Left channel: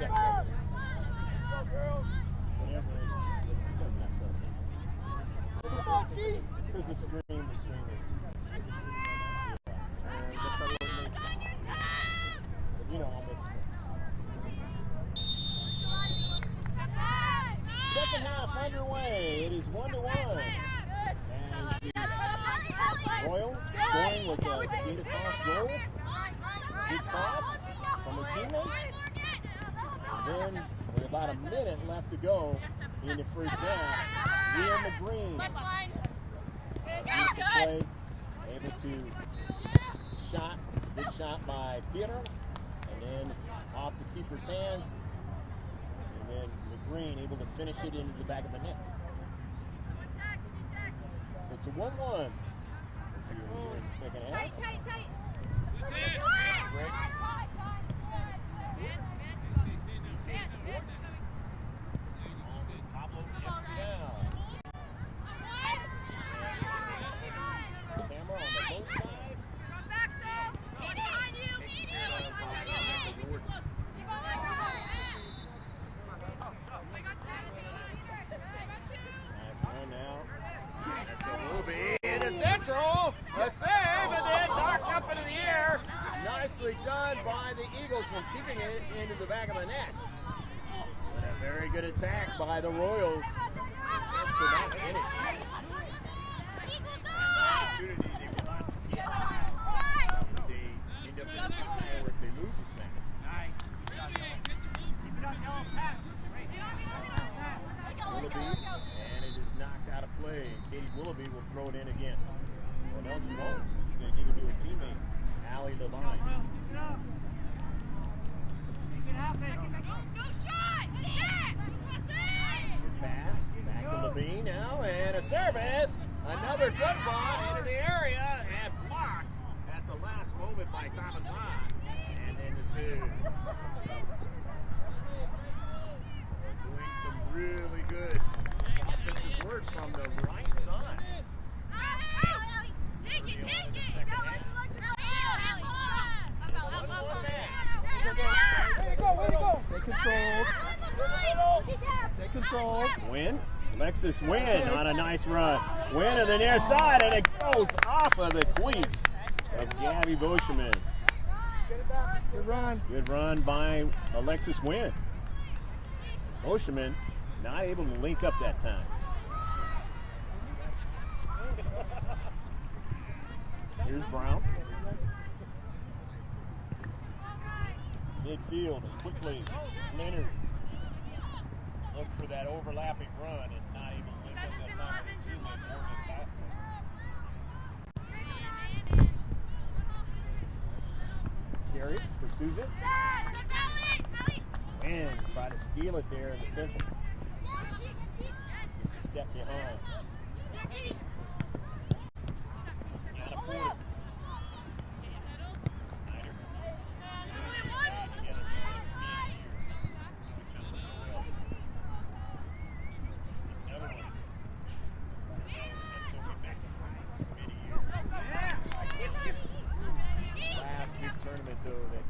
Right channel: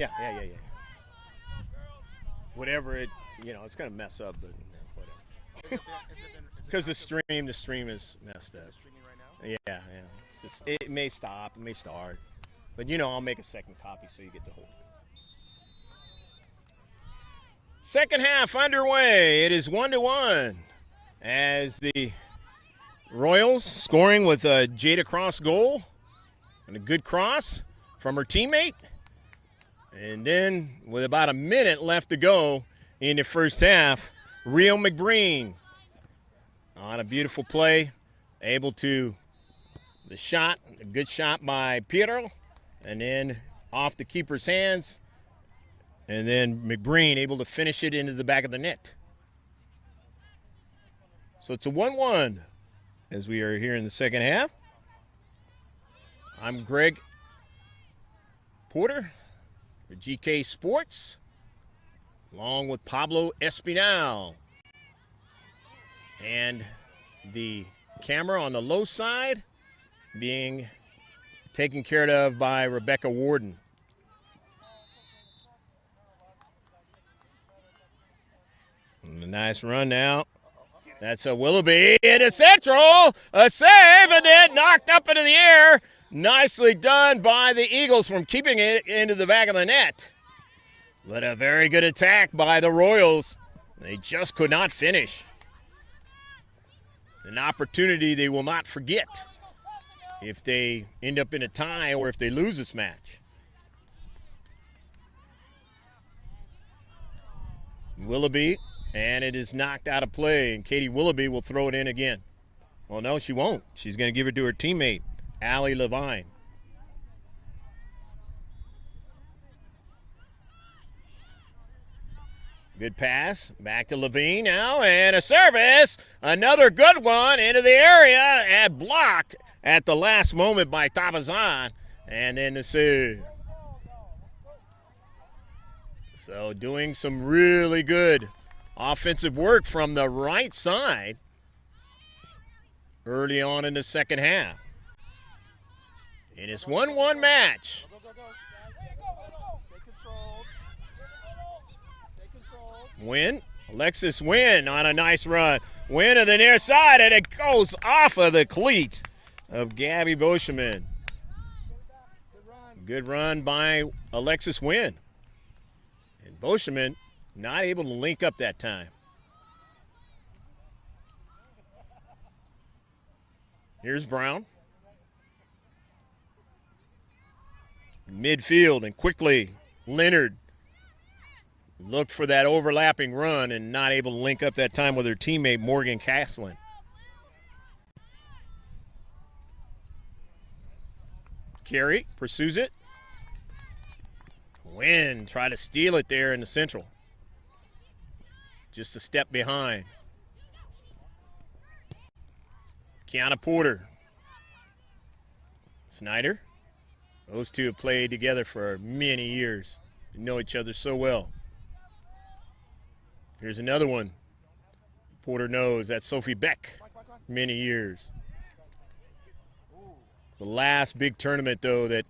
Yeah. Whatever it, it's going to mess up. Because the stream is messed up. Yeah. It may stop, it may start. But, I'll make a second copy so you get the second half underway. It is 1-1 as the Royals scoring with a Jada Cross goal and a good cross from her teammate. And then with about a minute left to go in the first half, Rio McBreen on a beautiful play, able to the shot, a good shot by Piero, and then off the keeper's hands, and then McBreen able to finish it into the back of the net. So it's a 1-1 as we are here in the second half. I'm Greg Porter, GK Sports, along with Pablo Espinal. And the camera on the low side being taken care of by Rebecca Warden. And a nice run now. That's a Willoughby into central, a save, and then knocked up into the air. Nicely done by the Eagles from keeping it into the back of the net. But a very good attack by the Royals. They just could not finish. An opportunity they will not forget if they end up in a tie or if they lose this match. Willoughby, and it is knocked out of play, and Katie Willoughby will throw it in again. Well, no, she won't. She's going to give it to her teammate, Allie Levine. Good pass, back to Levine now, and a service. Another good one into the area, and blocked at the last moment by Tabazan, and then the save. So doing some really good offensive work from the right side early on in the second half. And it's 1-1 match. Wynn, Alexis Wynn on a nice run. Wynn to the near side, and it goes off of the cleat of Gabby Boscheman. Good run by Alexis Wynn. Boscheman not able to link up that time. Here's Brown. Midfield, and quickly Leonard looked for that overlapping run and not able to link up that time with her teammate Morgan Castlin. Carey pursues it. Wynn try to steal it there in the central. Just a step behind. Kiana Porter. Snyder. Those two have played together for many years. Know each other so well. Here's another one. Porter knows. That's Sophie Beck. Many years. The last big tournament, though, that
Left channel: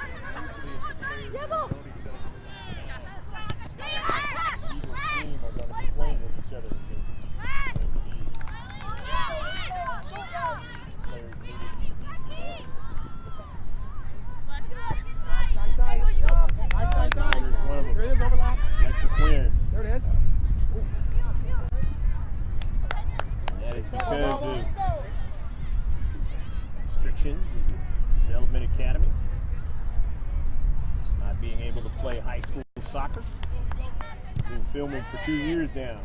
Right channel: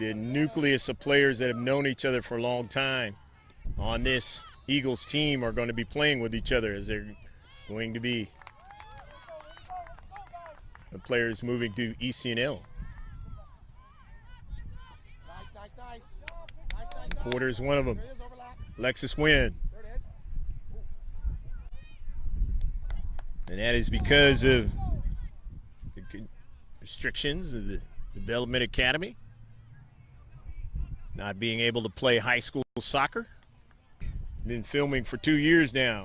the nucleus of players that have known each other for a long time on this Eagles team are going to be playing with each other, as they're going to be the players moving to ECNL. Porter's one of them. Alexis Wynn. And that is because of restrictions of the Development Academy not being able to play high school soccer. Been filming for 2 years now.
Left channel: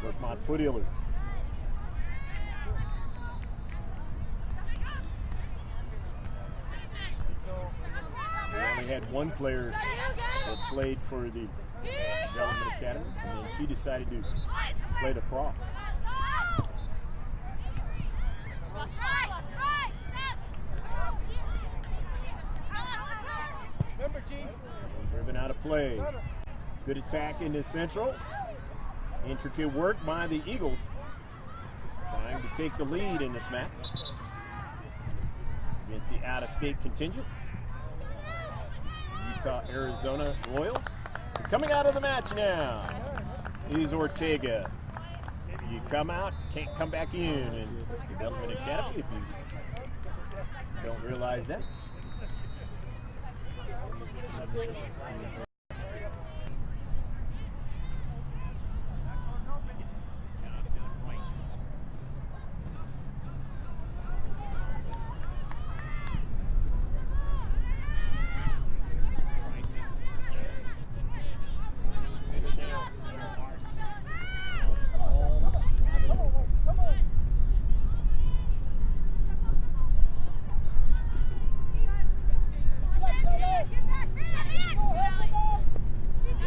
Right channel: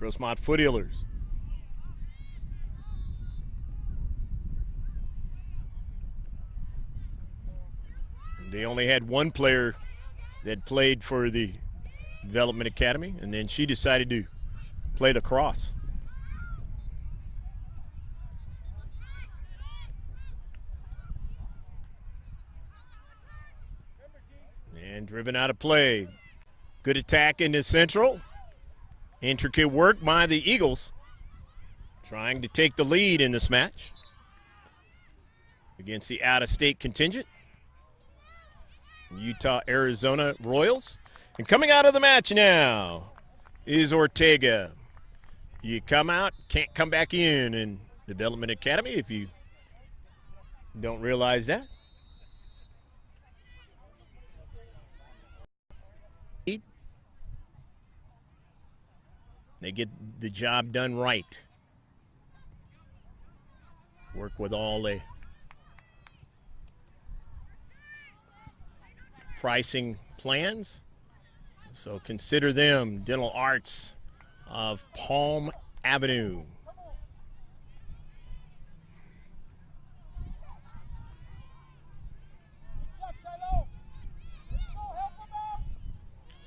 Rosemont Foothillers. They only had one player that played for the Development Academy, and then she decided to play lacrosse. And driven out of play. Good attack into central. Intricate work by the Eagles, trying to take the lead in this match against the out-of-state contingent. Utah Arizona Royals. And coming out of the match now is Ortega. You come out, can't come back in Development Academy if you don't realize that. They get the job done right. Work with all the pricing plans. So consider them Dental Arts of Palm Avenue.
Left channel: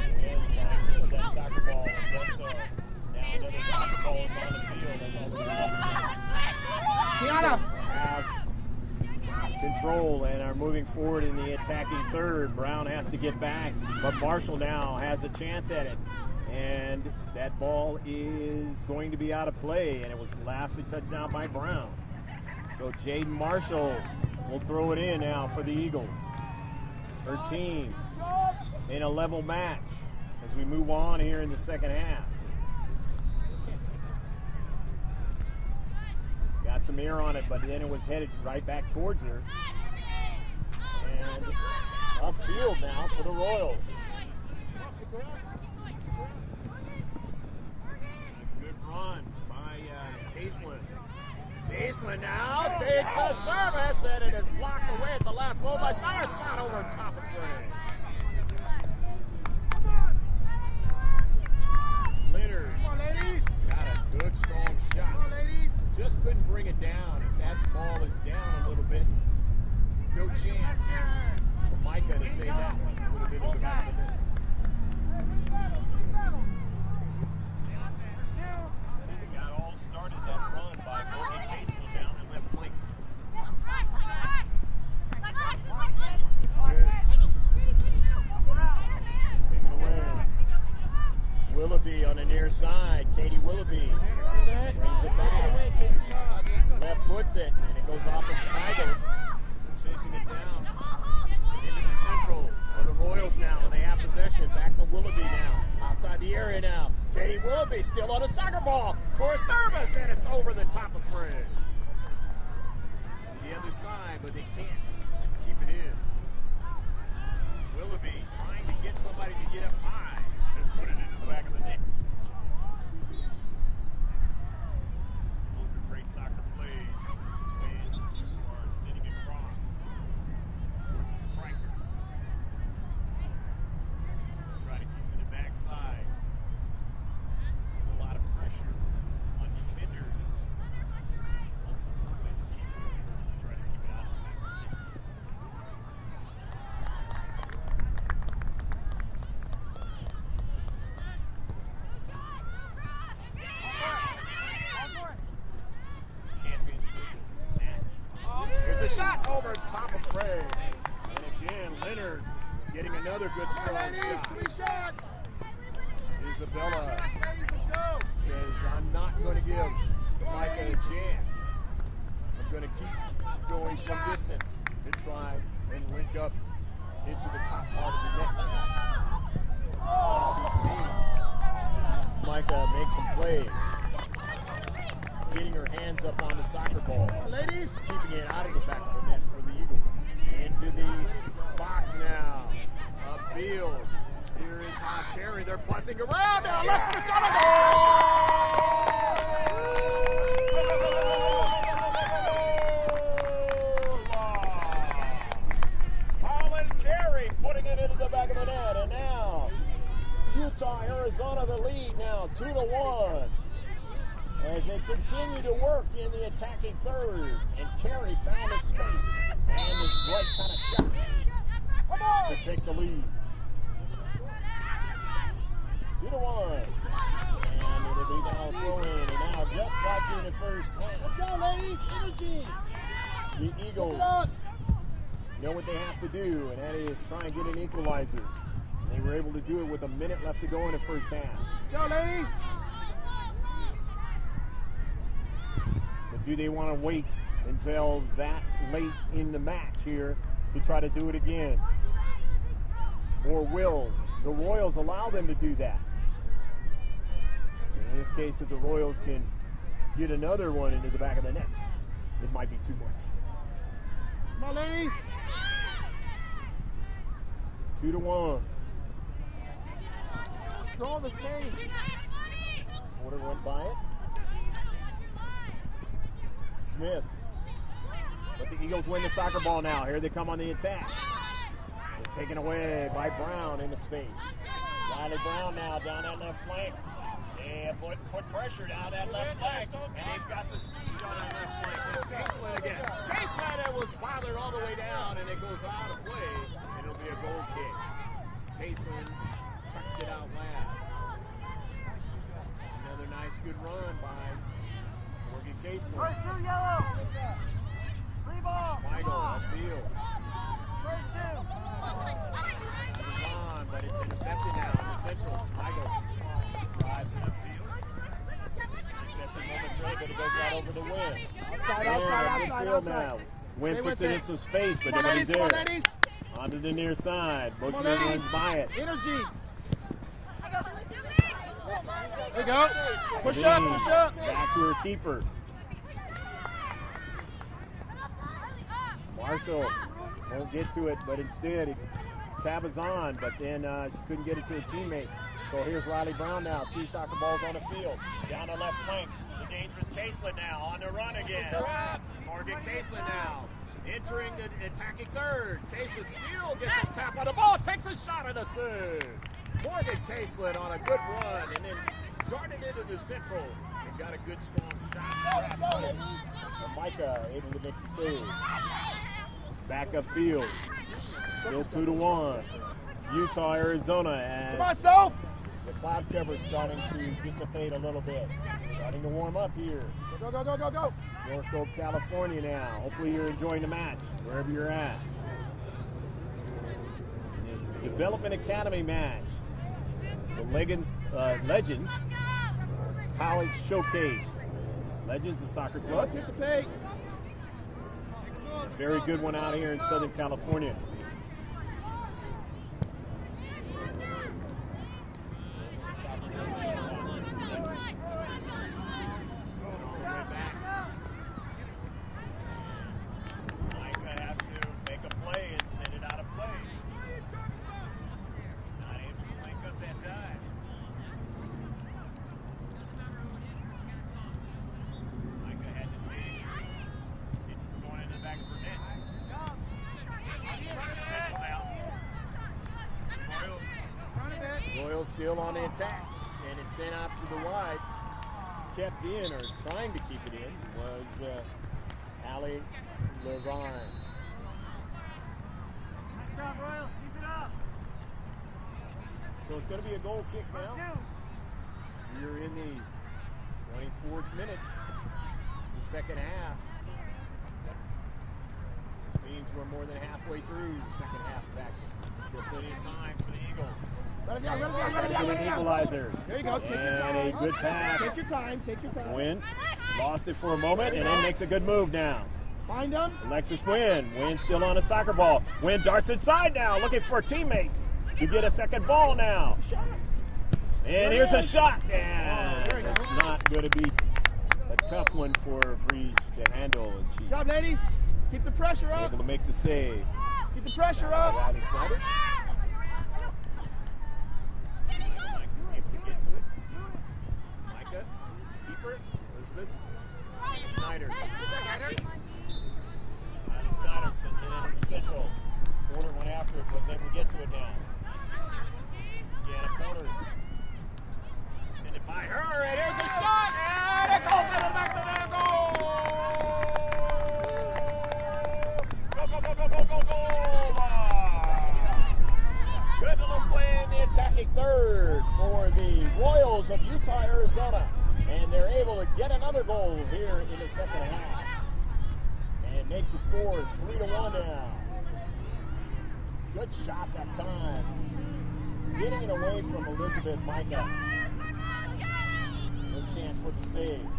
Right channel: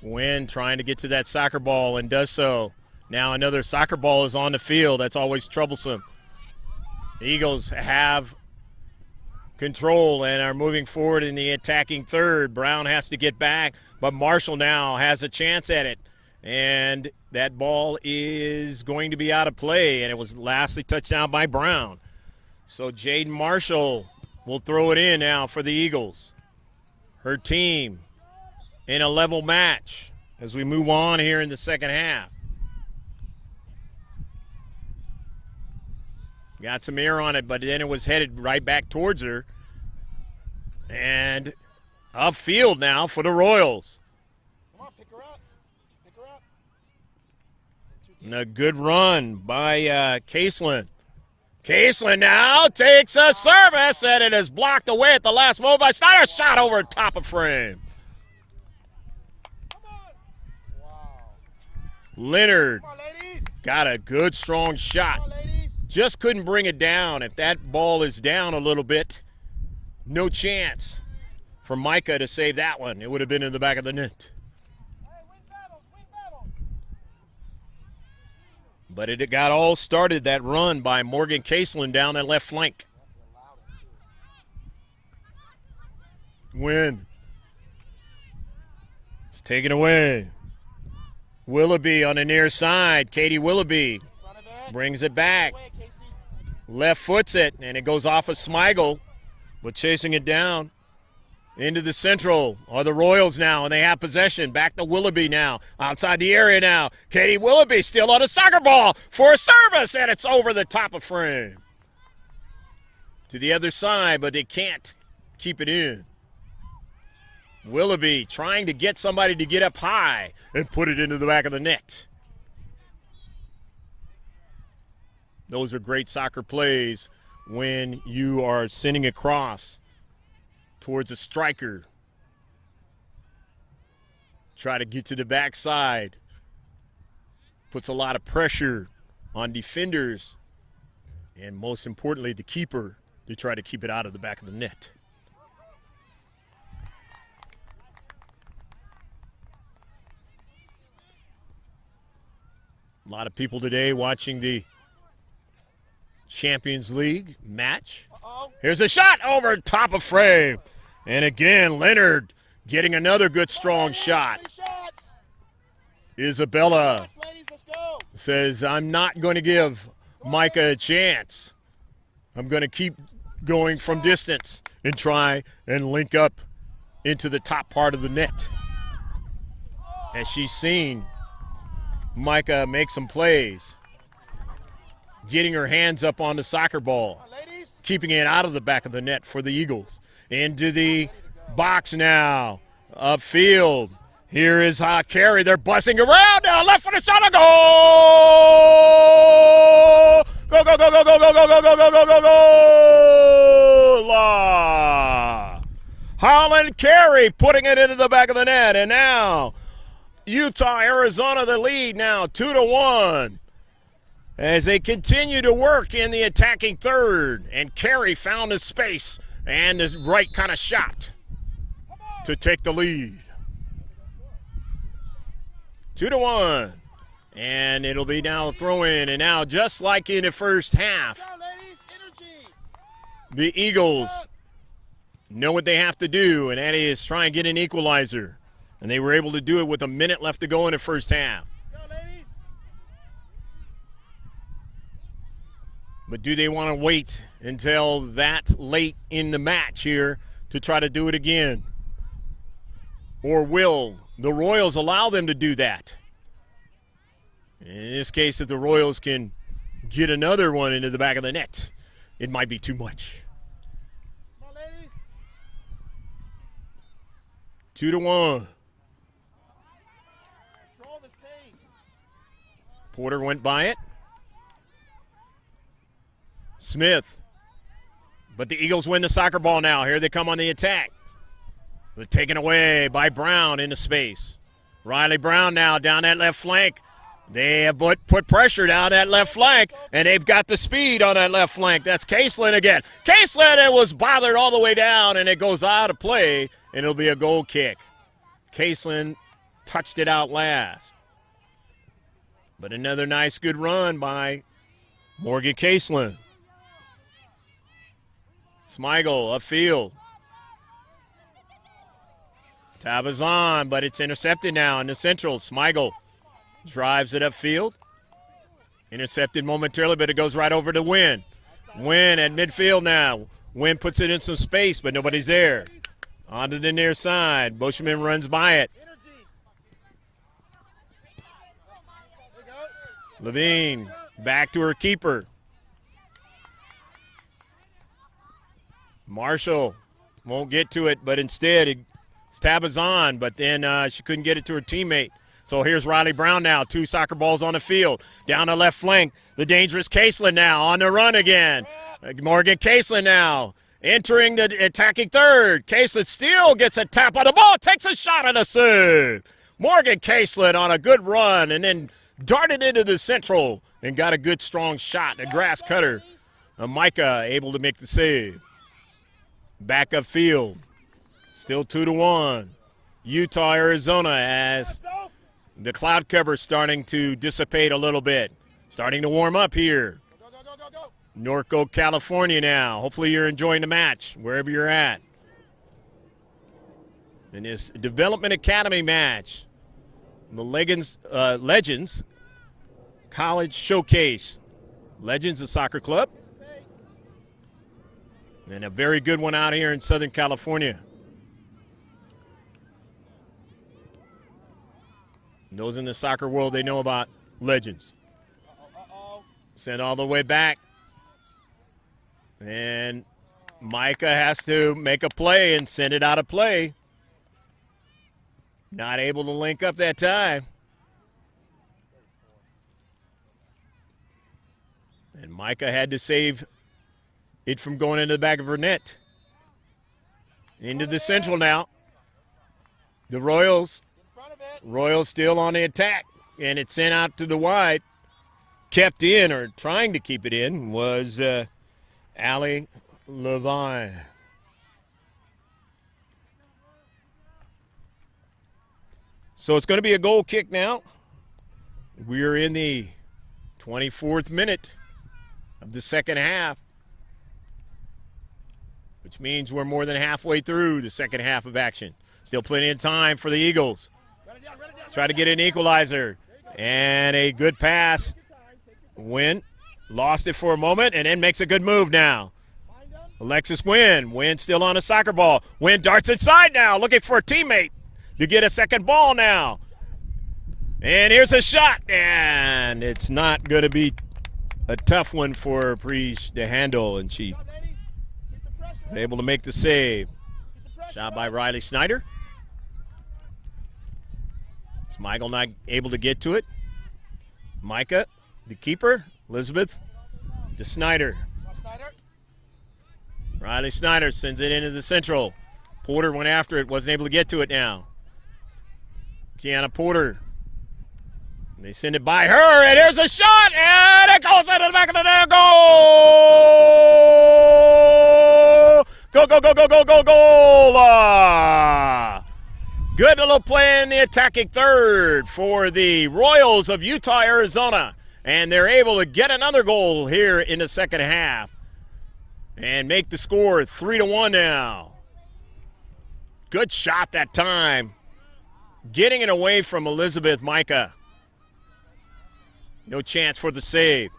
Wynn trying to get to that soccer ball and does so. Now another soccer ball is on the field. That's always troublesome. The Eagles have control and are moving forward in the attacking third. Brown has to get back, but Marshall now has a chance at it. And that ball is going to be out of play, and it was lastly touched down by Brown. So Jaden Marshall will throw it in now for the Eagles. Her team in a level match as we move on here in the second half. Got some air on it, but then it was headed right back towards her. And upfield now for the Royals. And a good run by Caseland. Caseland now takes a service, and it is blocked away at the last moment by Snyder. Shot over top of frame. Leonard got a good, strong shot. Just couldn't bring it down. If that ball is down a little bit, no chance for Micah to save that one. It would have been in the back of the net. But it got all started, that run by Morgan Caseland down that left flank. Win. It's taken away. Willoughby on the near side. Katie Willoughby brings it back. Left foots it, and it goes off of Smigel, but chasing it down. Into the central are the Royals now, and they have possession. Back to Willoughby now, outside the area now. Katie Willoughby still on a soccer ball for a service, and it's over the top of frame. To the other side, but they can't keep it in. Willoughby trying to get somebody to get up high and put it into the back of the net. Those are great soccer plays when you are sending across towards a striker. Try to get to the backside. Puts a lot of pressure on defenders, and most importantly, the keeper, to try to keep it out of the back of the net. A lot of people today watching the Champions League match. Here's a shot over top of frame. And again, Leonard getting another good, strong shot. Isabella says, I'm not going to give Micah a chance. I'm going to keep going from distance and try and link up into the top part of the net. As she's seen Micah make some plays, getting her hands up on the soccer ball, keeping it out of the back of the net for the Eagles. Into the box now, upfield. Here is Carey. They're bussing around now. Left for the shot. A goal! Go, go, go, go, go, go, go, go, go, go, go, go, go! Holland Carey putting it into the back of the net. And now Utah, Arizona, the lead now 2-1. As they continue to work in the attacking third. And Carey found a space and the right kind of shot to take the lead. 2-1. And it'll be now a throw-in. And now, just like in the first half, the Eagles know what they have to do, and that is try and get an equalizer. And they were able to do it with a minute left to go in the first half. But do they want to wait until that late in the match here to try to do it again? or will the Royals allow them to do that? In this case, if the Royals can get another one into the back of the net, it might be too much. 2-1. Porter went by it. Smith. But the Eagles win the soccer ball now. Here they come on the attack. They're taken away by Brown into space. Riley Brown now down that left flank. They have put pressure down that left flank, and they've got the speed on that left flank. That's Caseland again. Caseland, it was bothered all the way down, and it goes out of play, and it'll be a goal kick. Caseland touched it out last. But another nice, good run by Morgan Caseland. Smigel upfield. Tabazon, but it's intercepted now in the central. Smigel drives it upfield. Intercepted momentarily, but it goes right over to Wynn. Wynn at midfield now. Wynn puts it in some space, but nobody's there. Onto the near side. Bushman runs by it. Levine back to her keeper. Marshall won't get to it, but instead it's Tabazon, but then she couldn't get it to her teammate. So here's Riley Brown now, 2 soccer balls on the field. Down the left flank, the dangerous Caseland now on the run again. Morgan Caseland now entering the attacking third. Caseland still gets a tap on the ball, takes a shot and a save. Morgan Caseland on a good run and then darted into the central and got a good strong shot, a grass cutter. Micah able to make the save. Back upfield, still 2-1. Utah, Arizona, as the cloud cover starting to dissipate a little bit. Starting to warm up here. Go. Norco, California now. Hopefully you're enjoying the match, wherever you're at. In this Development Academy match, the Legends College Showcase. Legends, a soccer club. And a very good one out here in Southern California. Those in the soccer world, they know about Legends. Sent all the way back. And Micah has to make a play and send it out of play. Not able to link up that time. And Micah had to save it from going into the back of her net. Into the central now. The Royals still on the attack, and it's sent out to the wide. Kept in, or trying to keep it in, was Allie Levine. So it's going to be a goal kick now. We're in the 24th minute of the second half, which means we're more than halfway through the second half of action. Still plenty of time for the Eagles. Try to get an equalizer. And a good pass. Wynn lost it for a moment and then makes a good move now. Alexis Wynn. Wynn still on a soccer ball. Wynn darts inside now, looking for a teammate to get a second ball now. And here's a shot. And it's not going to be a tough one for Preach to handle. And she was able to make the save. Shot by Riley Snyder. Michael not able to get to it. Micah, the keeper. Elizabeth to Snyder. Riley Snyder sends it into the central. Porter went after it, wasn't able to get to it now. Kiana Porter. They send it by her, and there's a shot, and it goes into the back of the net. Goal! Goal! Good little play in the attacking third for the Royals of Utah, Arizona. And they're able to get another goal here in the second half and make the score 3-1 now. Good shot that time. Getting it away from Elizabeth Micah. No chance for the save.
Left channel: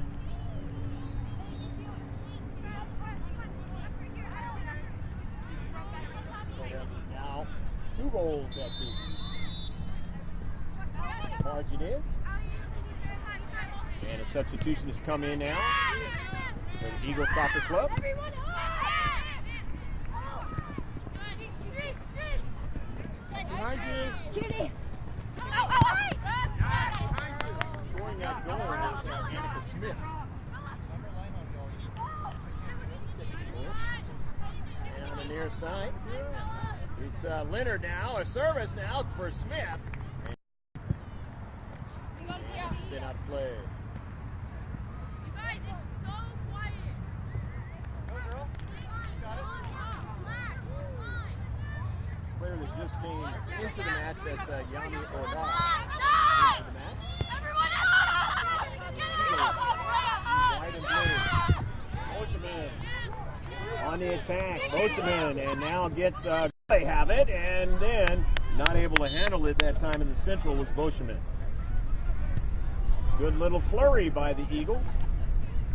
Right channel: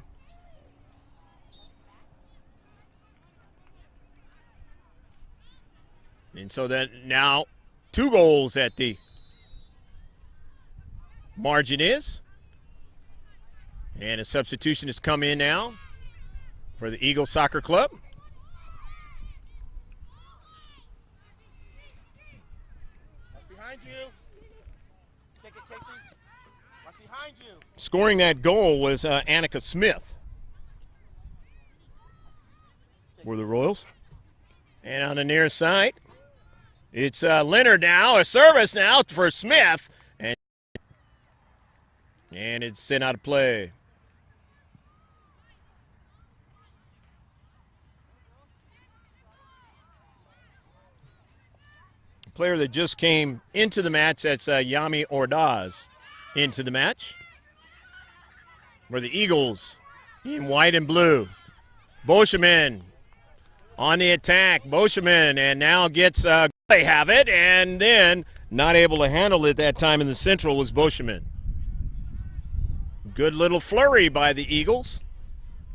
And so then now 2 goals at the margin is. And a substitution has come in now for the Eagles Soccer Club. Scoring that goal was Annika Smith for the Royals. And on the near side, it's Leonard now, a service now for Smith. And it's sent out of play. Player that just came into the match, that's Yami Ordaz into the match for the Eagles in white and blue. Boscheman on the attack. Boscheman, and now gets, they have it, and then not able to handle it that time in the central was Boscheman. Good little flurry by the Eagles,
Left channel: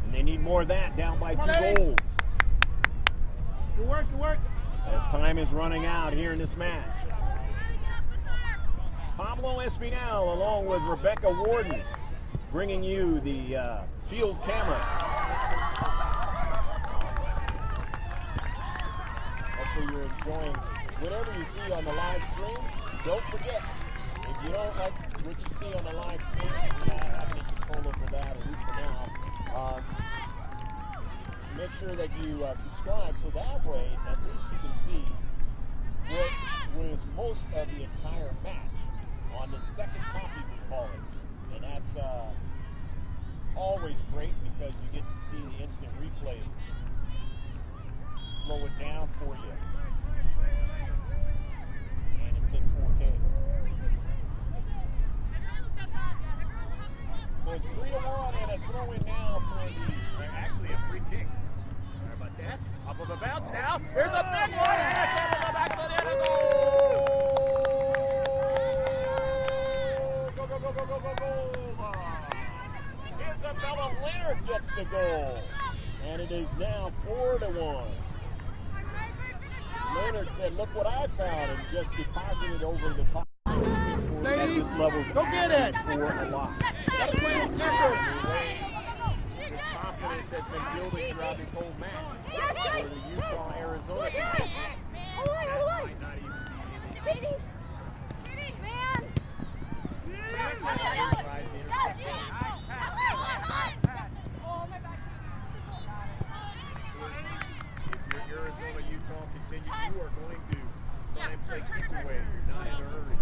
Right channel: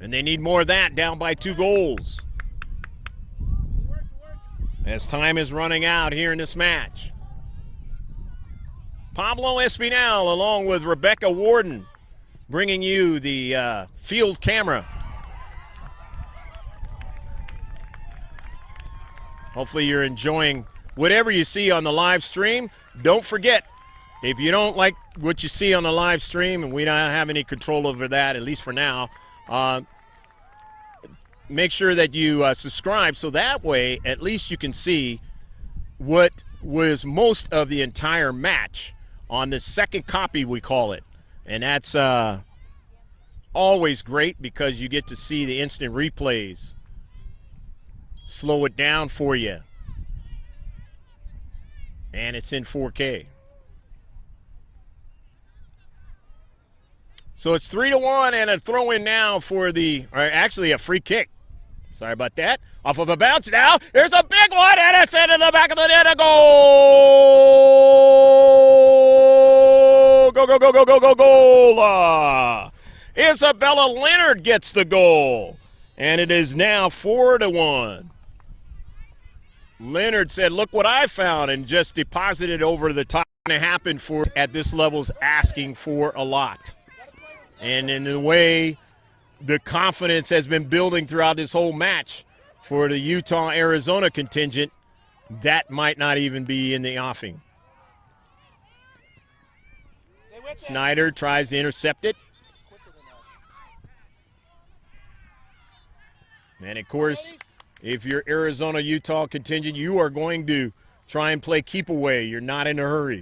and they need more of that, down by 2 goals. Good work, good work. As time is running out here in this match. Pablo Espinal along with Rebecca Warden bringing you the field camera. Hopefully you're enjoying whatever you see on the live stream. Don't forget, if you don't like what you see on the live stream, and we don't have any control over that, at least for now, make sure that you subscribe, so that way at least you can see what was most of the entire match on the second copy, we call it. And that's always great because you get to see the instant replays. Slow it down for you. And it's in 4K. So it's 3-1 and a throw in now for actually a free kick. Sorry about that. Off of a bounce now. There's a big one, and it's into the back of the net. A goal! Go, go, go, go, go, go, goal! Isabella Leonard gets the goal. And it is now 4-1. Leonard said, look what I found, and just deposited over the top. It happened for at this level's asking for a lot. And in the way the confidence has been building throughout this whole match for the Utah-Arizona contingent, that might not even be in the offing. Snyder tries to intercept it. And of course, if you're Arizona-Utah contingent, you are going to try and play keep away. You're not in a hurry.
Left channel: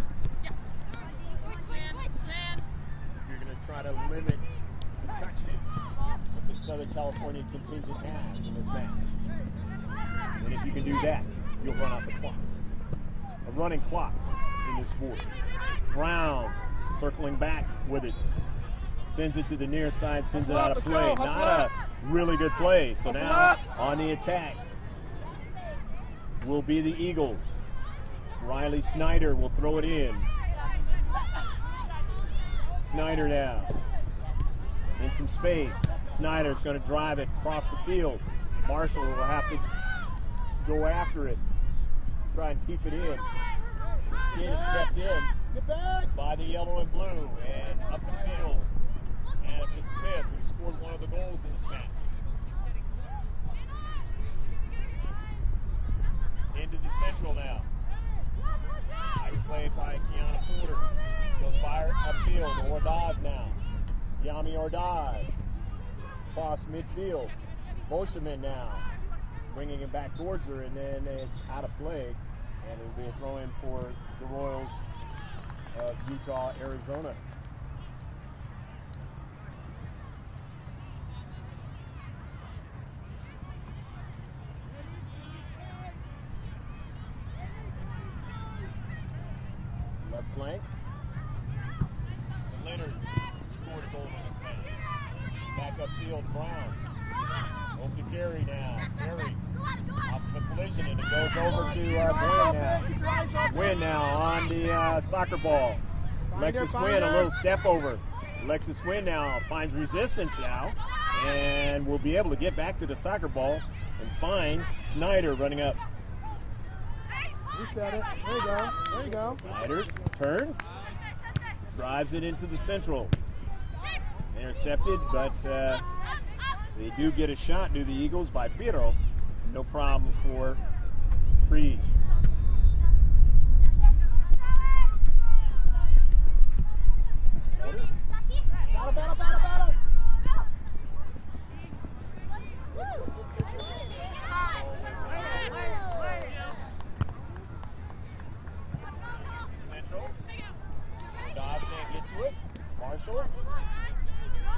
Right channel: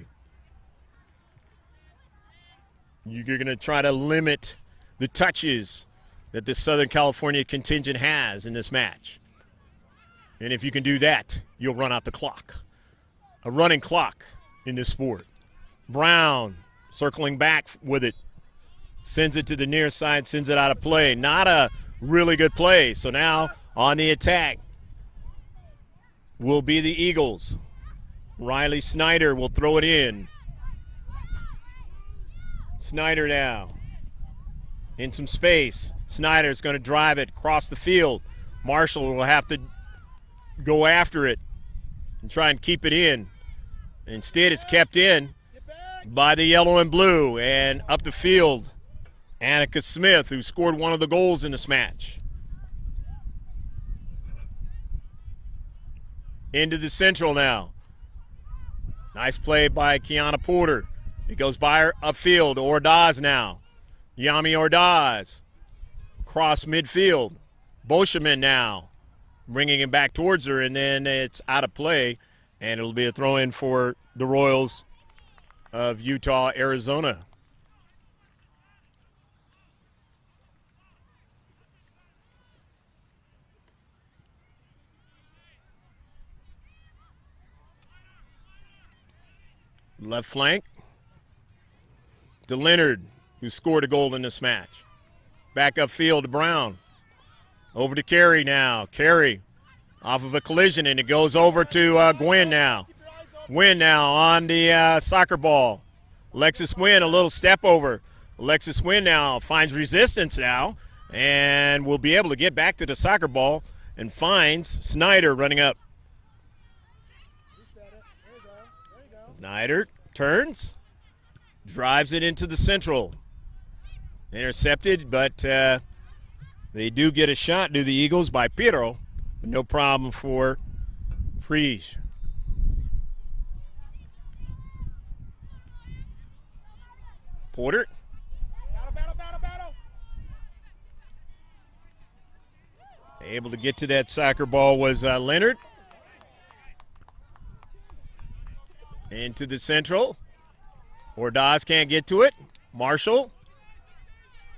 You're going to try to limit the touches that the Southern California contingent has in this match. And if you can do that, you'll run out the clock. A running clock in this sport. Brown circling back with it. Sends it to the near side, sends it out of play. Not a really good play. So now on the attack will be the Eagles. Riley Snyder will throw it in. Snyder now in some space. Snyder's going to drive it across the field. Marshall will have to go after it and try and keep it in. Instead, it's kept in by the yellow and blue, and up the field, Annika Smith, who scored one of the goals in this match. Into the central now. Nice play by Kiana Porter. It goes by her upfield. Ordaz now. Yami Ordaz. Cross midfield. Boscheman now. Bringing it back towards her, and then it's out of play. And it'll be a throw-in for the Royals of Utah, Arizona. Left flank to Leonard, who scored a goal in this match. Back upfield to Brown. Over to Carey now. Carey off of a collision, and it goes over to Gwynn now. Gwynn now on the soccer ball. Alexis Gwynn, a little step over. Alexis Gwynn now finds resistance now, and will be able to get back to the soccer ball and finds Snyder running up. Reset it. There you go. There you go. Snyder turns, drives it into the central. Intercepted, but they do get a shot, do the Eagles, by Piero. No problem for Priege. Porter. Battle. Able to get to that soccer ball was Leonard. Into the central. Ordaz can't get to it. Marshall.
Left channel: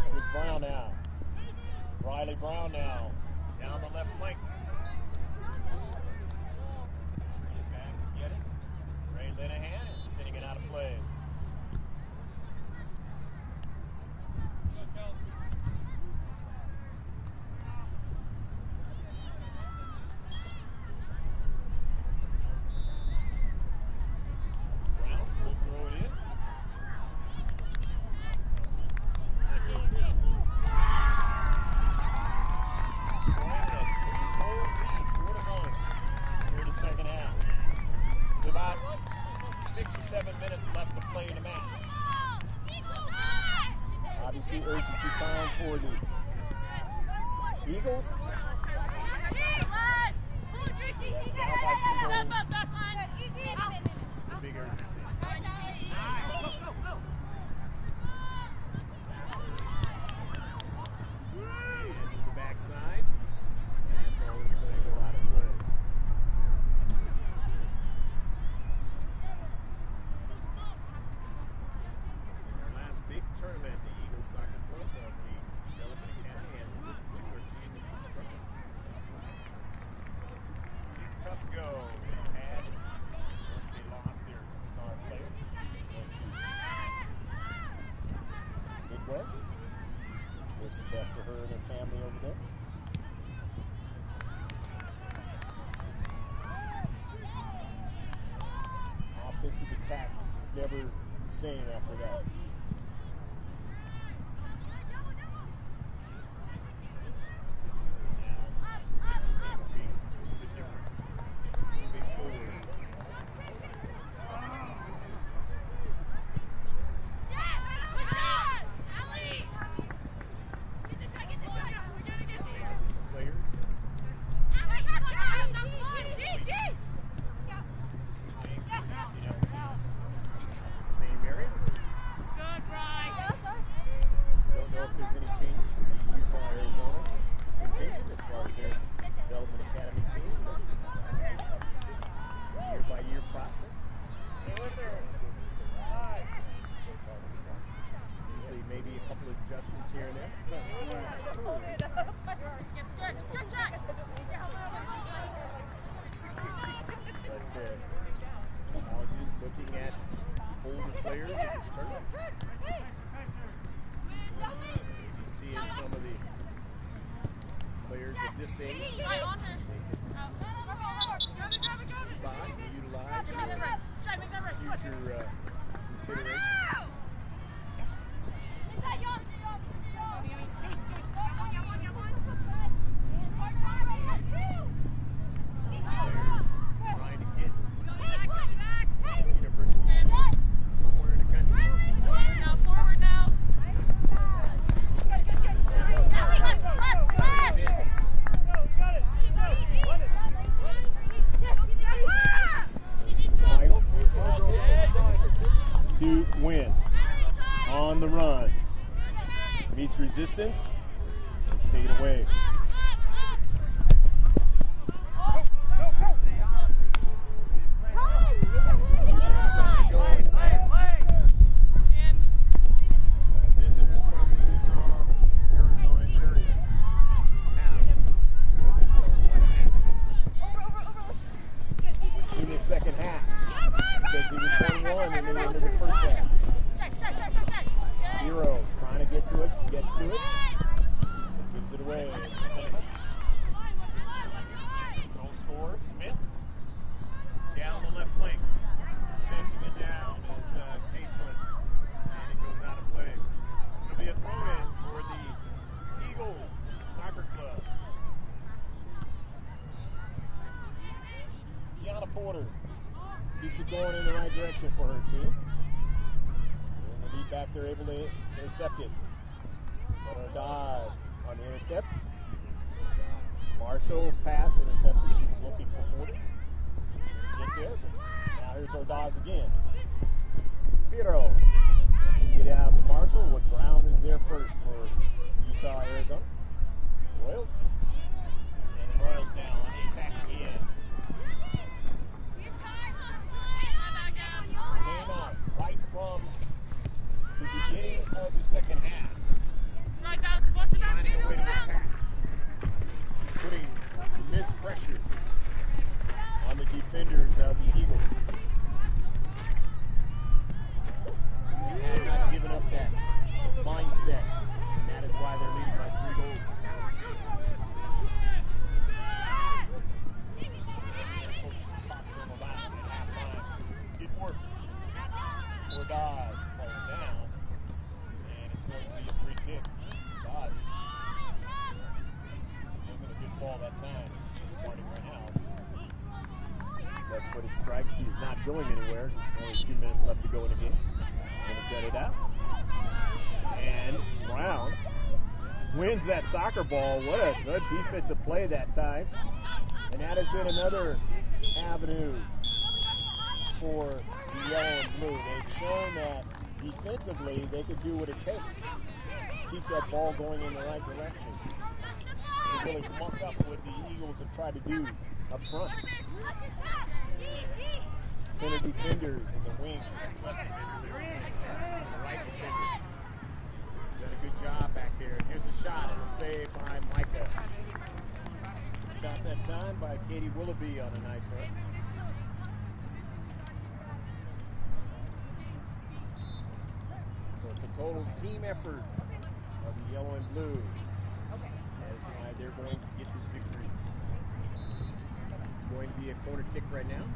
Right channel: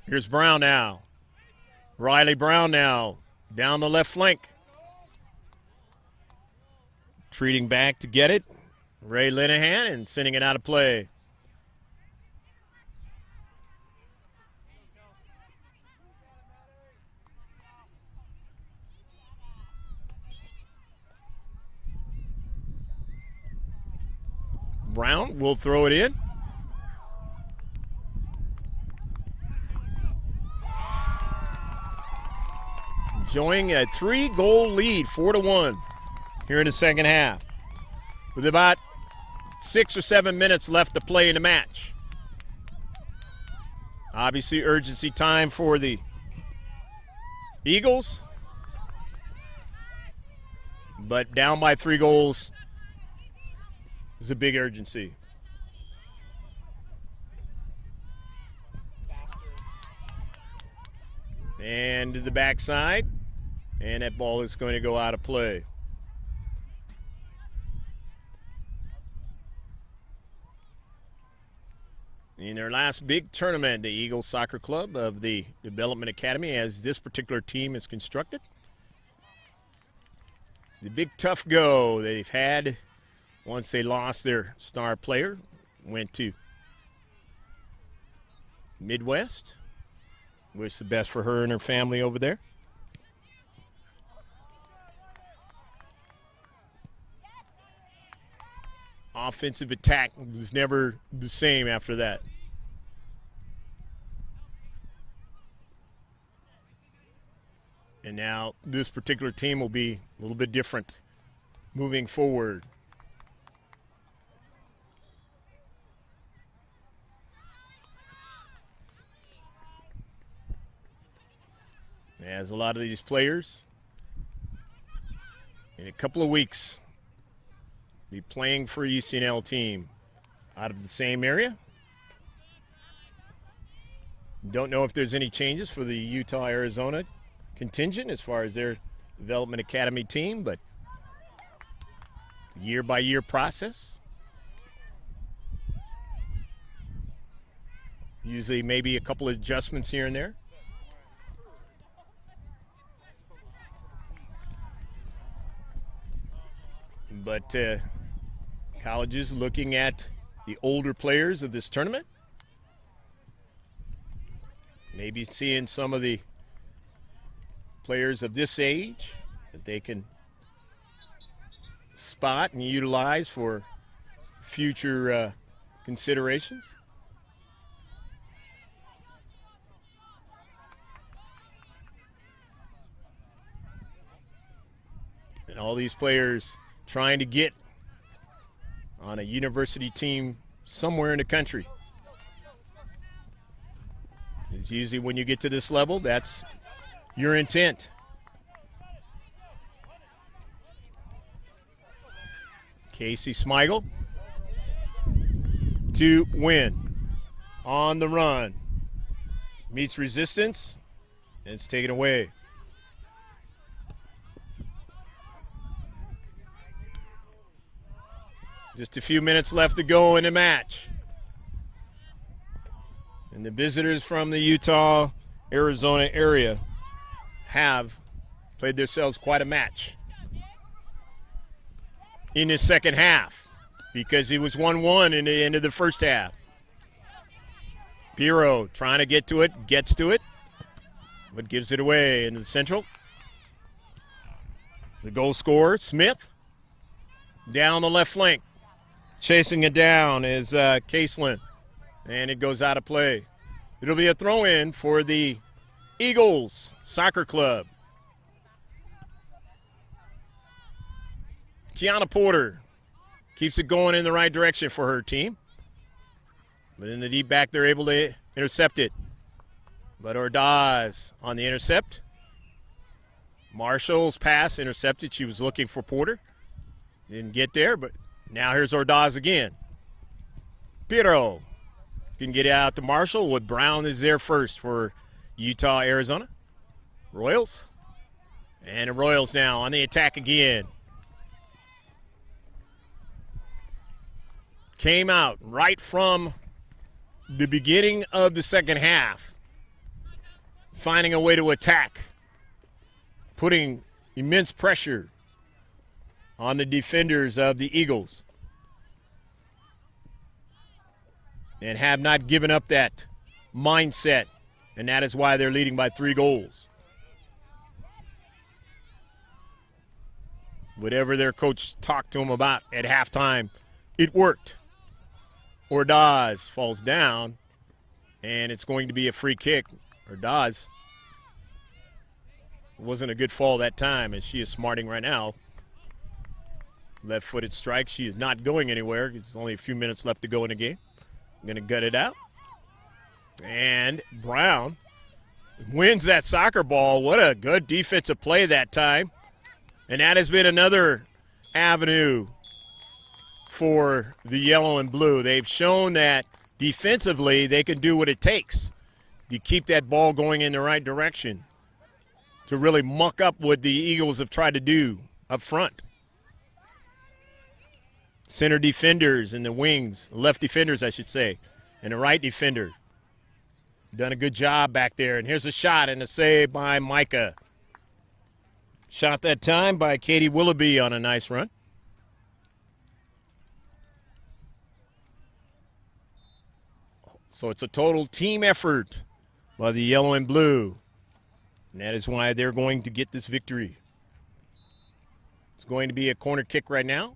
Here's Brown now. Riley Brown now down the left flank. Treating back to get it. Ray Linehan and sending it out of play. Brown will throw it in. Enjoying a 3-goal lead, 4-1 here in the second half. With about 6 or 7 minutes left to play in the match. Obviously urgency time for the Eagles. But down by 3 goals is a big urgency. And to the backside. And that ball is going to go out of play. In their last big tournament, the Eagles Soccer Club of the Development Academy, as this particular team is constructed. The big tough go they've had once they lost their star player, went to Midwest. Wish the best for her and her family over there. Offensive attack was never the same after that. And now this particular team will be a little bit different moving forward. As a lot of these players in a couple of weeks be playing for ECNL team out of the same area. Don't know if there's any changes for the Utah-Arizona contingent as far as their Development Academy team, but year-by-year process. Usually maybe a couple of adjustments here and there. But colleges looking at the older players of this tournament. Maybe seeing some of the players of this age that they can spot and utilize for future considerations. And all these players trying to get on a university team somewhere in the country. It's usually when you get to this level, that's your intent. Casey Smigel to win. On the run. Meets resistance, and it's taken away. Just a few minutes left to go in the match. And the visitors from the Utah, Arizona area have played themselves quite a match in the second half because it was 1-1 in the end of the first half. Piero trying to get to it, gets to it, but gives it away in the central. The goal scorer, Smith, down the left flank. Chasing it down is Caselin, and it goes out of play. It'll be a throw-in for the Eagles Soccer Club. Kiana Porter keeps it going in the right direction for her team. But in the deep back, they're able to intercept it. But Ordaz on the intercept. Marshall's pass intercepted. She was looking for Porter. Didn't get there, but now here's Ordaz again. Piero can get it out to Marshall. Wood Brown is there first for Utah, Arizona. Royals. And the Royals now on the attack again. Came out right from the beginning of the second half, finding a way to attack, putting immense pressure on the defenders of the Eagles, and have not given up that mindset, and that is why they're leading by 3 goals. Whatever their coach talked to them about at halftime, it worked. Ordaz falls down, and it's going to be a free kick. Ordaz wasn't a good fall that time, as she is smarting right now. Left-footed strike. She is not going anywhere. There's only a few minutes left to go in the game. Going to gut it out. And Brown wins that soccer ball. What a good defensive play that time. And that has been another avenue for the yellow and blue. They've shown that defensively they can do what it takes. You keep that ball going in the right direction to really muck up what the Eagles have tried to do up front. Center defenders and the wings, left defenders I should say, and the right defender. Done a good job back there. And here's a shot and a save by Micah. Shot that time by Katie Willoughby on a nice run. So it's a total team effort by the yellow and blue. And that is why they're going to get this victory. It's going to be a corner kick right now.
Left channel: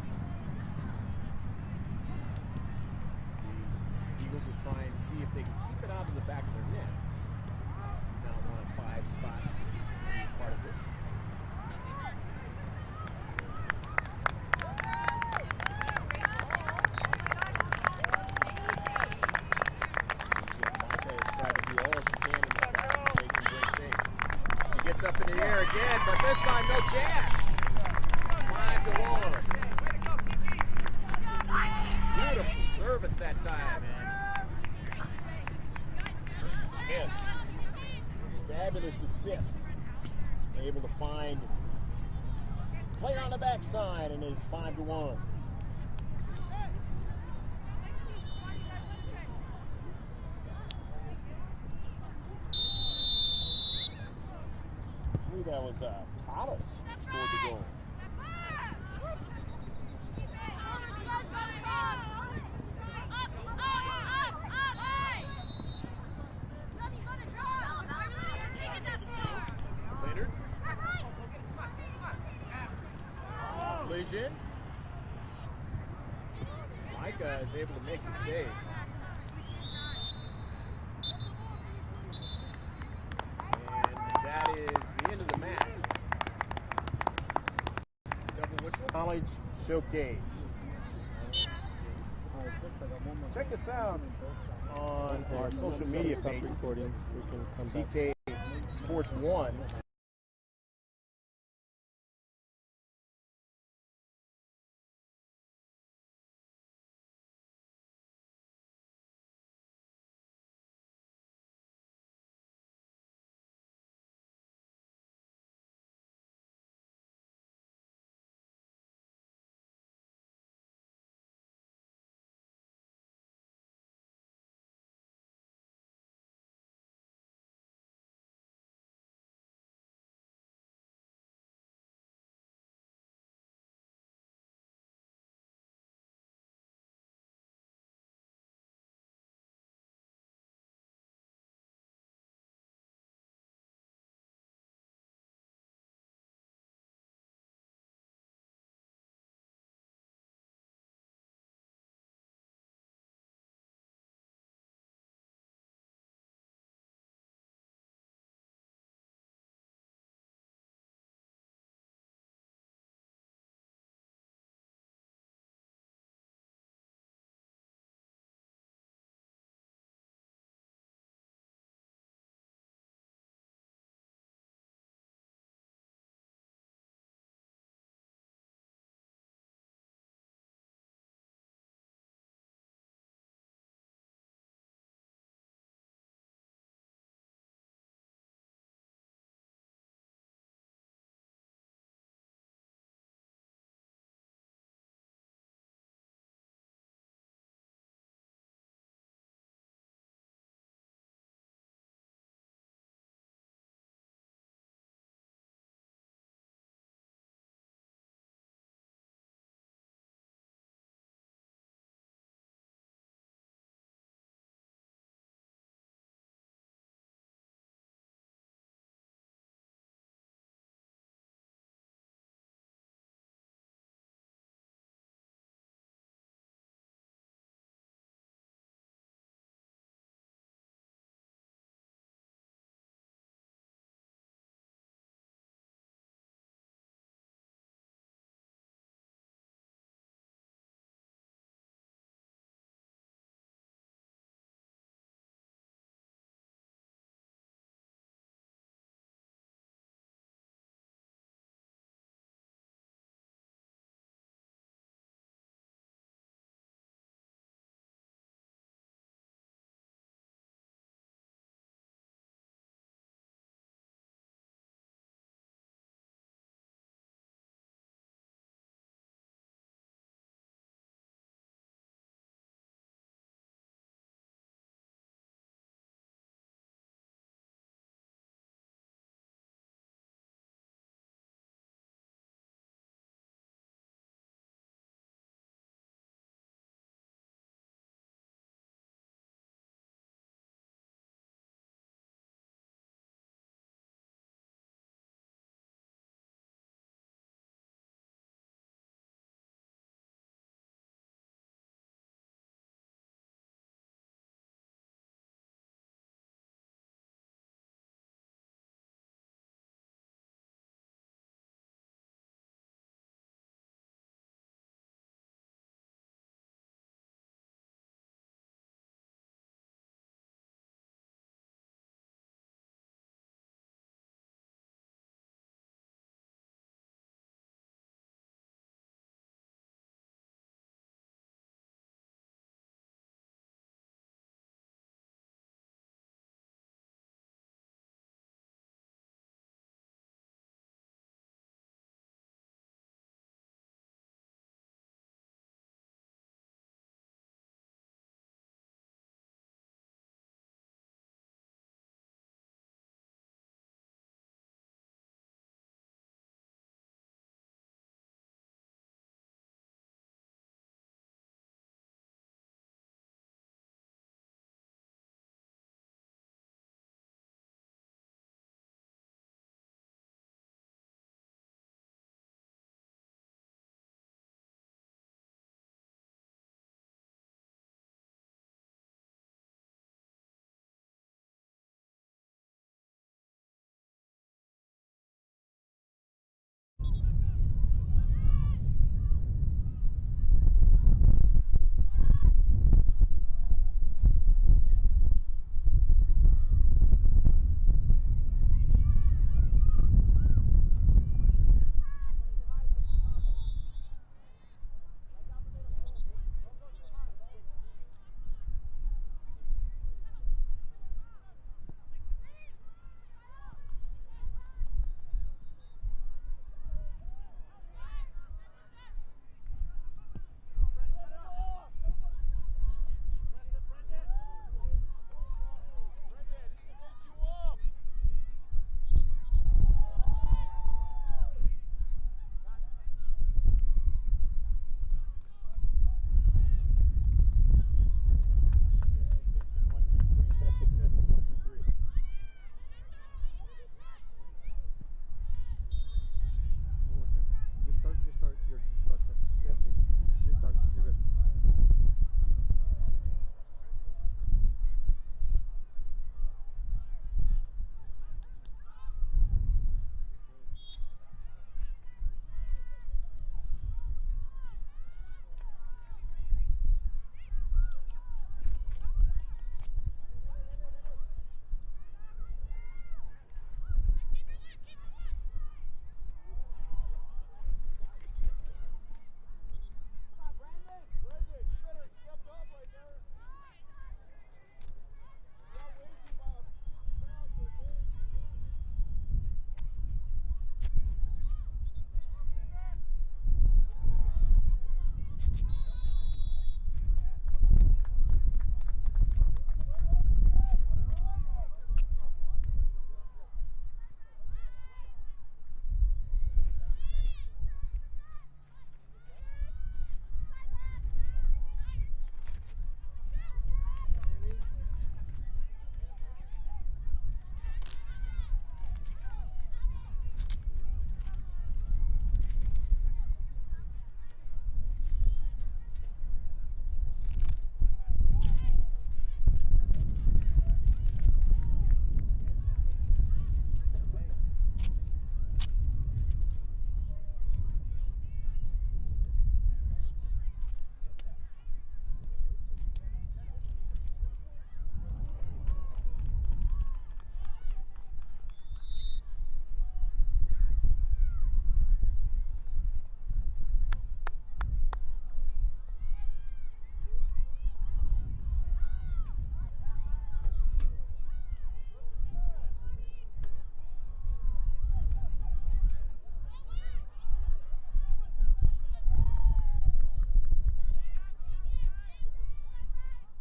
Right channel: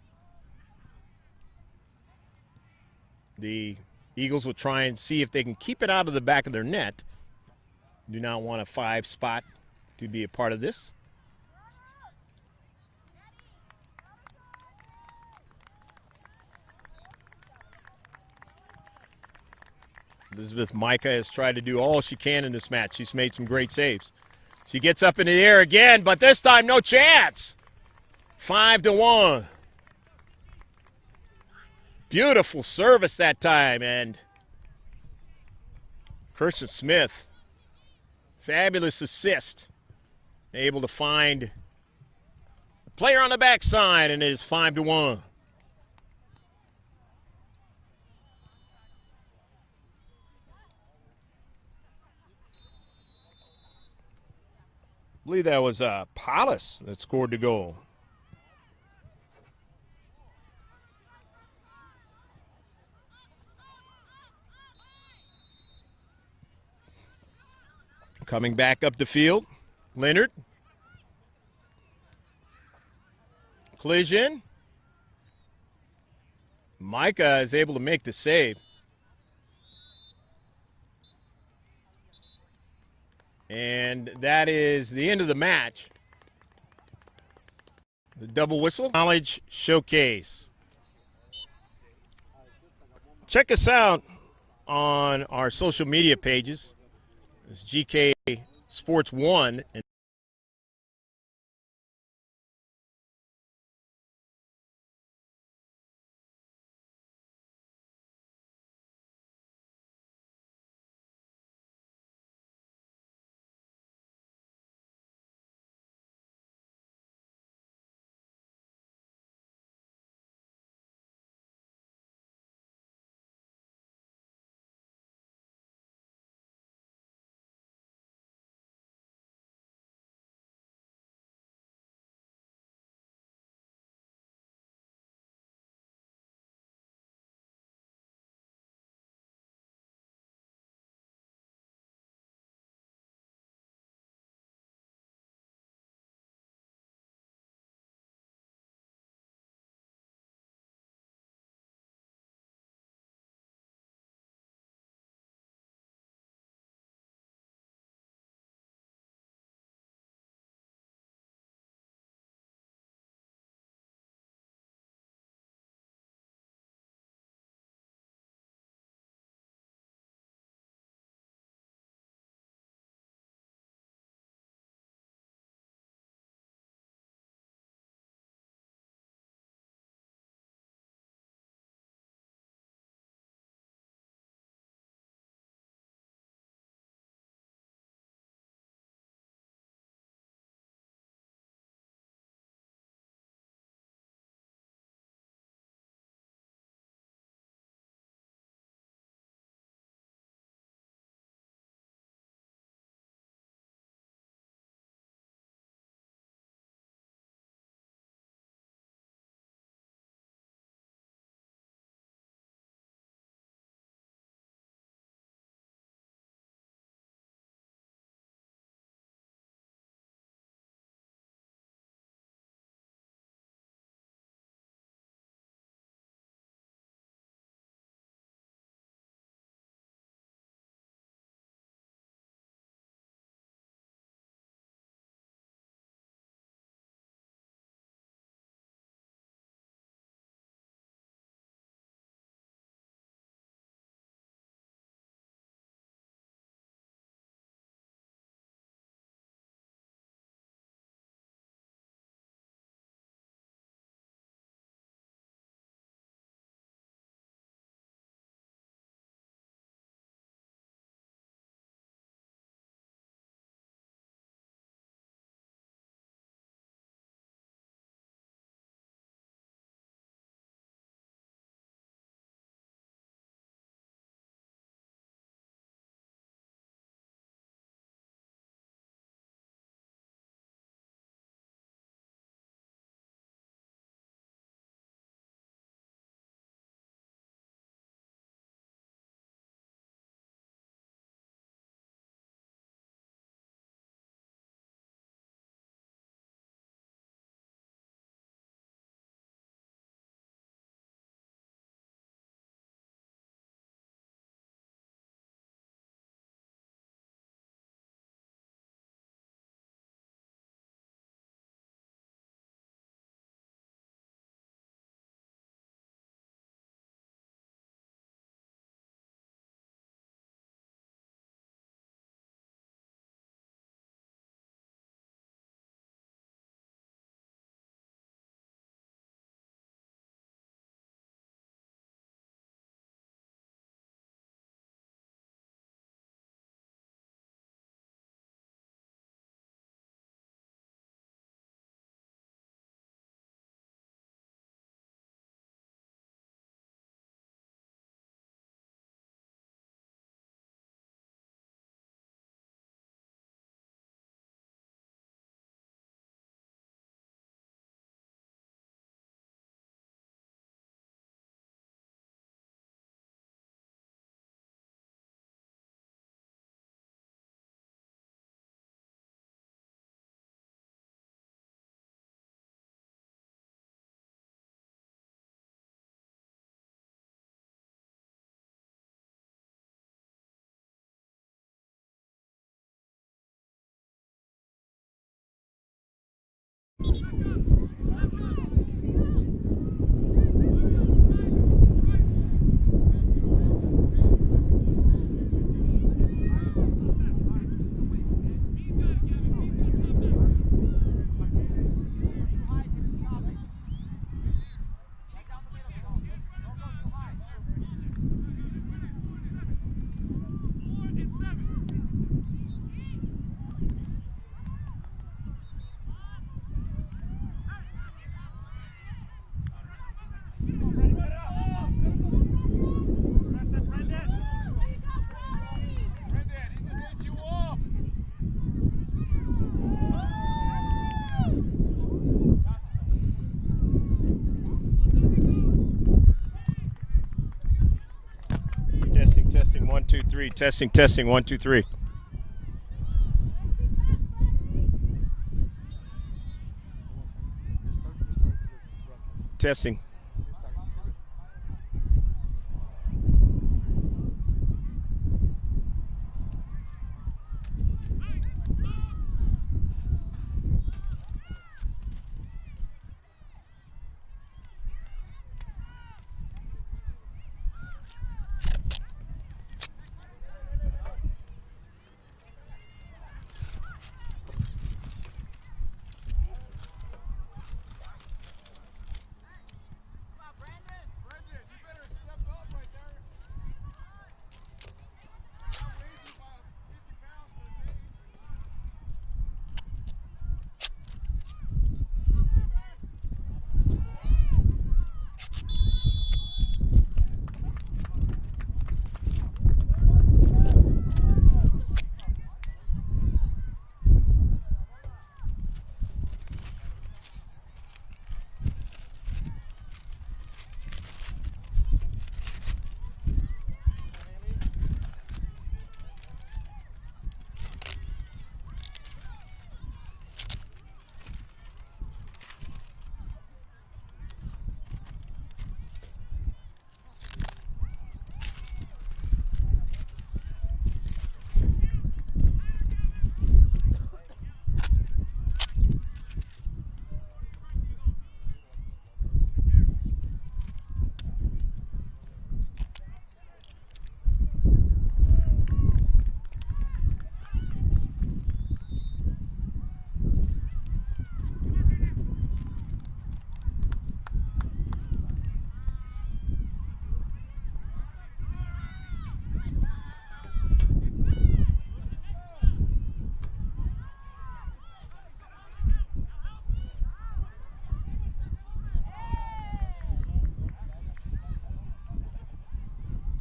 The Eagles will try and see if they can keep it out of the back of their net. Do not want a 5 spot to be a part of this. Elizabeth Micah has tried to do all she can in this match. She's made some great saves. She gets up in the air again, but this time no chance. 5-1. Beautiful service that time, and Kirsten Smith, fabulous assist. Able to find player on the backside, and it is 5-1. I believe that was Paulus that scored the goal. Coming back up the field, Leonard. Collision. Micah is able to make the save. And that is the end of the match. The double whistle. College Showcase. Check us out on our social media pages. It's GK Sports 1. 2, 3. Testing, testing. 1, 2, 3. Testing.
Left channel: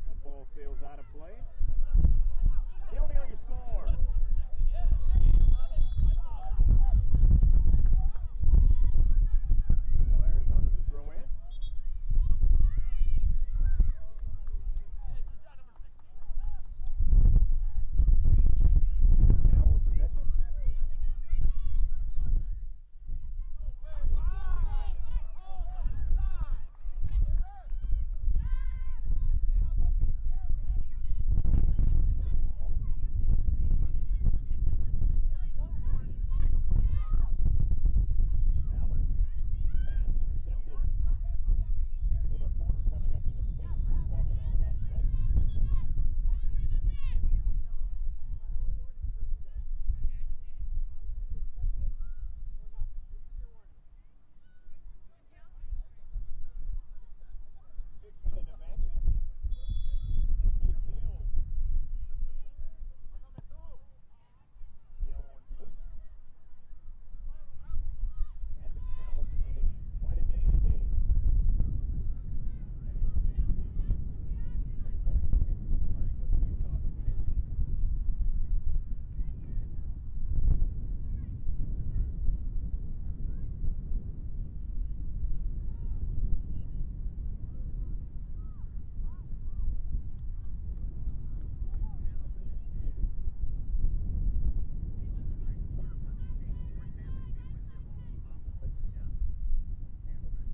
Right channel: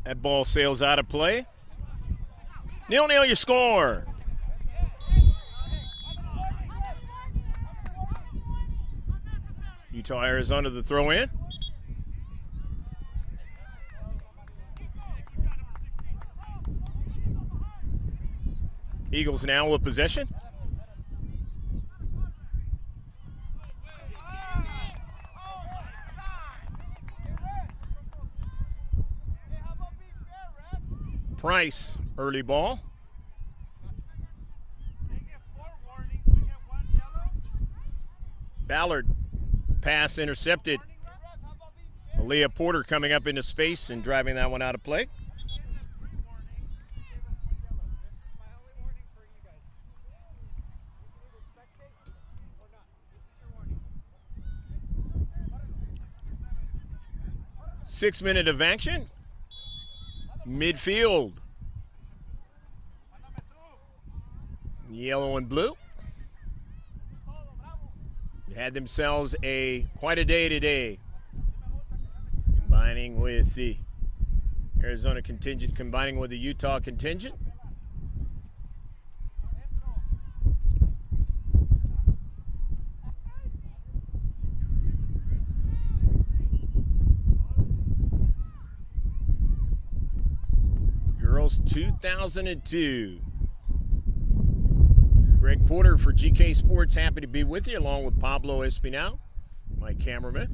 That ball sails out of play. 0-0 your score. Utah, Arizona, the throw in. Eagles now with possession. Price, early ball. Ballard, pass intercepted. Aaliyah Porter coming up into space and driving that one out of play. Six-minute of action. Midfield. Yellow and blue. They had themselves quite a day today. Combining with the Arizona contingent, combining with the Utah contingent. Girls 2002. Greg Porter for GK Sports, happy to be with you, along with Pablo Espinal, my cameraman.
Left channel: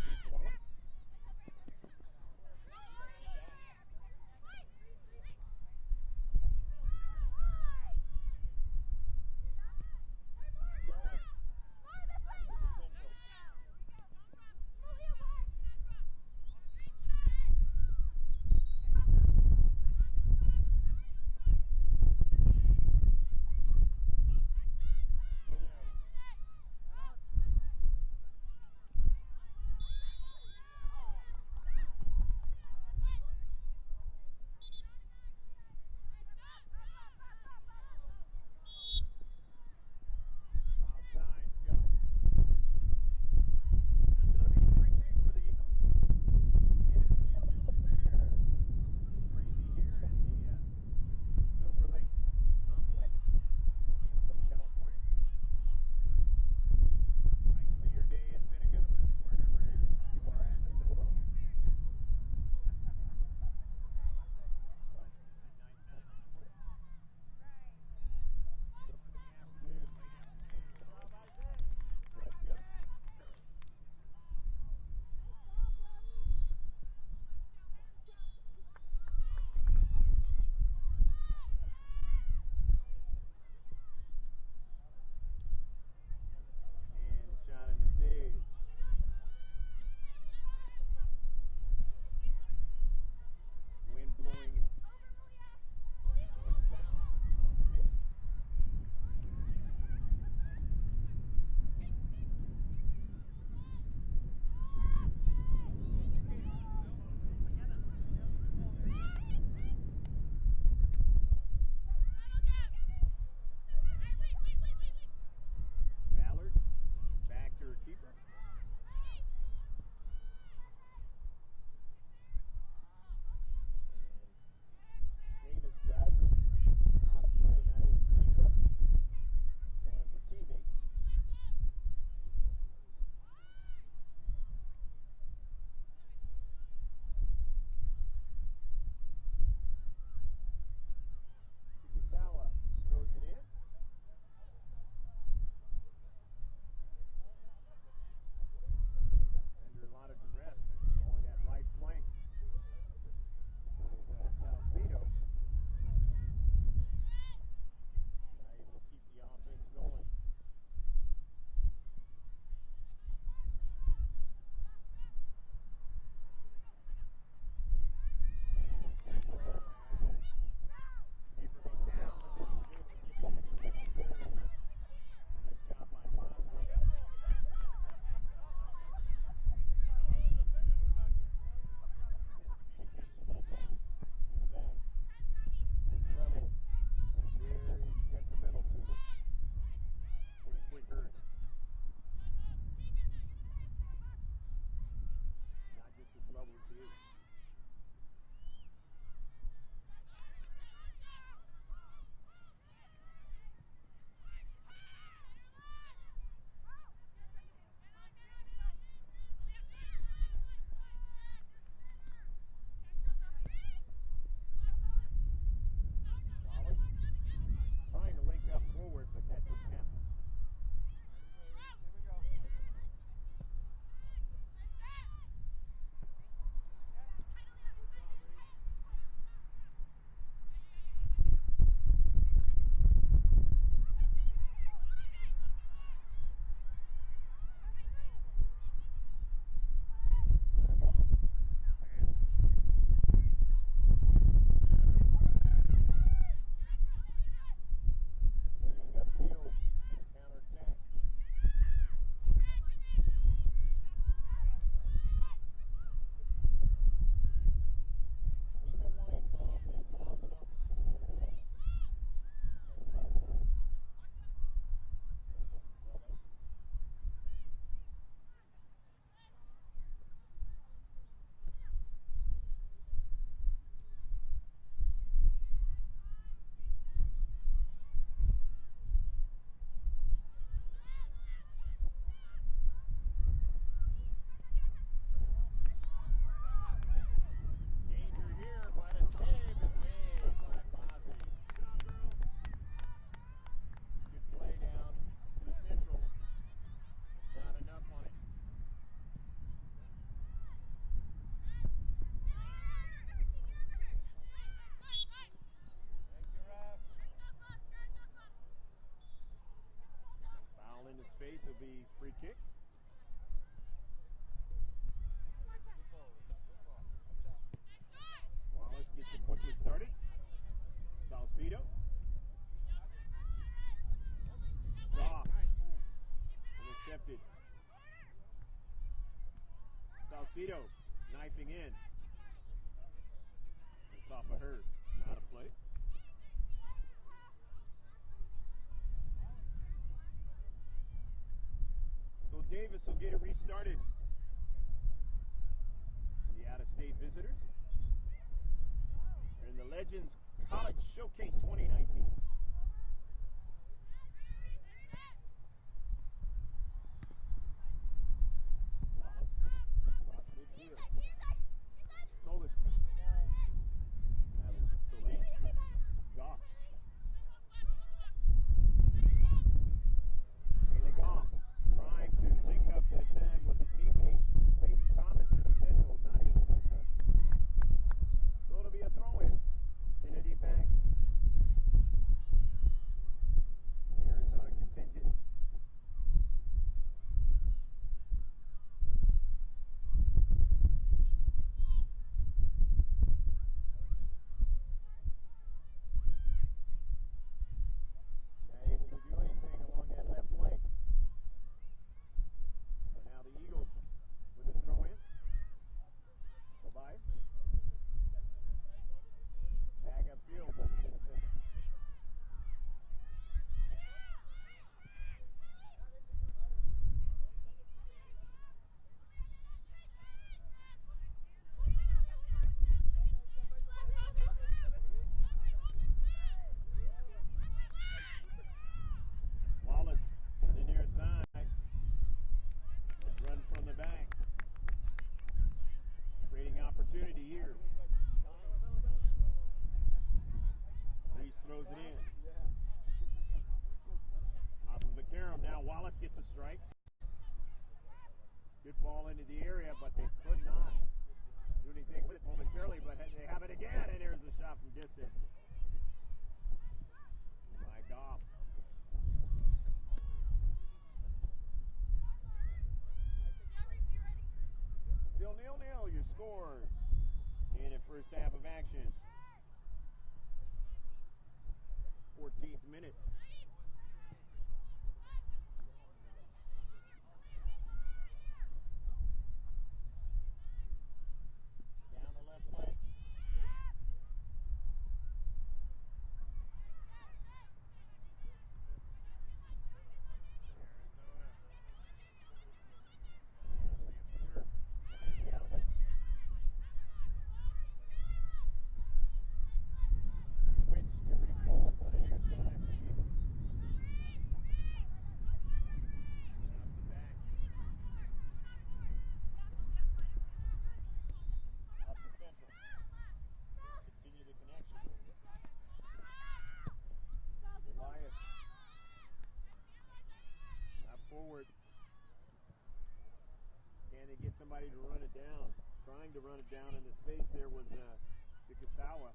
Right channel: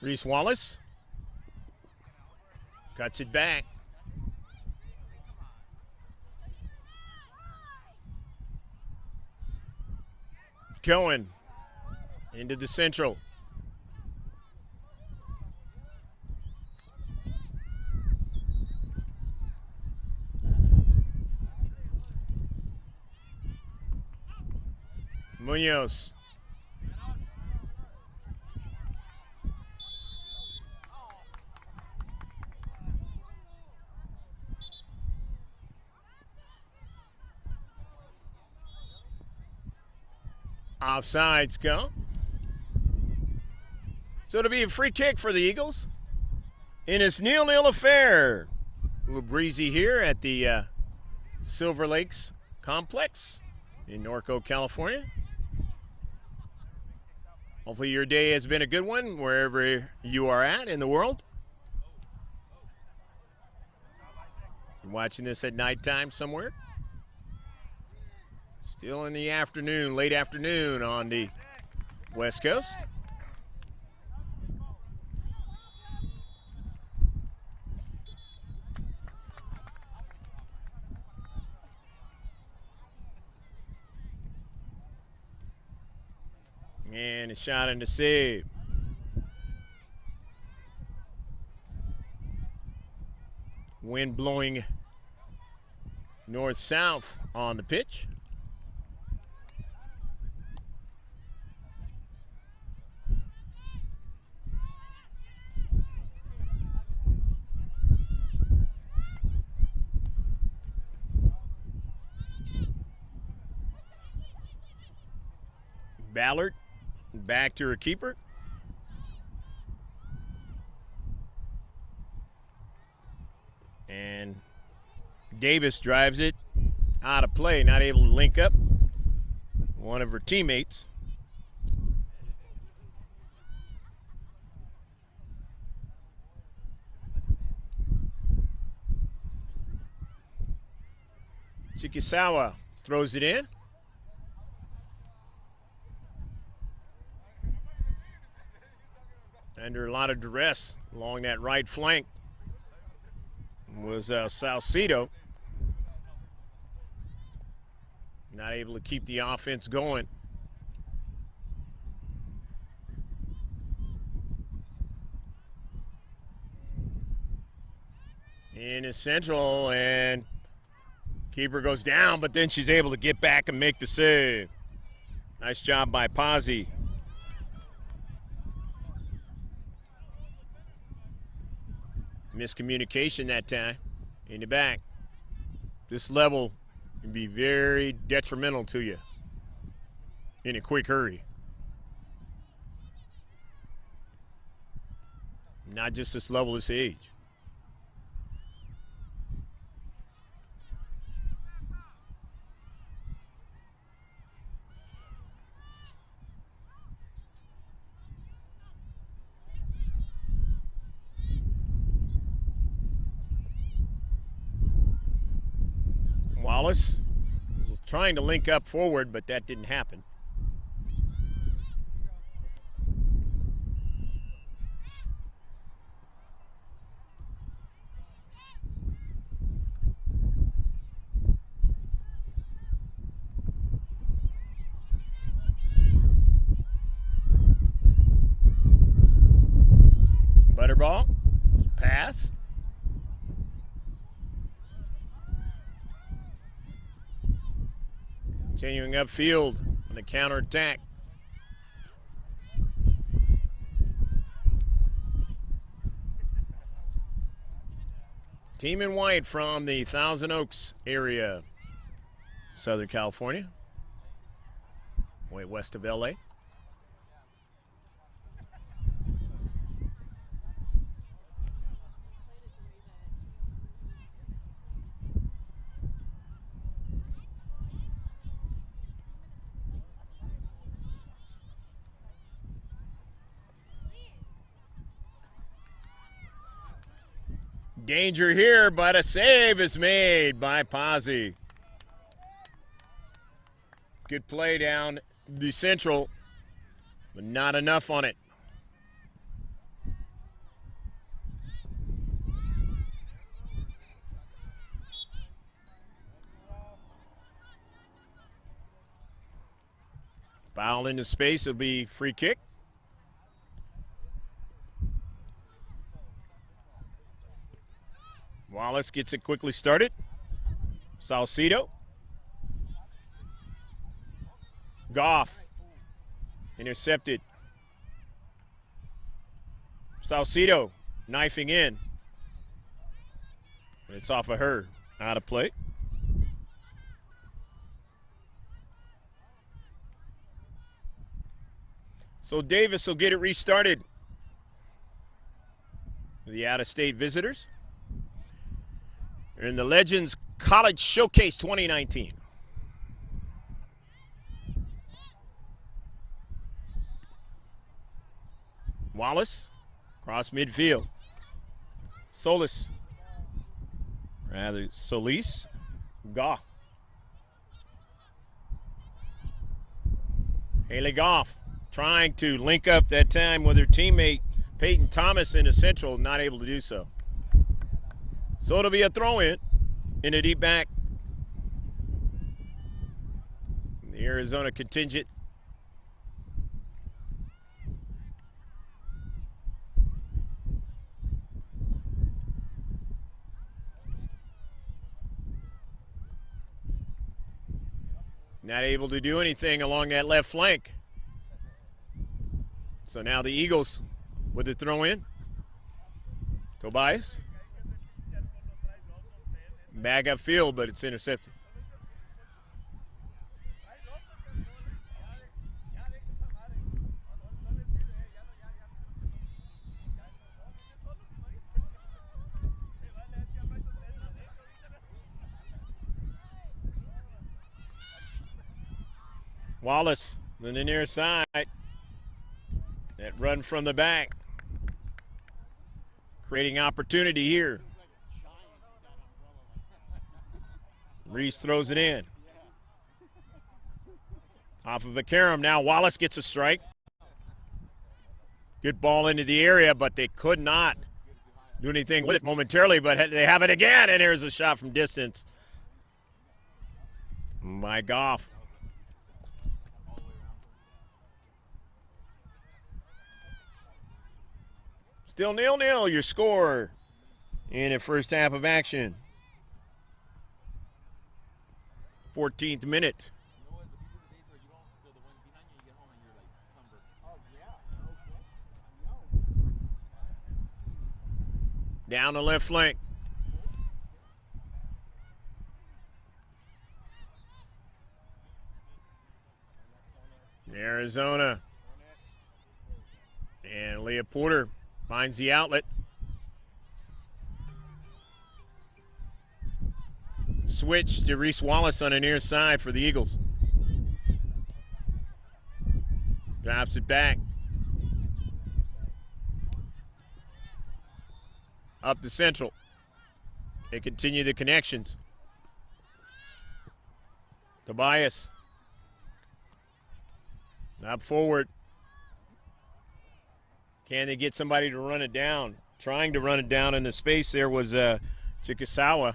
Reese Wallace cuts it back. Cohen into the central. Munoz. Offsides go. So it'll be a free kick for the Eagles. in this 0-0 affair. A little breezy here at the Silver Lakes Complex in Norco, California. Hopefully your day has been a good one wherever you are at in the world. You're watching this at nighttime somewhere. Still in the afternoon, late afternoon on the West Coast. And a shot and a save. Wind blowing north-south on the pitch. Ballard back to her keeper. And Davis drives it out of play, not able to link up one of her teammates. Chikisawa throws it in. Under a lot of duress along that right flank was Salcido. Not able to keep the offense going. In his central, and keeper goes down, but then she's able to get back and make the save. Nice job by Pazzi. Miscommunication that time in the back. This level can be very detrimental to you in a quick hurry. Not just this level, this age. Wallace was trying to link up forward, but that didn't happen. Butterball, pass. Continuing upfield on the counterattack. Team in white from the Thousand Oaks area, Southern California, way west of LA. Danger here, but a save is made by Pazzi. Good play down the central, but not enough on it. Foul into space, it'll be free kick. Wallace gets it quickly started. Salcido. Goff. Intercepted. Salcido knifing in. It's off of her. Out of play. So Davis will get it restarted. The the out-of-state visitors. They're in the Legends College Showcase 2019. Wallace, across midfield. Solis, rather Solis, Goff. Haley Goff trying to link up that time with her teammate Peyton Thomas in the central, not able to do so. So it'll be a throw-in a deep back. The Arizona contingent. Not able to do anything along that left flank. So now the Eagles with the throw-in. Tobias. Bag upfield, but it's intercepted. Wallace on the near side. That run from the back. Creating opportunity here. Reese throws it in. Off of a carom. Now Wallace gets a strike. Good ball into the area, but they could not do anything with it momentarily, but they have it again, and here's a shot from distance by Goff. Still 0-0, your score in the first half of action. 14th minute. Down the left flank. Arizona. And Leah Porter finds the outlet. Switch to Reese Wallace on the near side for the Eagles. Drops it back. Up the central. They continue the connections. Tobias. Up forward. Can they get somebody to run it down? Trying to run it down in the space there was Chikasawa.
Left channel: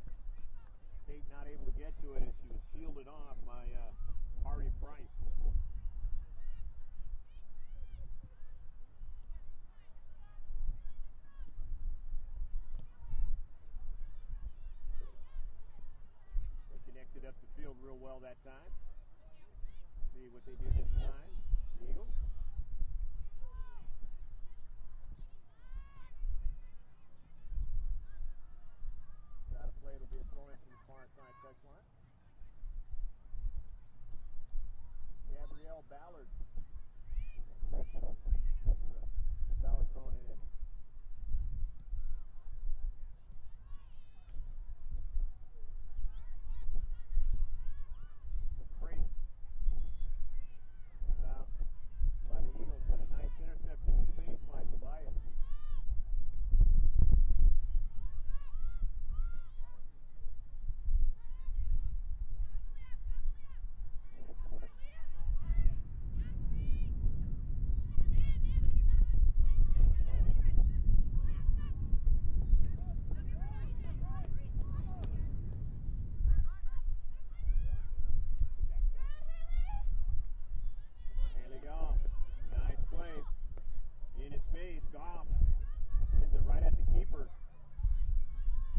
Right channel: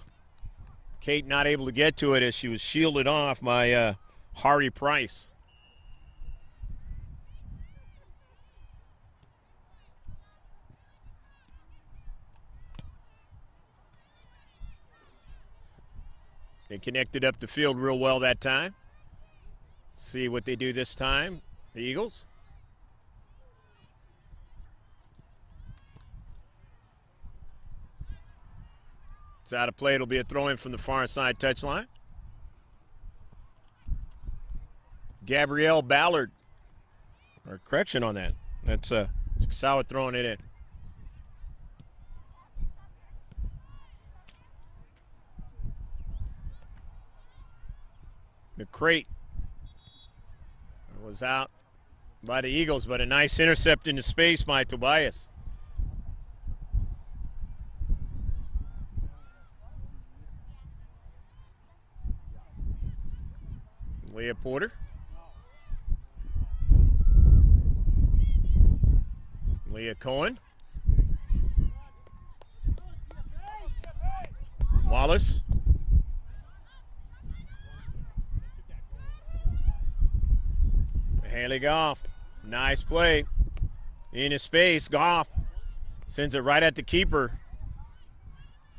Kate not able to get to it as she was shielded off by Hari Price. They connected up the field real well that time. See what they do this time, the Eagles. It's out of play. It'll be a throw-in from the far side touchline. Gabrielle Ballard. Or correction on that. That's Chikasawa throwing it in. The crate was out by the Eagles, but a nice intercept into space by Tobias. Leah Porter. Leah Cohen. Wallace. Haley Goff. Nice play. In his space, Goff sends it right at the keeper.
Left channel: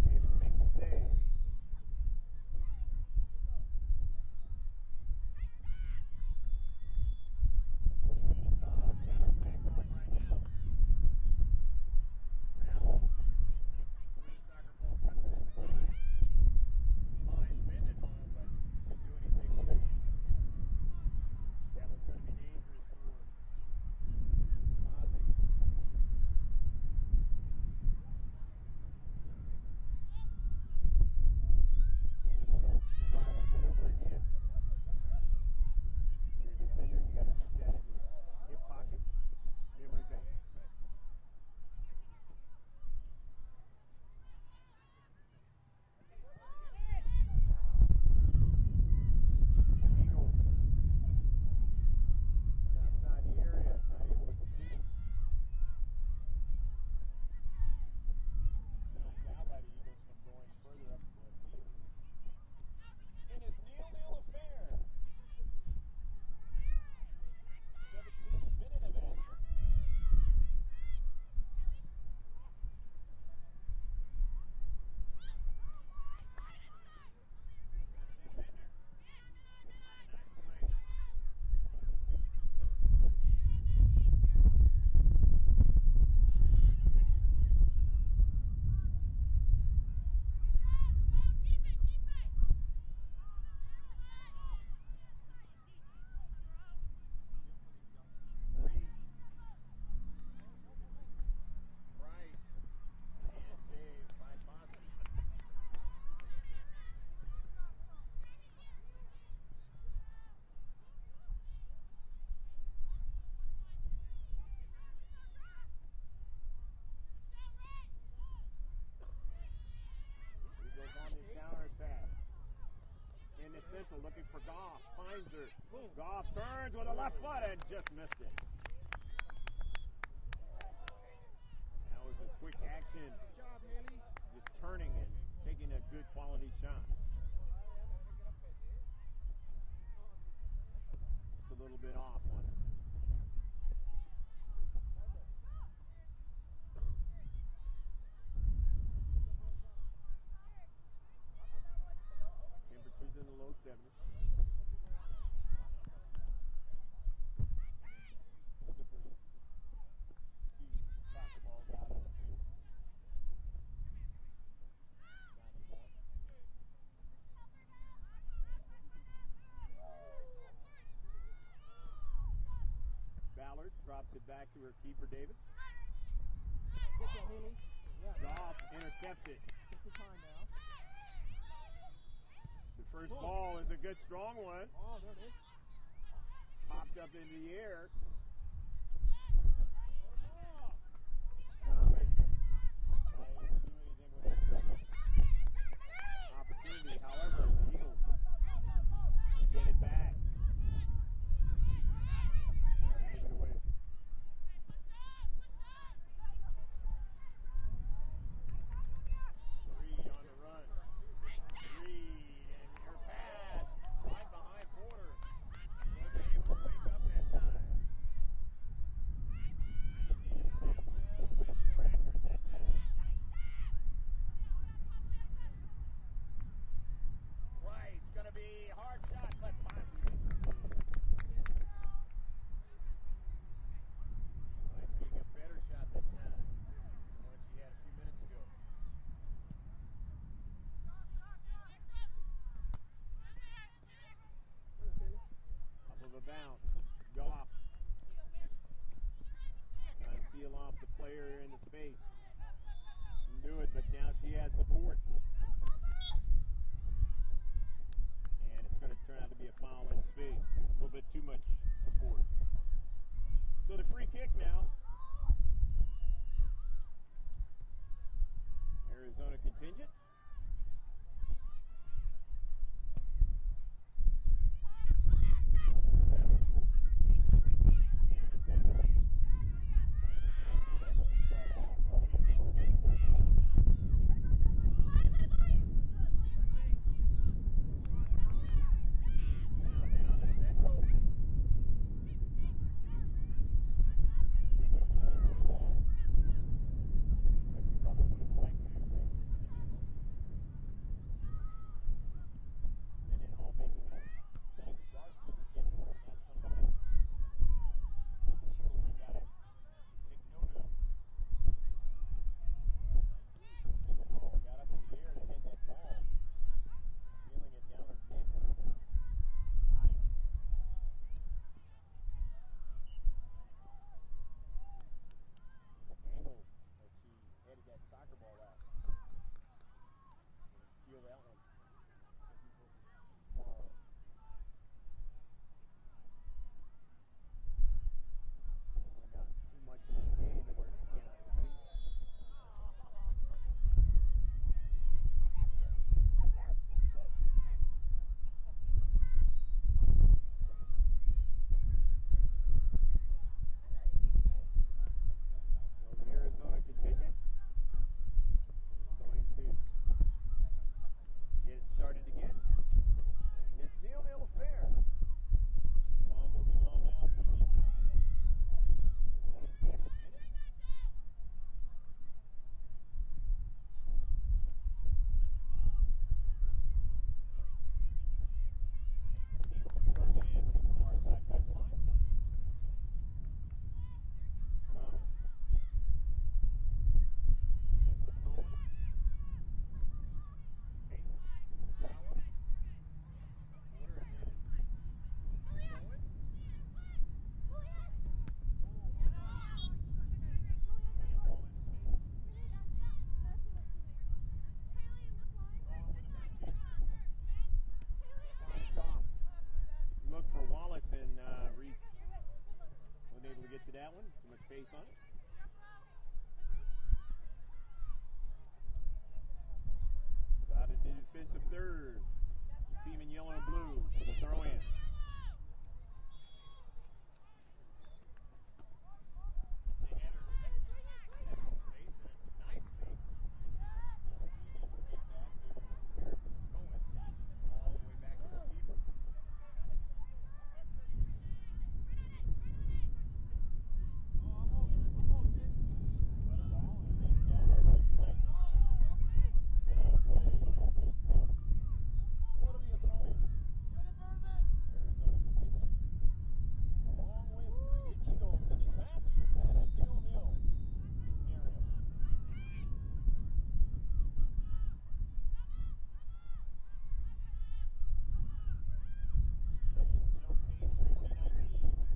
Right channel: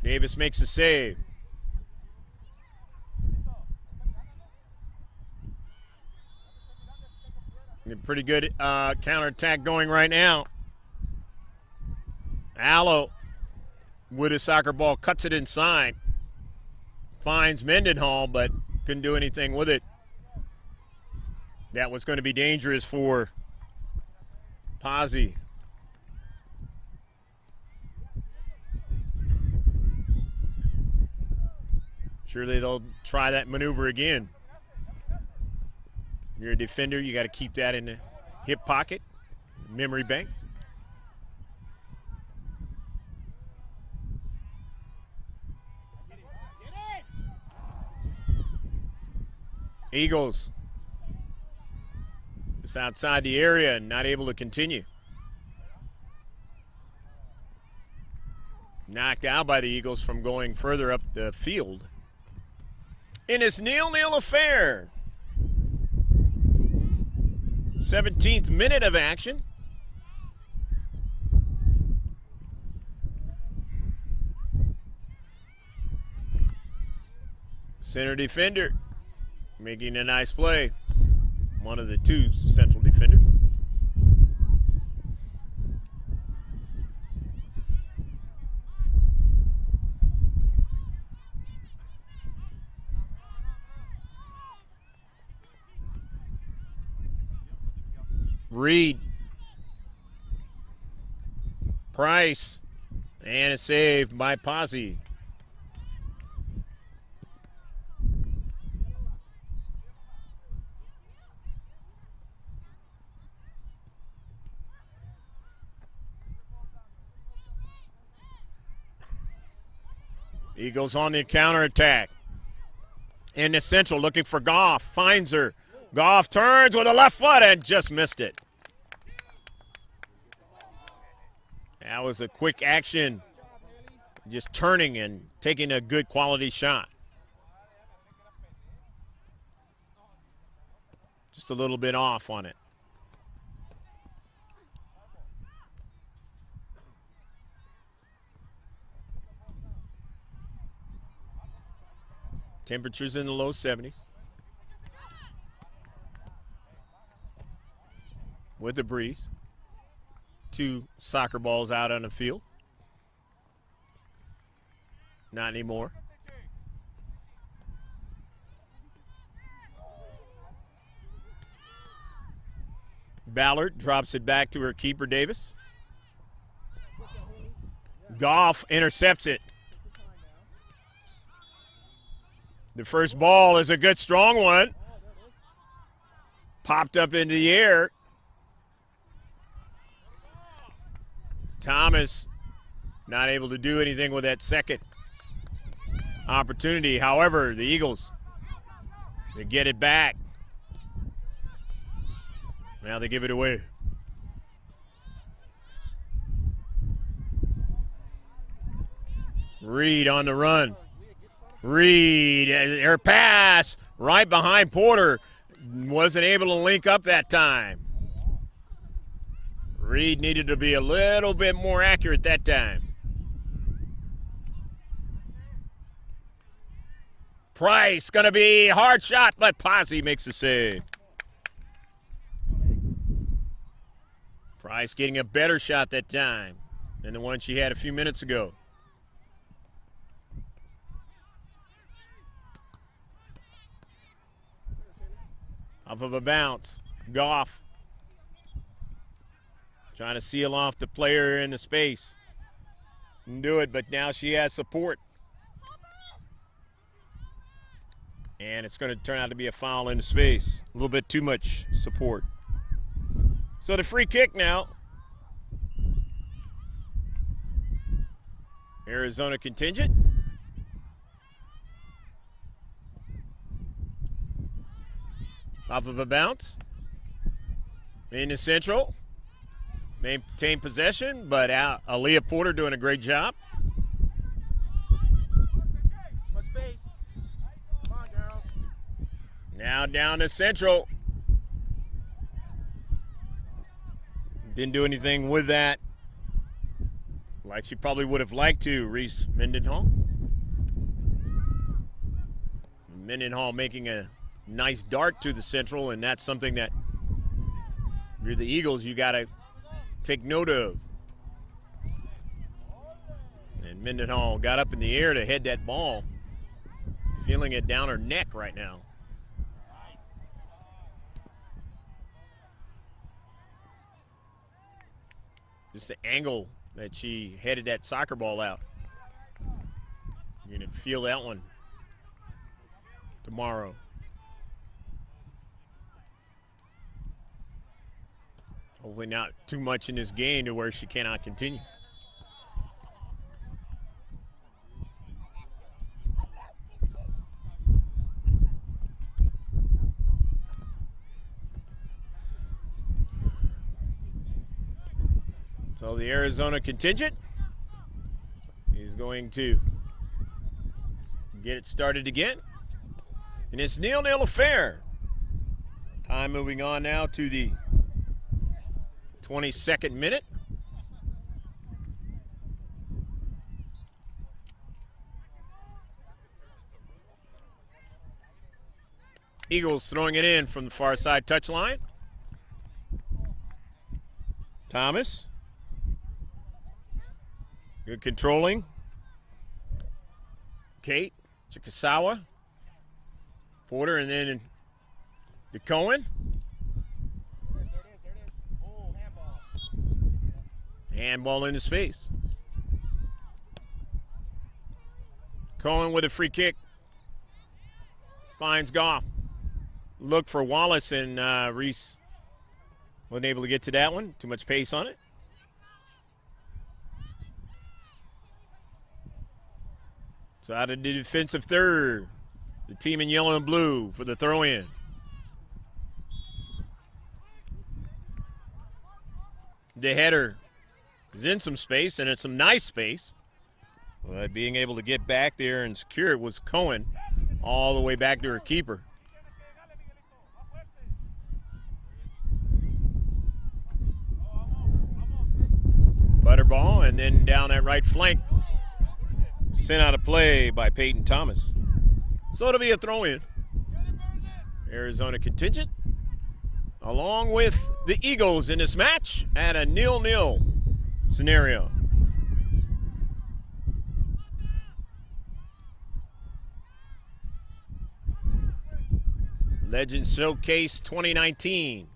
Davis makes a save. Pretty good counterattack going right now. Allo with a soccer ball cuts it inside. Finds Mendenhall, but couldn't do anything with it. That was going to be dangerous for Pazzi. Surely they'll try that maneuver again. You're a defender, you got to keep that in the hip pocket, memory bank. Eagles just outside the area and not able to continue. Knocked out by the Eagles from going further up the field. In this 0-0 affair. 17th minute of action. Center defender making a nice play. One of the two central defenders. Reed. Price. And a save by Posse. Eagles on the counterattack. In the central, looking for Goff. Finds her. Goff turns with a left foot and just missed it. That was a quick action. Just turning and taking a good quality shot. Just a little bit off on it. Temperatures in the low 70s. With the breeze. 2 soccer balls out on the field. Not anymore. Ballard drops it back to her keeper, Davis. Goff intercepts it. The first ball is a good, strong one. Popped up into the air. Thomas not able to do anything with that second opportunity. However, the Eagles, they get it back. Now they give it away. Reed on the run. Reed, her pass right behind Porter. Wasn't able to link up that time. Reed needed to be a little bit more accurate that time. Price gonna be hard shot, but Posse makes the save. Price getting a better shot that time than the one she had a few minutes ago. Off of a bounce, Goff trying to seal off the player in the space. Didn't do it, but now she has support. And it's going to turn out to be a foul in the space. A little bit too much support. So the free kick now. Arizona contingent. Off of a bounce. In the central. Maintain possession, but Aaliyah Porter doing a great job. Now down to central. Didn't do anything with that like she probably would have liked to. Reese Mendenhall. Mendenhall making a nice dart to the central, and that's something that if you're the Eagles, you got to take note of. And Mendenhall got up in the air to head that ball. Feeling it down her neck right now. Just the angle that she headed that soccer ball out. You're going to feel that one tomorrow. Hopefully not too much in this game to where she cannot continue. So the Arizona contingent is going to get it started again. And it's 0-0 affair. Time moving on now to the 22nd minute. Eagles throwing it in from the far side touchline. Thomas. Good controlling. Kate, Chikasawa, Porter, and then to Cohen. Handball into space. Cohen with a free kick. Finds Goff. Look for Wallace, and Reese wasn't able to get to that one. Too much pace on it. So out of the defensive third, the team in yellow and blue for the throw-in. The header is in some space, and it's some nice space. But being able to get back there and secure it was Cohen all the way back to her keeper. Butterball, and then down that right flank. Sent out of play by Peyton Thomas. So it'll be a throw-in. Arizona contingent, along with the Eagles in this match at a 0-0 scenario. Legends Showcase 2019,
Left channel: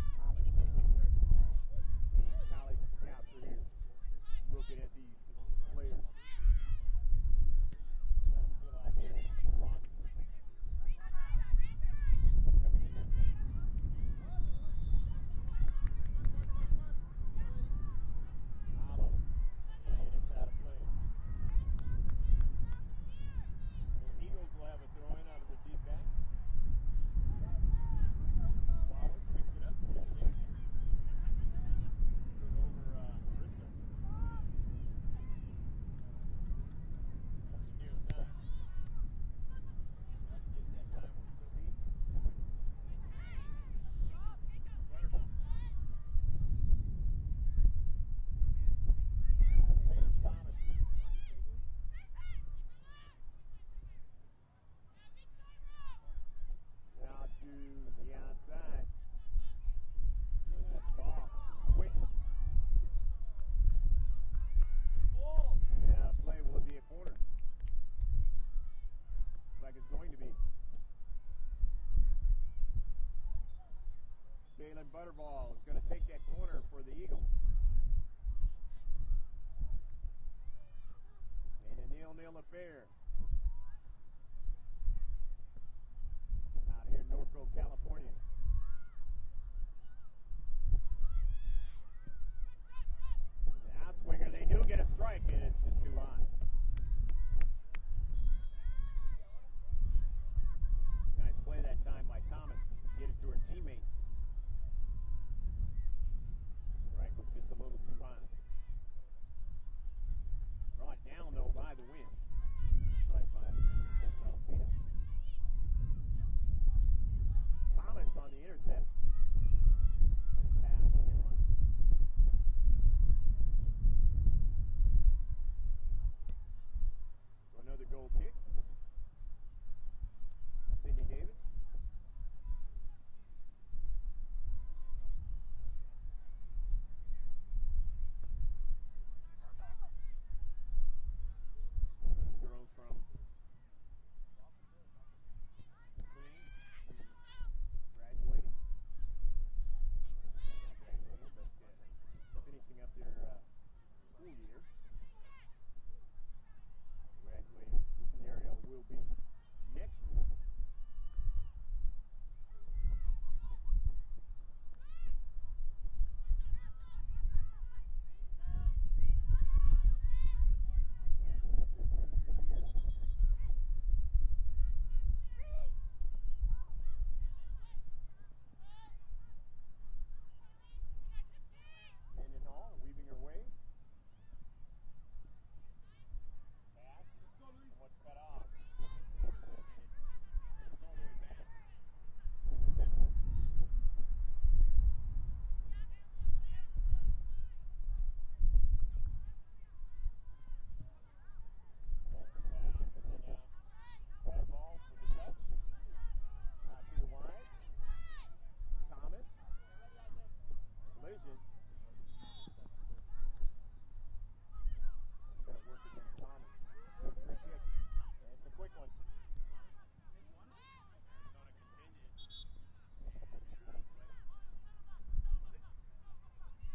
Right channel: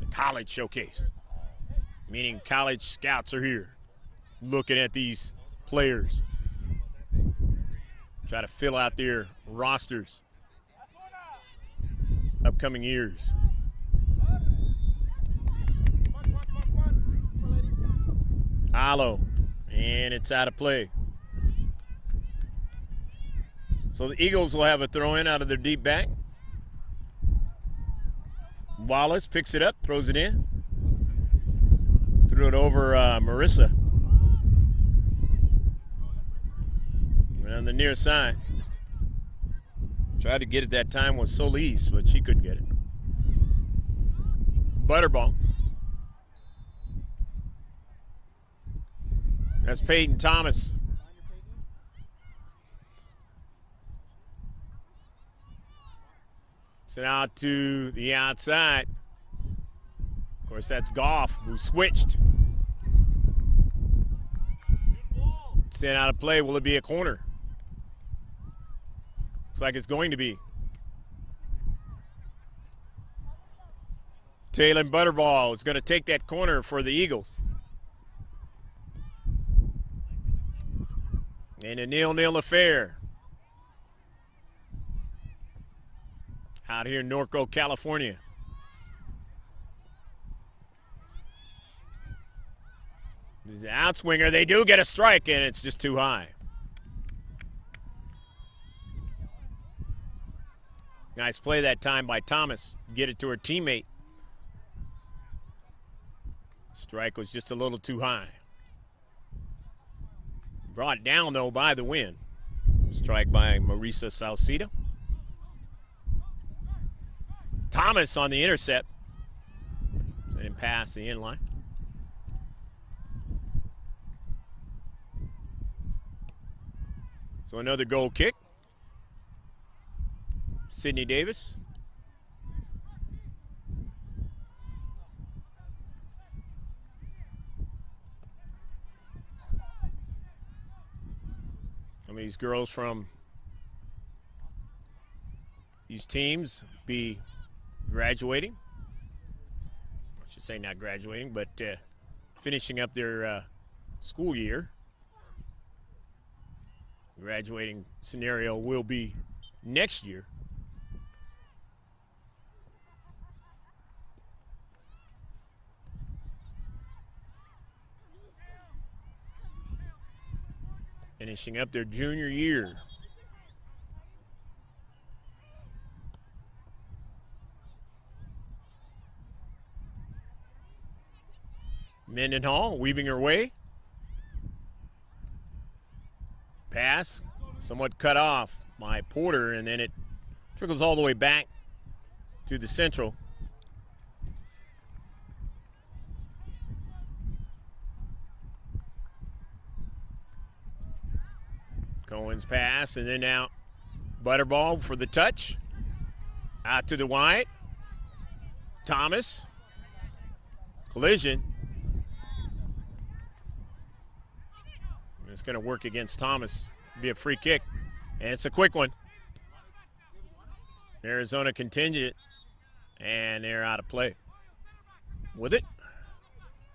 the college showcase, meaning college scouts are here looking at these players. Try to fill out their rosters upcoming years. Alo, and it's out of play. So the Eagles will have a throw-in out of their deep back. Wallace picks it up, throws it in. Threw it over Marissa. On the near side. Tried to get it that time with Solis, but she couldn't get it. Butterball. That's Peyton Thomas. Sent out to the outside. Of course, that's Goff, who switched. Sent out of play. Will it be a corner? Looks like it's going to be. Taylor Butterball is going to take that corner for the Eagles. And a 0-0 affair. Out here in Norco, California. This is the outswinger. They do get a strike, and it's just too high. Nice play that time by Thomas. Get it to her teammate. Strike was just a little too high. Brought down, though, by the wind. Strike by Marisa Salcido. Thomas on the intercept. Didn't pass the inline. So another goal kick. Sydney Davis. Some of these girls from these teams be graduating. I should say not graduating, but finishing up their school year. Graduating scenario will be next year. finishing up their junior year. Mendenhall weaving her way. Pass, somewhat cut off by Porter, and then it trickles all the way back to the Central. Cohen's pass, and then now Butterball for the touch. Out to the wide. Thomas. Collision. It's going to work against Thomas. Be a free kick, and it's a quick one. Arizona contingent, and they're out of play with it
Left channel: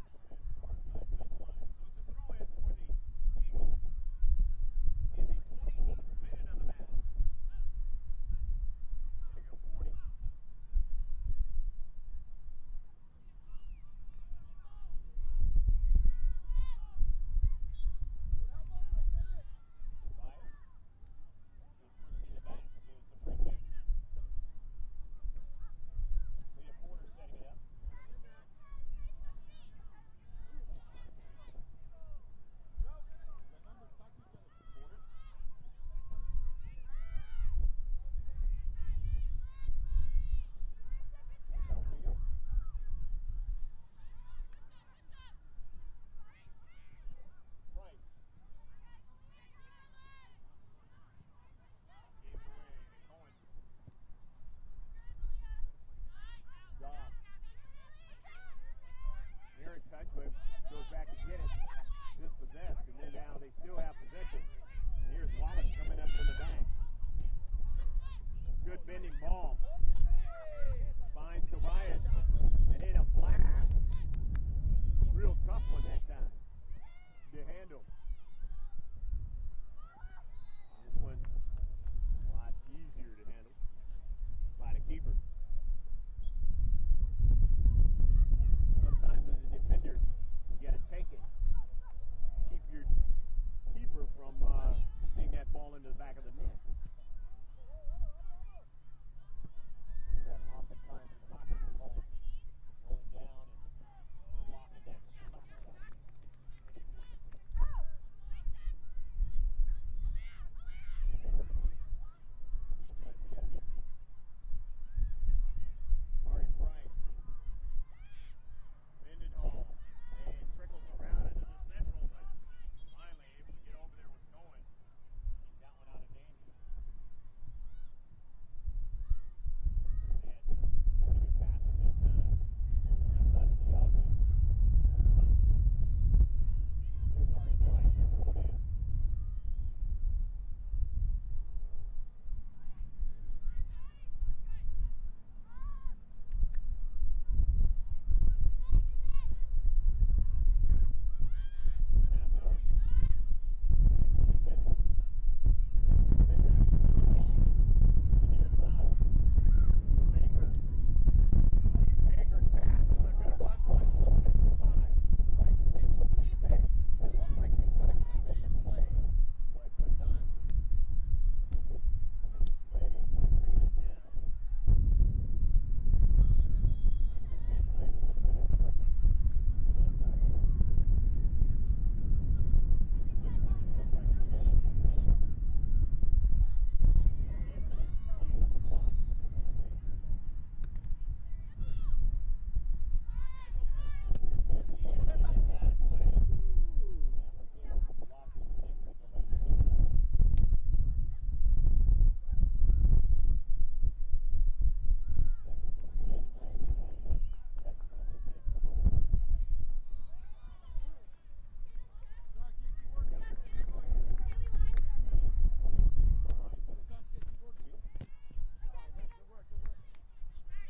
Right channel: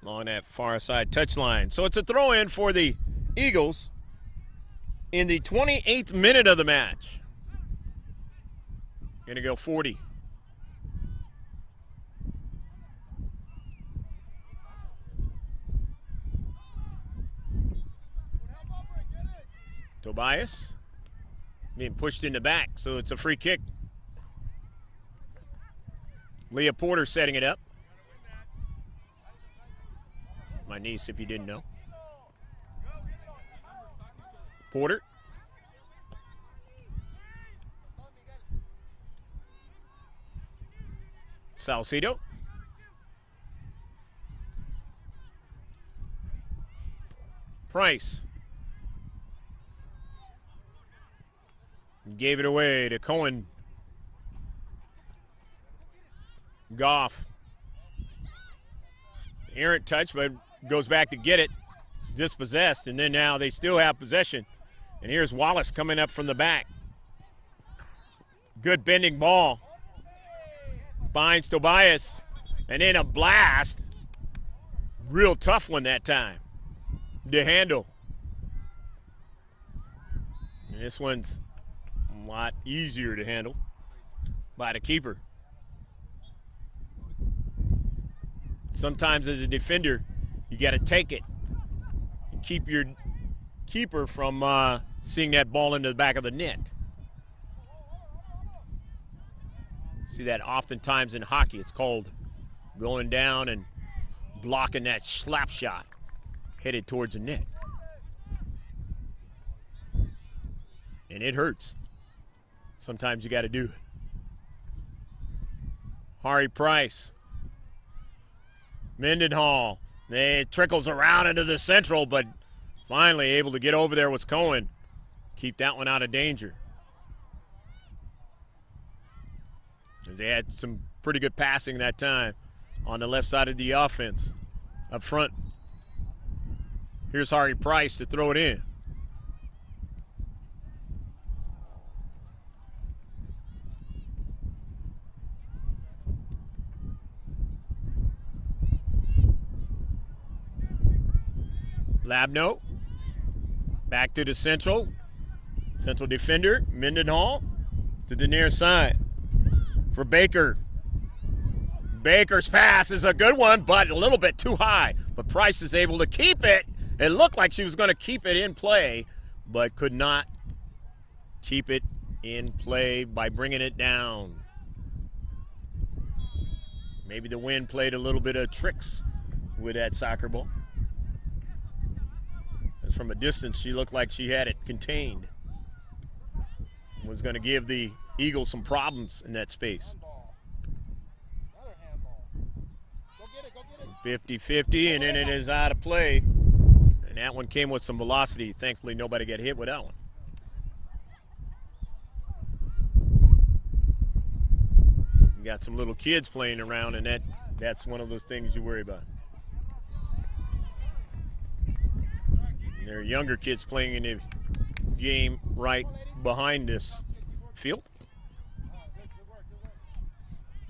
along that far side touchline. So it's a throw-in for the Eagles in the 28th minute of the match. Going to go 40. Tobias being pushed in the back, so it's a free kick. Leah Porter setting it up. My niece, if you didn't know. Porter. Salcido. Price. Gave it away to Cohen. Goff. Errant touch, but goes back to get it. Dispossessed, and then now they still have possession. And here's Wallace coming up from the back. Good bending ball. Finds Tobias, and then a blast. Real tough one that time to handle. And this one's a lot easier to handle by the keeper. Sometimes as a defender, you got to take it and keep your keeper from seeing that ball into the back of the net. See that oftentimes in hockey. It's called going down and blocking that slap shot headed towards the net. And it hurts. Sometimes you got to do it. Hari Price. Mendenhall. It trickles around into the Central, but finally able to get over there was Cohen. Keep that one out of danger. As they had some pretty good passing that time on the left side of the offense up front. Here's Hari Price to throw it in. Labno, back to the Central defender, Mendenhall, to the near side for Baker. Baker's pass is a good one, but a little bit too high. But Price is able to keep it. It looked like she was going to keep it in play, but could not keep it in play by bringing it down. Maybe the wind played a little bit of tricks with that soccer ball. From a distance, she looked like she had it contained. Was going to give the Eagles some problems in that space. 50-50, and then it is out of play. And that one came with some velocity. Thankfully, nobody got hit with that one. You got some little kids playing around, and that's one of those things you worry about. There are younger kids playing in the game right behind this field.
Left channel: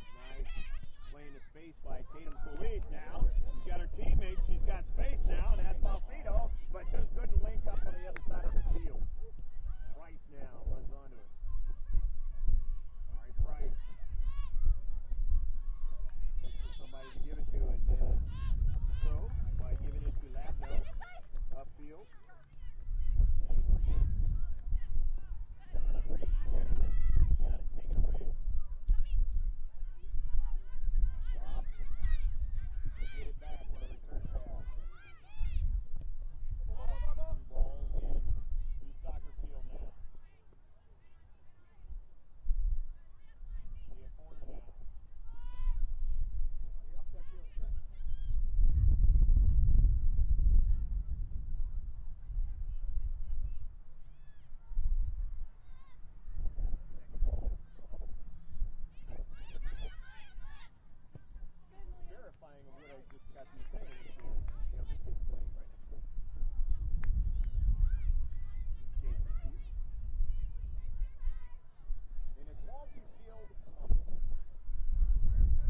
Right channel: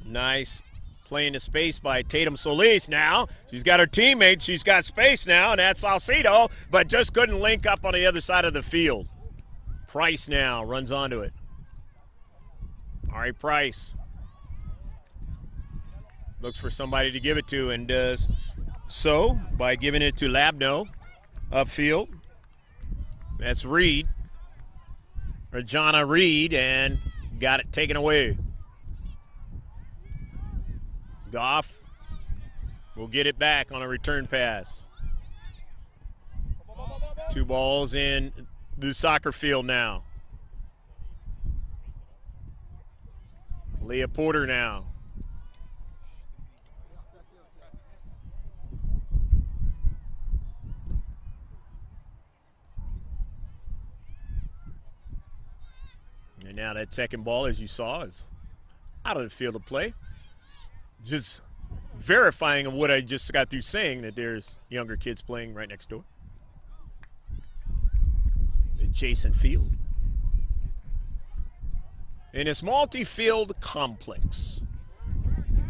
Nice play into space by Tatum Solis now. She's got her teammate. She's got space now, and that's Salcido, but just couldn't link up on the other side of the field. Price now runs onto it. Ari Price looks for somebody to give it to and does so by giving it to Labno. Upfield. That's Reed. Rajana Reed, and got it taken away. Goff will get it back on a return pass. 2 balls in the soccer field now. Leah Porter now. And now that second ball, as you saw, is out of the field of play. Just verifying of what I just got through saying, that there's younger kids playing right next door. Adjacent field. In this multi-field complex.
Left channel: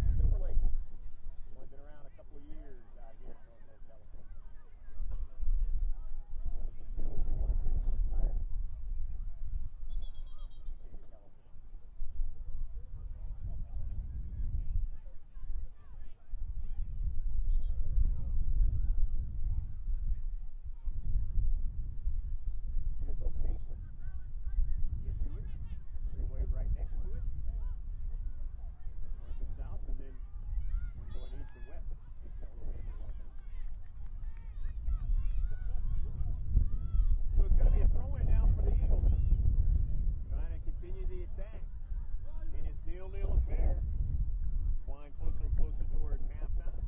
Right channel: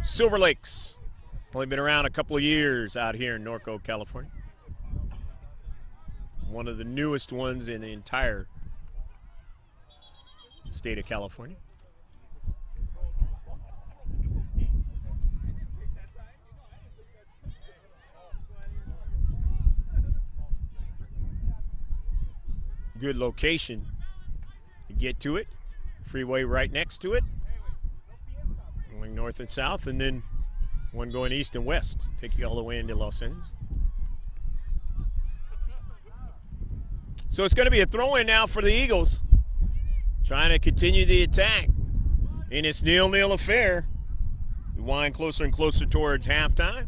Silver Lakes. Only been around a couple of years out here in Norco, California. One of the newest ones in the entire state of California. Good location to get to it. Freeway right next to it. Going north and south, and then one going east and west. Take you all the way into Los Angeles. So it's going to be a throw-in now for the Eagles. Trying to continue the attack in this 0-0 affair. We wind closer and closer towards halftime.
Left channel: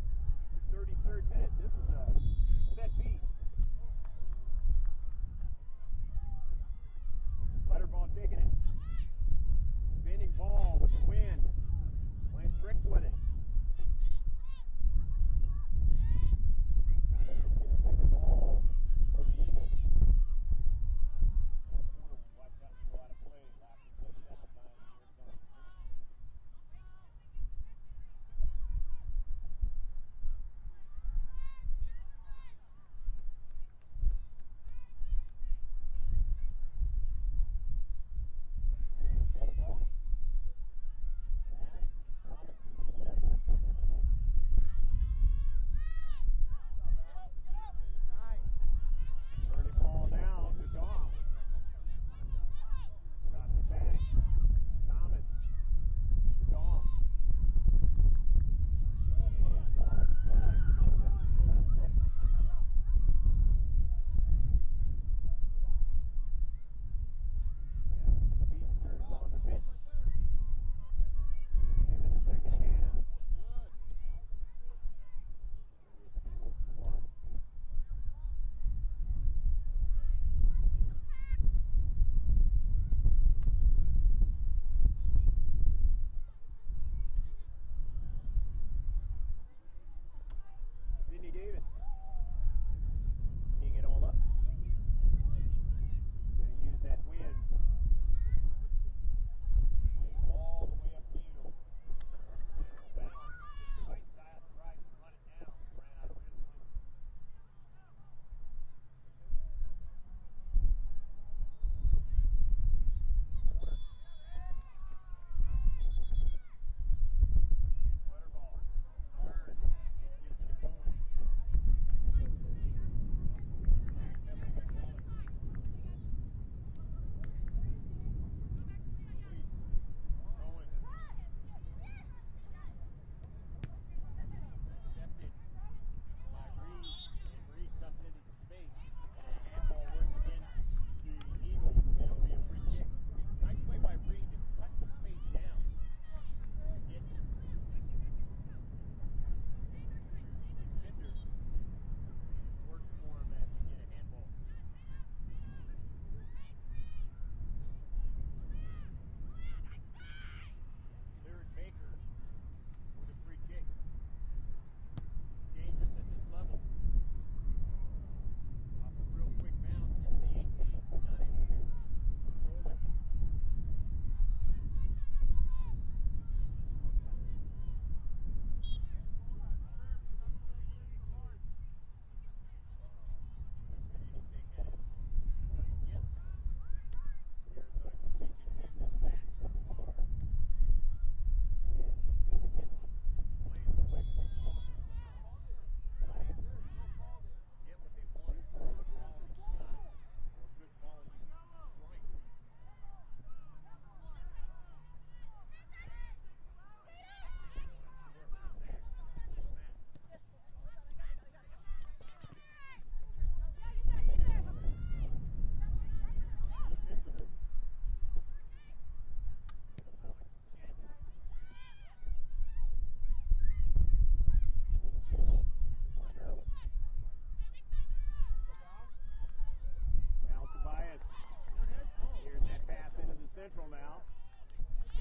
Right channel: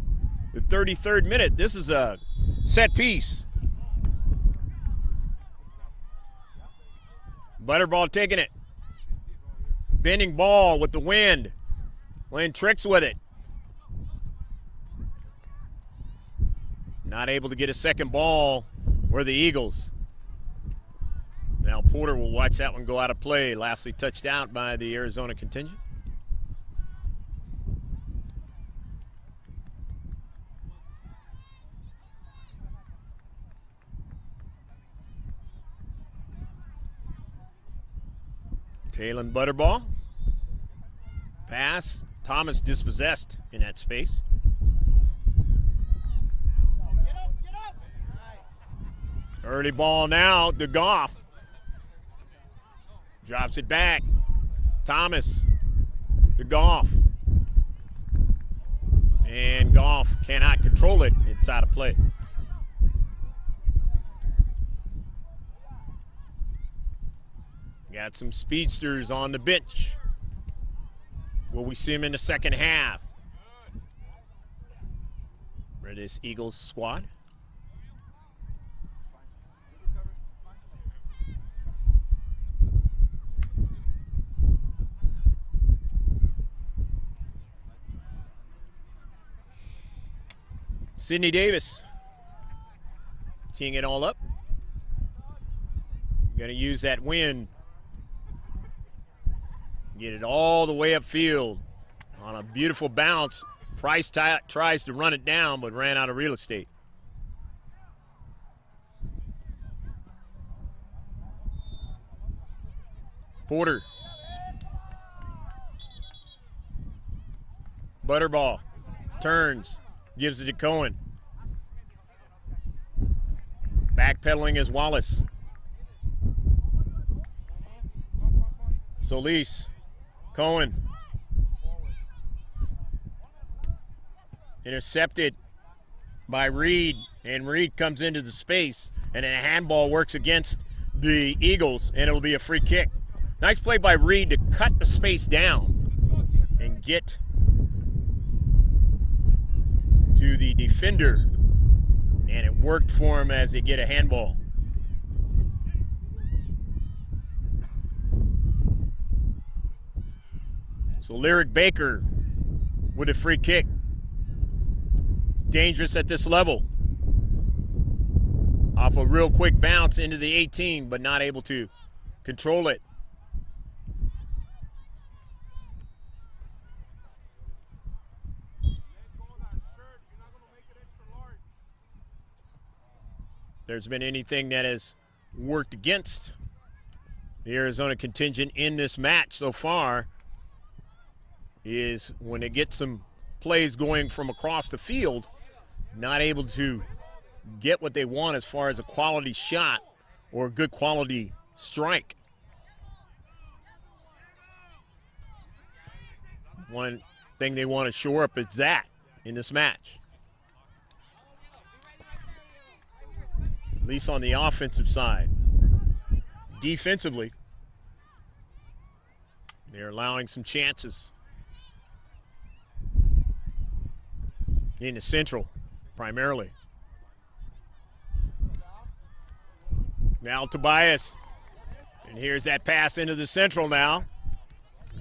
The 33rd minute. This is a set piece. Butterball taking it. Bending ball with the wind. Playing tricks with it. Not able to get a second ball were the Eagles. Now Porter will watch that one go out of play. Lastly touched out by the Arizona contingent. Taylon Butterball. Pass. Thomas dispossessed in that space. Early ball now to Goff. Drops it back. Thomas to Goff. And Goff cannot control it inside of play. Got some speedsters on the bench. Will we see him in the second half? For this Eagles squad. Sydney Davis teeing it all up. Going to use that wind. Get it all the way upfield on a beautiful bounce. Price tries to run it down, but ran out of real estate. Porter. Butterball turns, gives it to Cohen. Backpedaling is Wallace. Solis. Cohen. Intercepted by Reed, and Reed comes into the space, and a handball works against the Eagles, and it'll be a free kick. Nice play by Reed to cut the space down and get to the defender, and it worked for him as they get a handball. So Lyric Baker with a free kick. Dangerous at this level. Off a real quick bounce into the 18, but not able to control it. If there's been anything that has worked against the Arizona contingent in this match so far, is when they get some plays going from across the field, not able to get what they want as far as a quality shot or a good quality strike. One thing they want to shore up is that in this match. At least on the offensive side. Defensively, they're allowing some chances. In the Central, primarily. Now Tobias. And here's that pass into the Central now.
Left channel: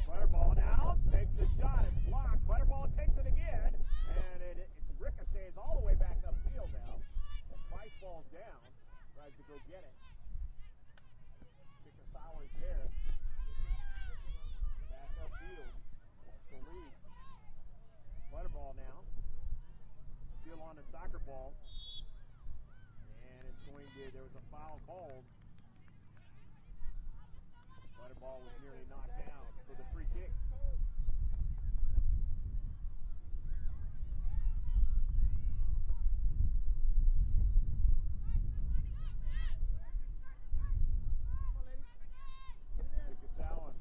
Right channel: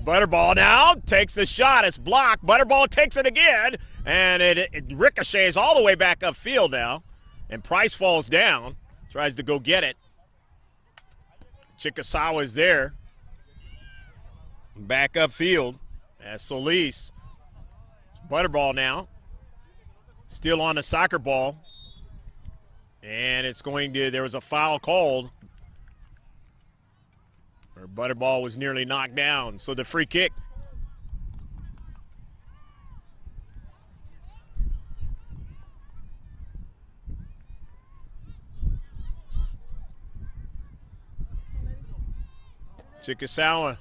Butterball now takes the shot. It's blocked. Butterball takes it again. And it ricochets all the way back upfield now. And Price falls down. Tries to go get it. Chikasawa is there. Back upfield as Solis. Butterball now. Still on the soccer ball. And it's going to, there was a foul called. Or Butterball was nearly knocked down. So the free kick. Chikasawa.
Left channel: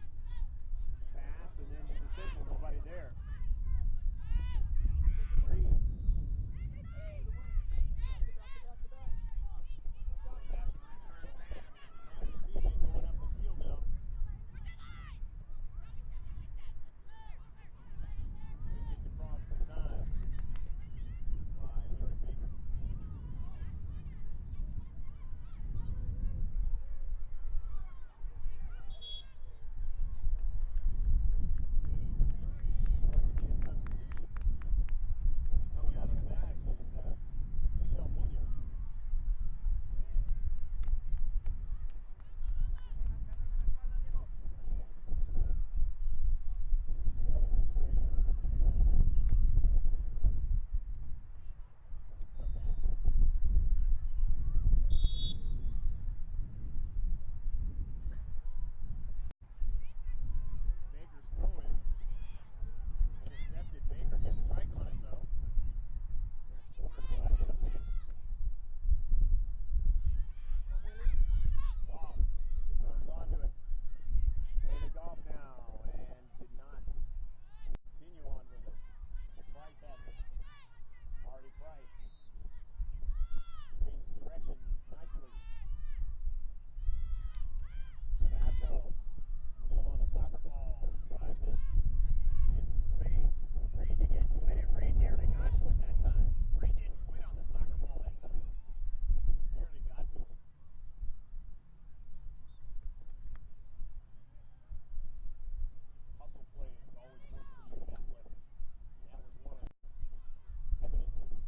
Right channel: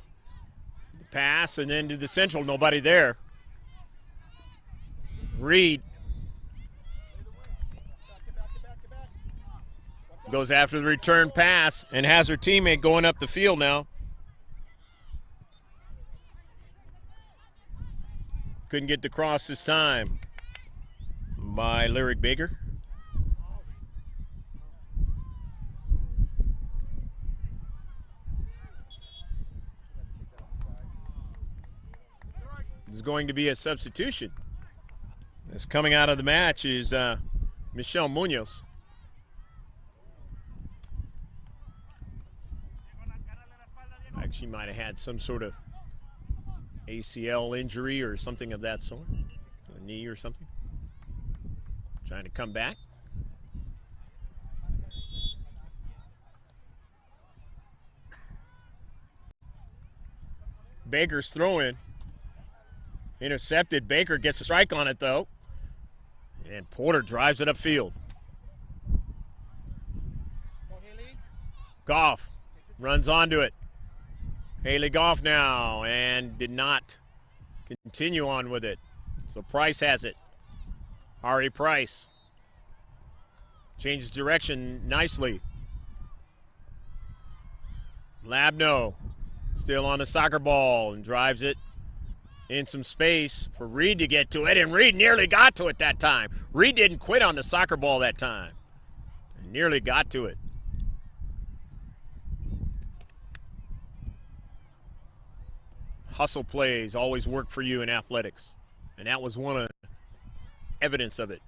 Pass and then to the Central, nobody there. Reed. Goes after the return pass and has her teammate going up the field now. Couldn't get the cross this time by Lyric Baker. There's going to be a substitution. That's coming out of the match is Michelle Munoz. She might have had some sort of ACL injury or something of that sort, a knee or something. Trying to come back. Baker's throw-in. Intercepted. Baker gets a strike on it, though. And Porter drives it upfield. Goff runs onto it. Haley Goff now, and did not continue on with it. So Price has it. Ari Price changes direction nicely. Labno still on the soccer ball and drives it in some space for Reed to get to it, and Reed nearly got to it that time. Reed didn't quit on the soccer ball that time. Nearly got to it. Hustle plays always work for you in athletics, and that was one of evidence of it.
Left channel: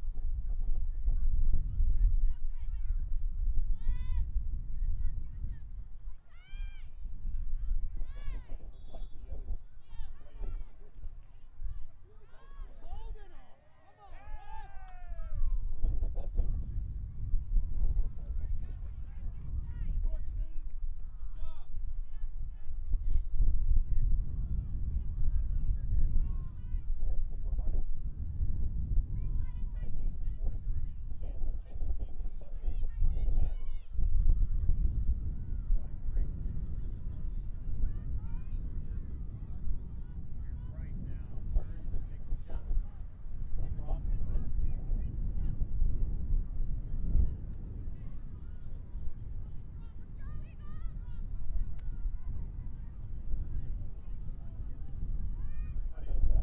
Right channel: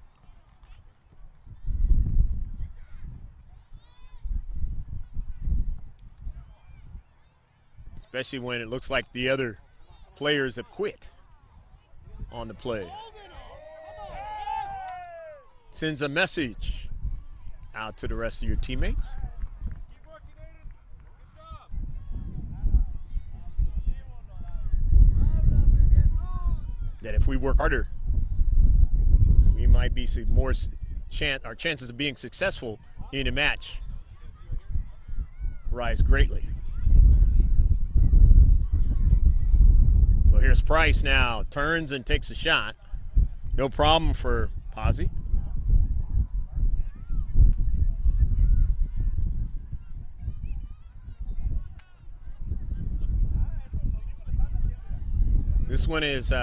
Especially when it looks like the other players have quit on the play. Sends a message out to the rest of your teammates. That if we work harder, we might be more our chances of being successful in a match rise greatly. So here's Price now, turns and takes a shot. No problem for Pazzi. This one is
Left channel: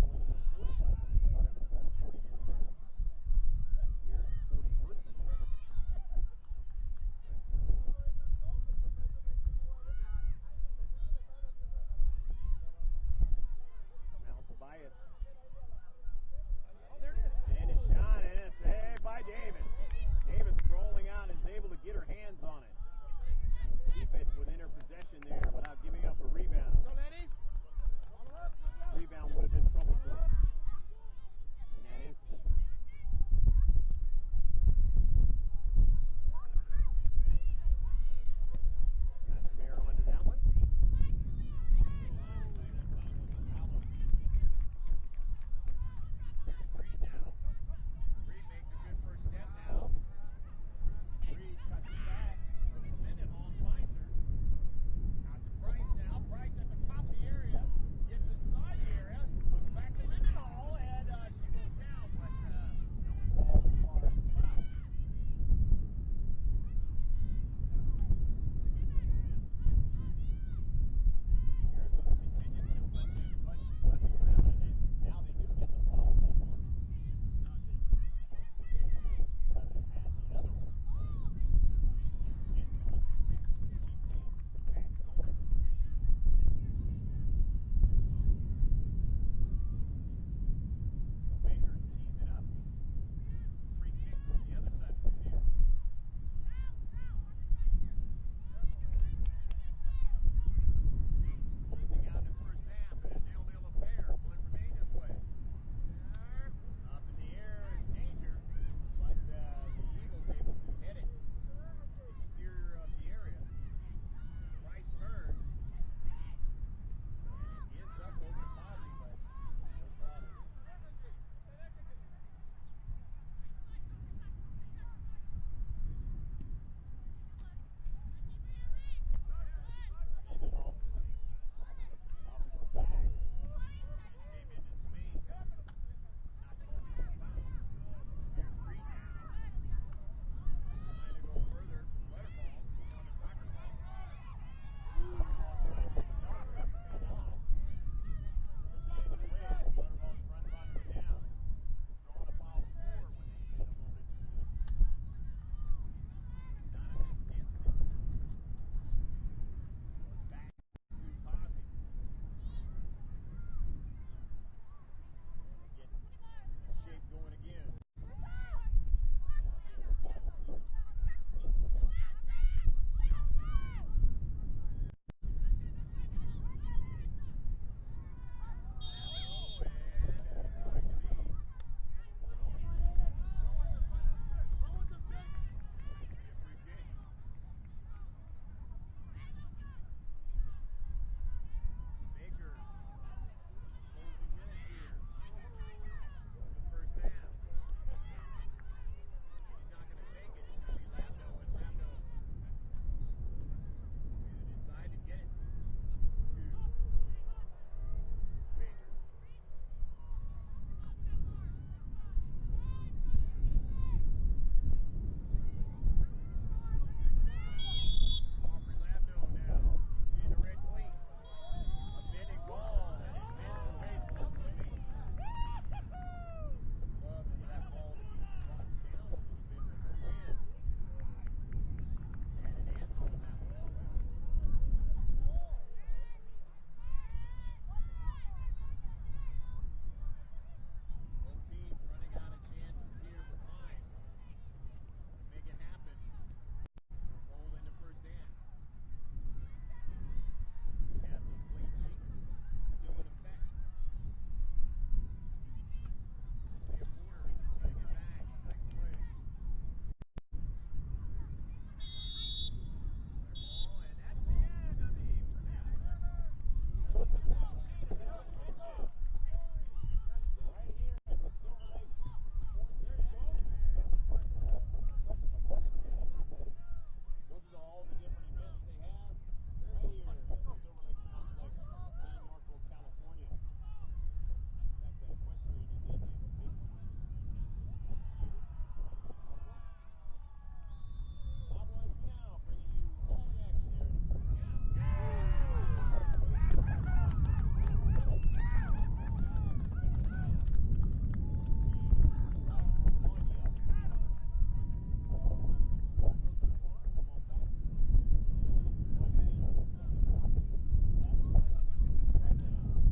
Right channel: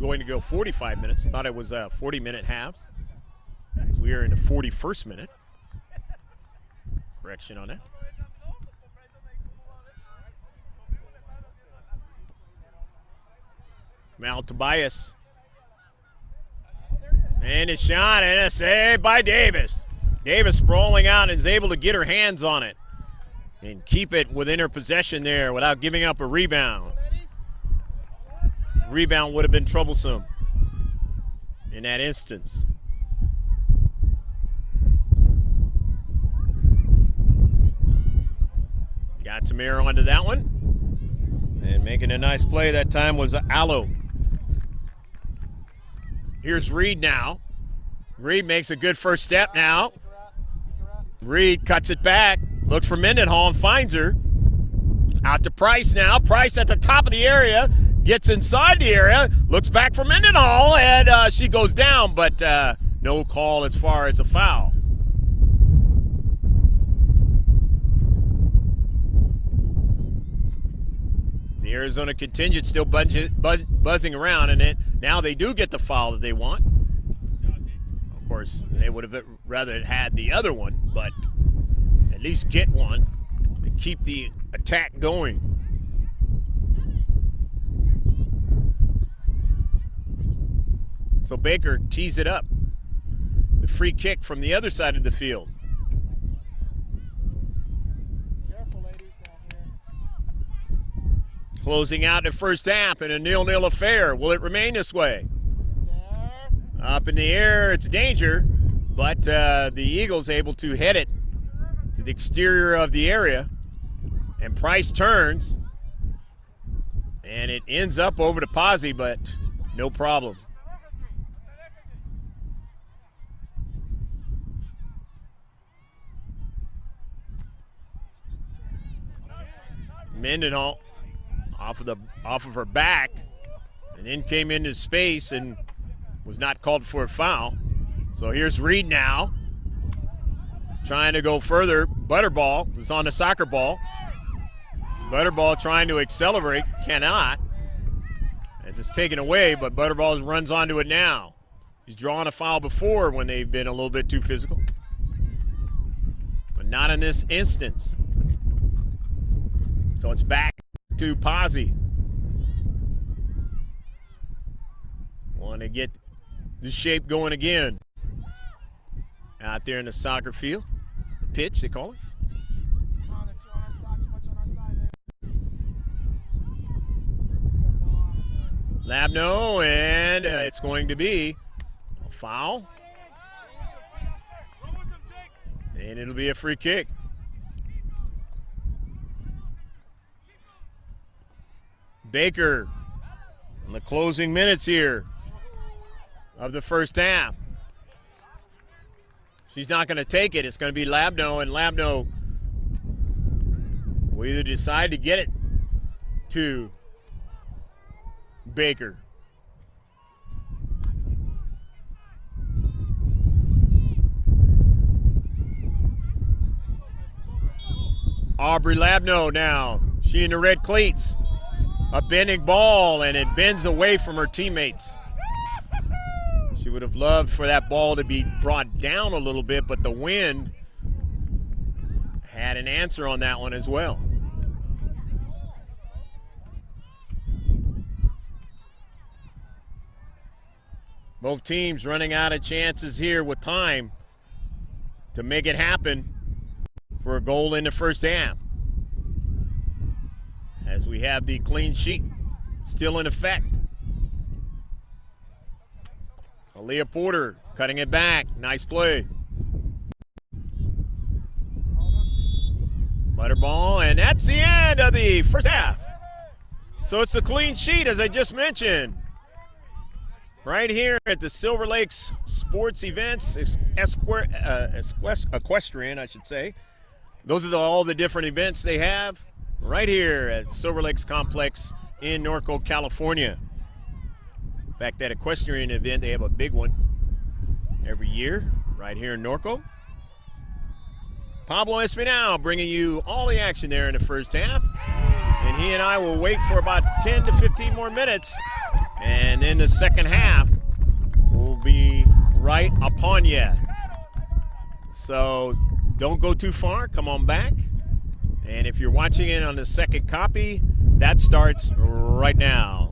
going to go 45 minutes. Thought it was 40-minute halves. We are in the 41st minute. Correction on that. Mal Tobias. And a shot and a save by Davis. Davis sprawling out and is able to get her hands on it and keep it within her possession there without giving up a rebound. Rebound would have been troublesome in that instance. Got Tamir onto that one. And making a nice play that time was Allo. Here's Reed now. Reed makes a good first step now. Reed cuts it back. Looks for Mendenhall and finds her. Out to Price now. Price at the top of the area. Gets inside the area. Looks back for Mendenhall, and she goes down, but no call as far as a foul. The Arizona contingent still buzzing around, and now they do get the foul that they want. Of course, they would have rather had the other one, but at least get one to keep the attack going. So Baker tees it up. The free kick from the other side of the field. Careful, ladies, down here. Closing out the first half in a 0-0 affair. Will it remain this way? Up in the air, it's danger, but the Eagles able to head it to the exterior of the area, and Price turns, and it ends up over to Pazzi, but no problem. Mendenhall off of her back, and then came into space and was not called for a foul. So here's Reed now, trying to go further. Butterball is on the soccer ball. Butterball trying to accelerate, cannot, as it's taken away, but Butterball runs onto it now. He's drawn a foul before when they've been a little bit too physical, but not in this instance. So it's back to Pazzi. Want to get the shape going again. Out there in the soccer field. The pitch, they call it. Labno, and it's going to be a foul. And it'll be a free kick. Baker in the closing minutes here of the first half. She's not going to take it. It's going to be Labno, and Labno will either decide to get it to Baker. Aubrey Labno now. She in the red cleats. A bending ball, and it bends away from her teammates. She would have loved for that ball to be brought down a little bit, but the wind had an answer on that one as well. Both teams running out of chances here with time to make it happen for a goal in the first half, as we have the clean sheet still in effect. Aaliyah Porter cutting it back. Nice play. Butterball, and that's the end of the first half. So it's a clean sheet, as I just mentioned. Right here at the Silver Lakes Sports Events, Equestrian, I should say. Those are all the different events they have right here at Silver Lakes Complex in Norco, California. In fact, that equestrian event, they have a big one every year right here in Norco. Pablo Espinal bringing you all the action there in the first half. And he and I will wait for about 10 to 15 more minutes. And then the second half will be right upon you. So don't go too far. Come on back. And if you're watching it on the second copy, that starts right now.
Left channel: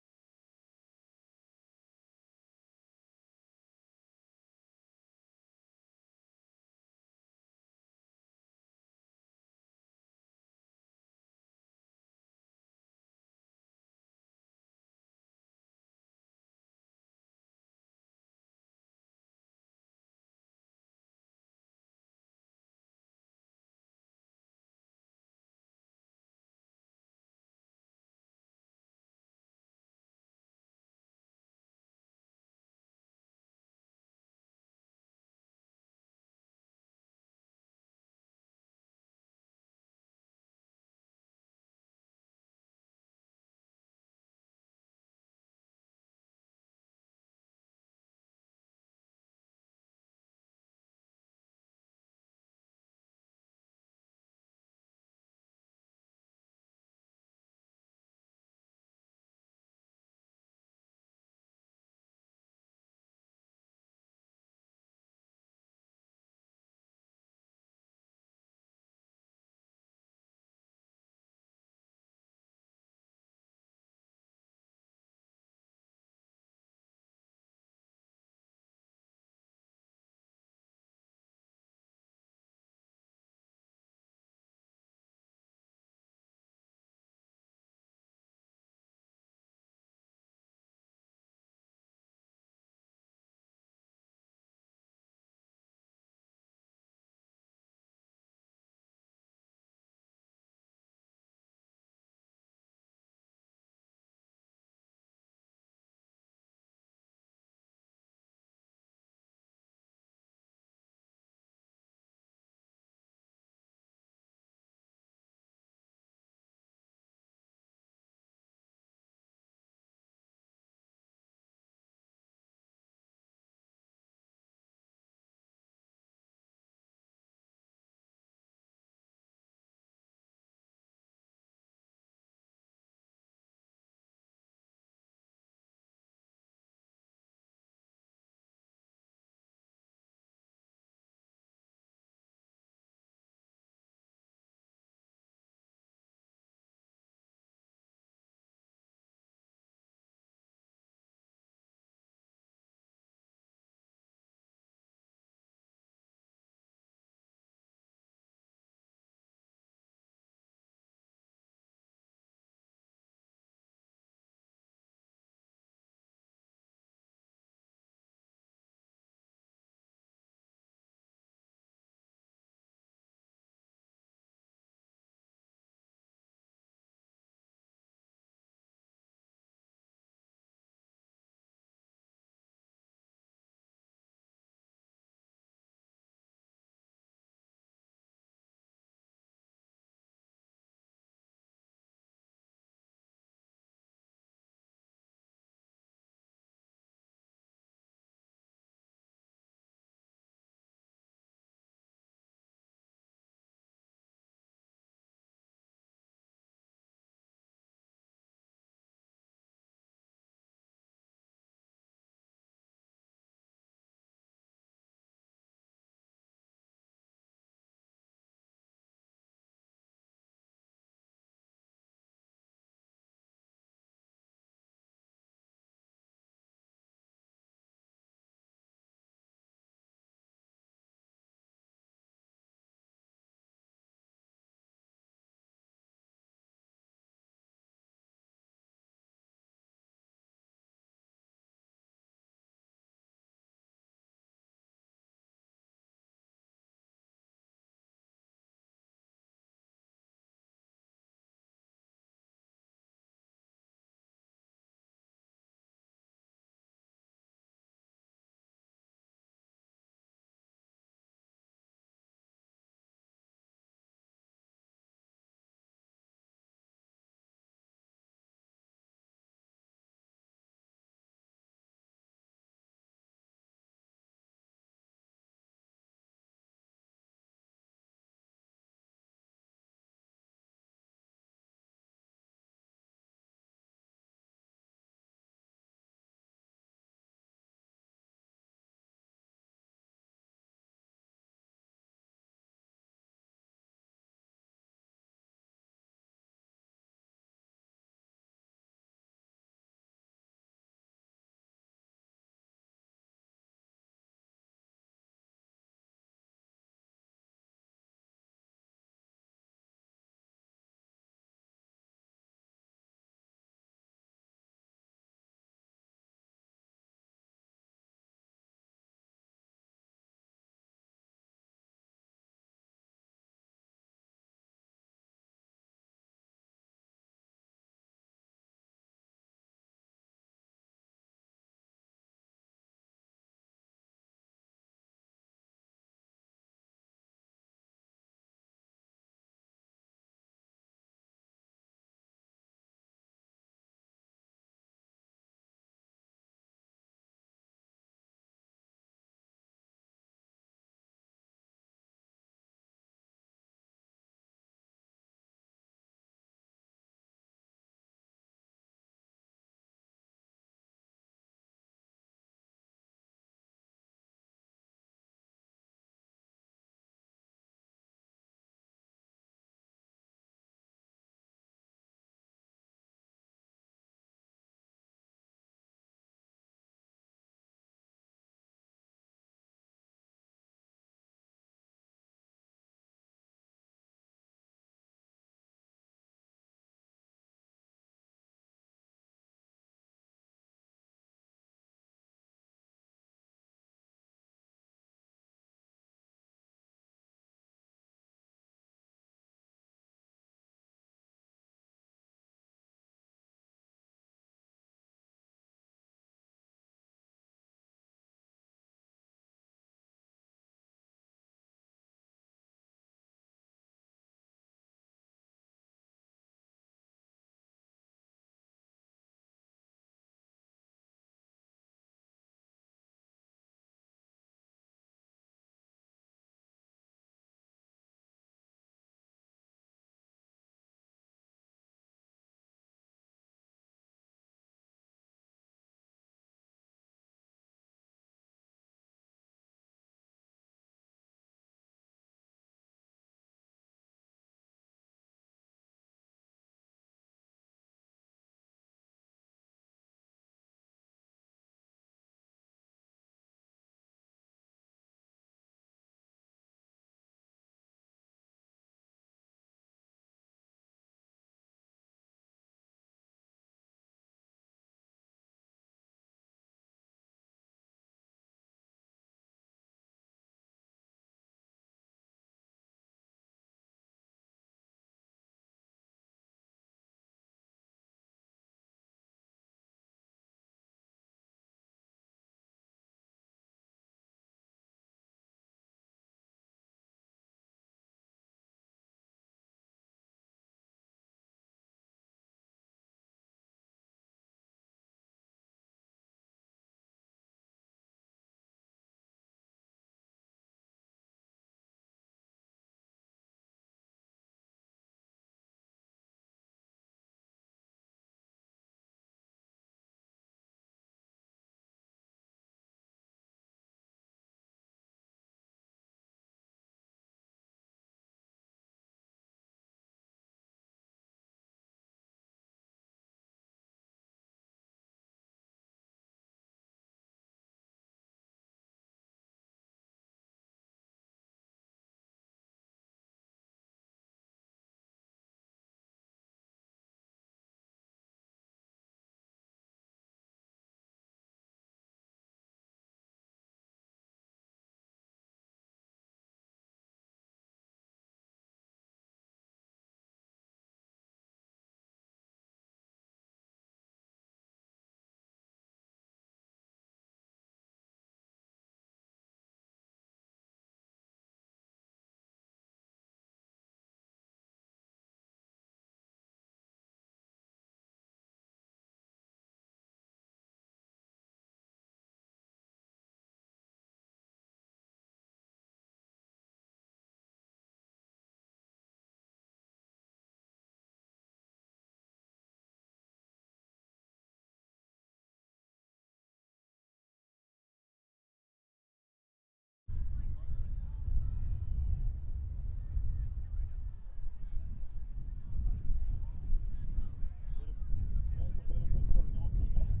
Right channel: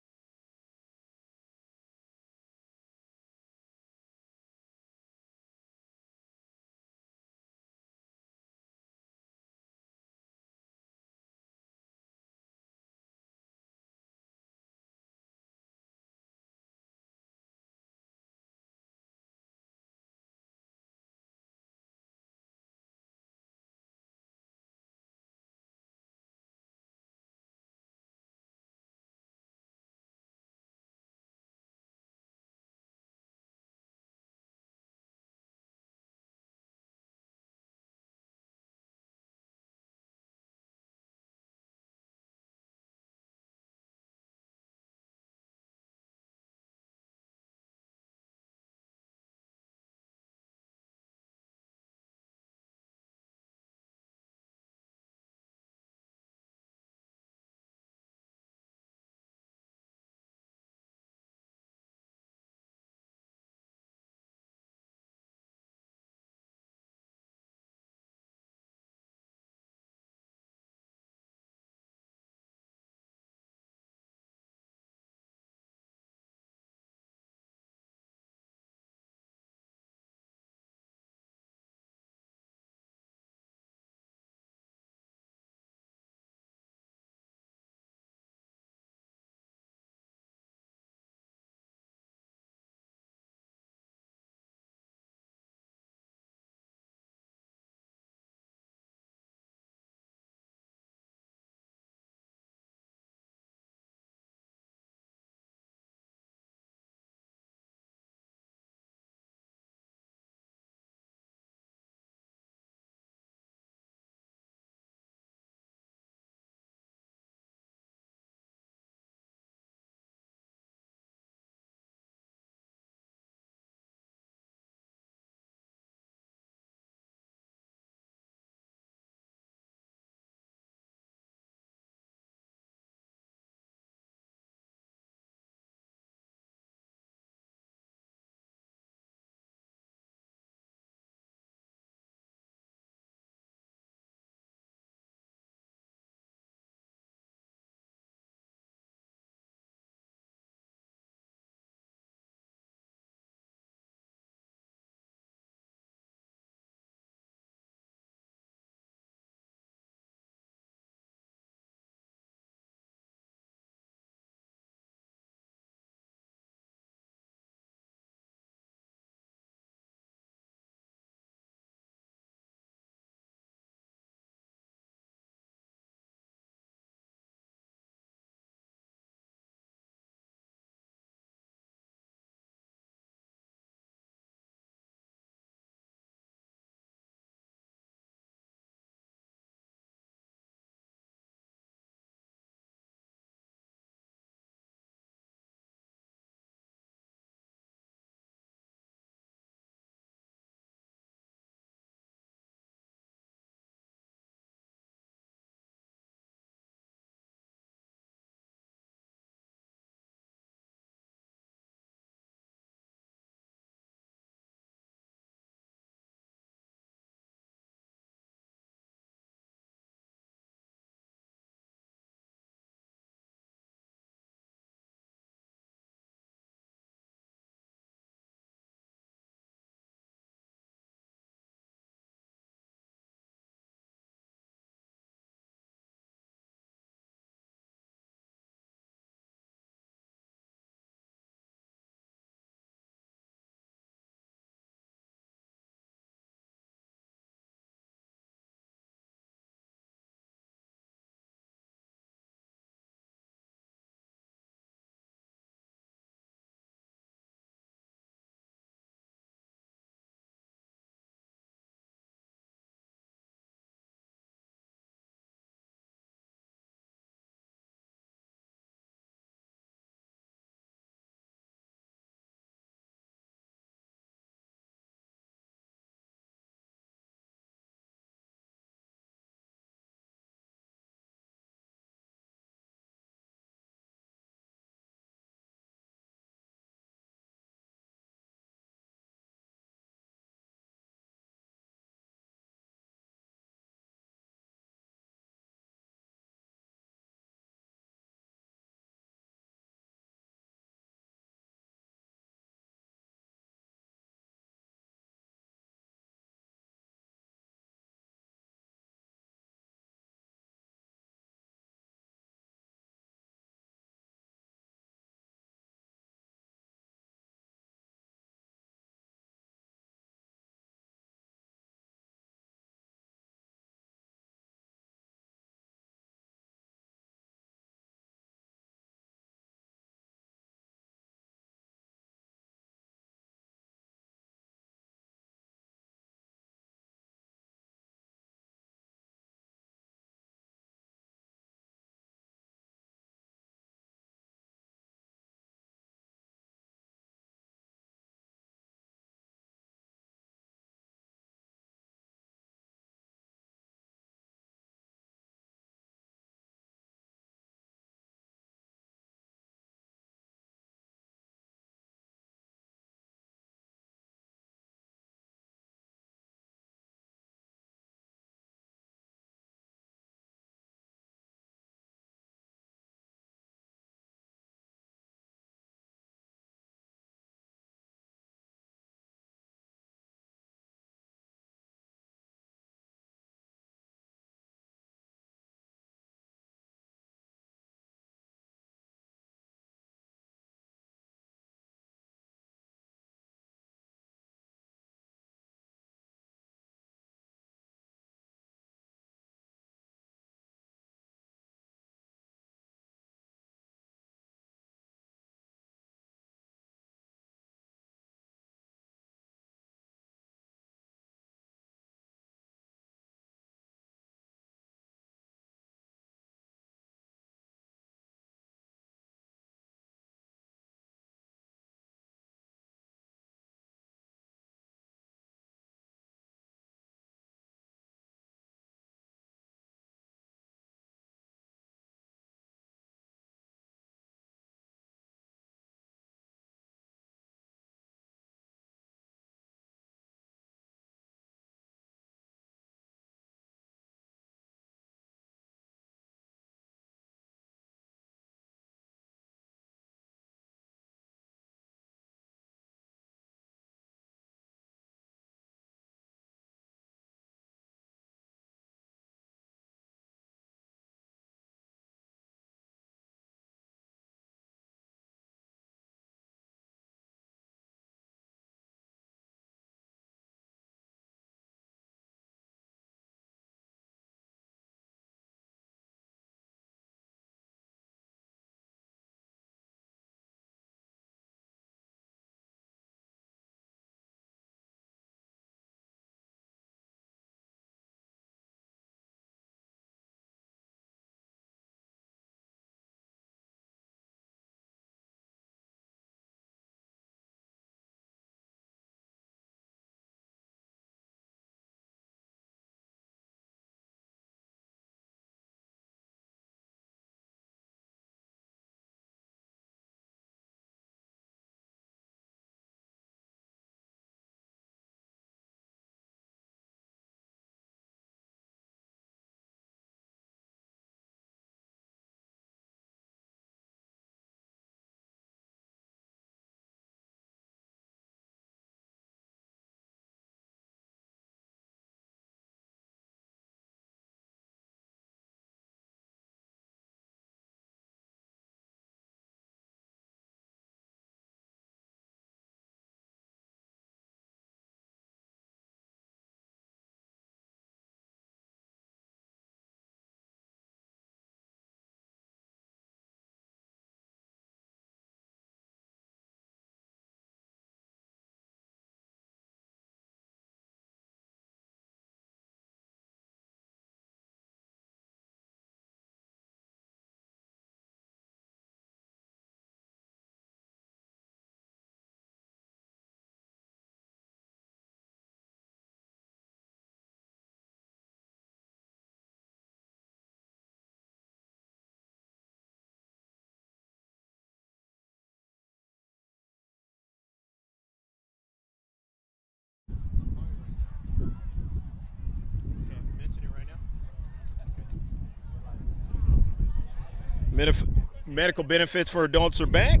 Medical benefits for adults are back.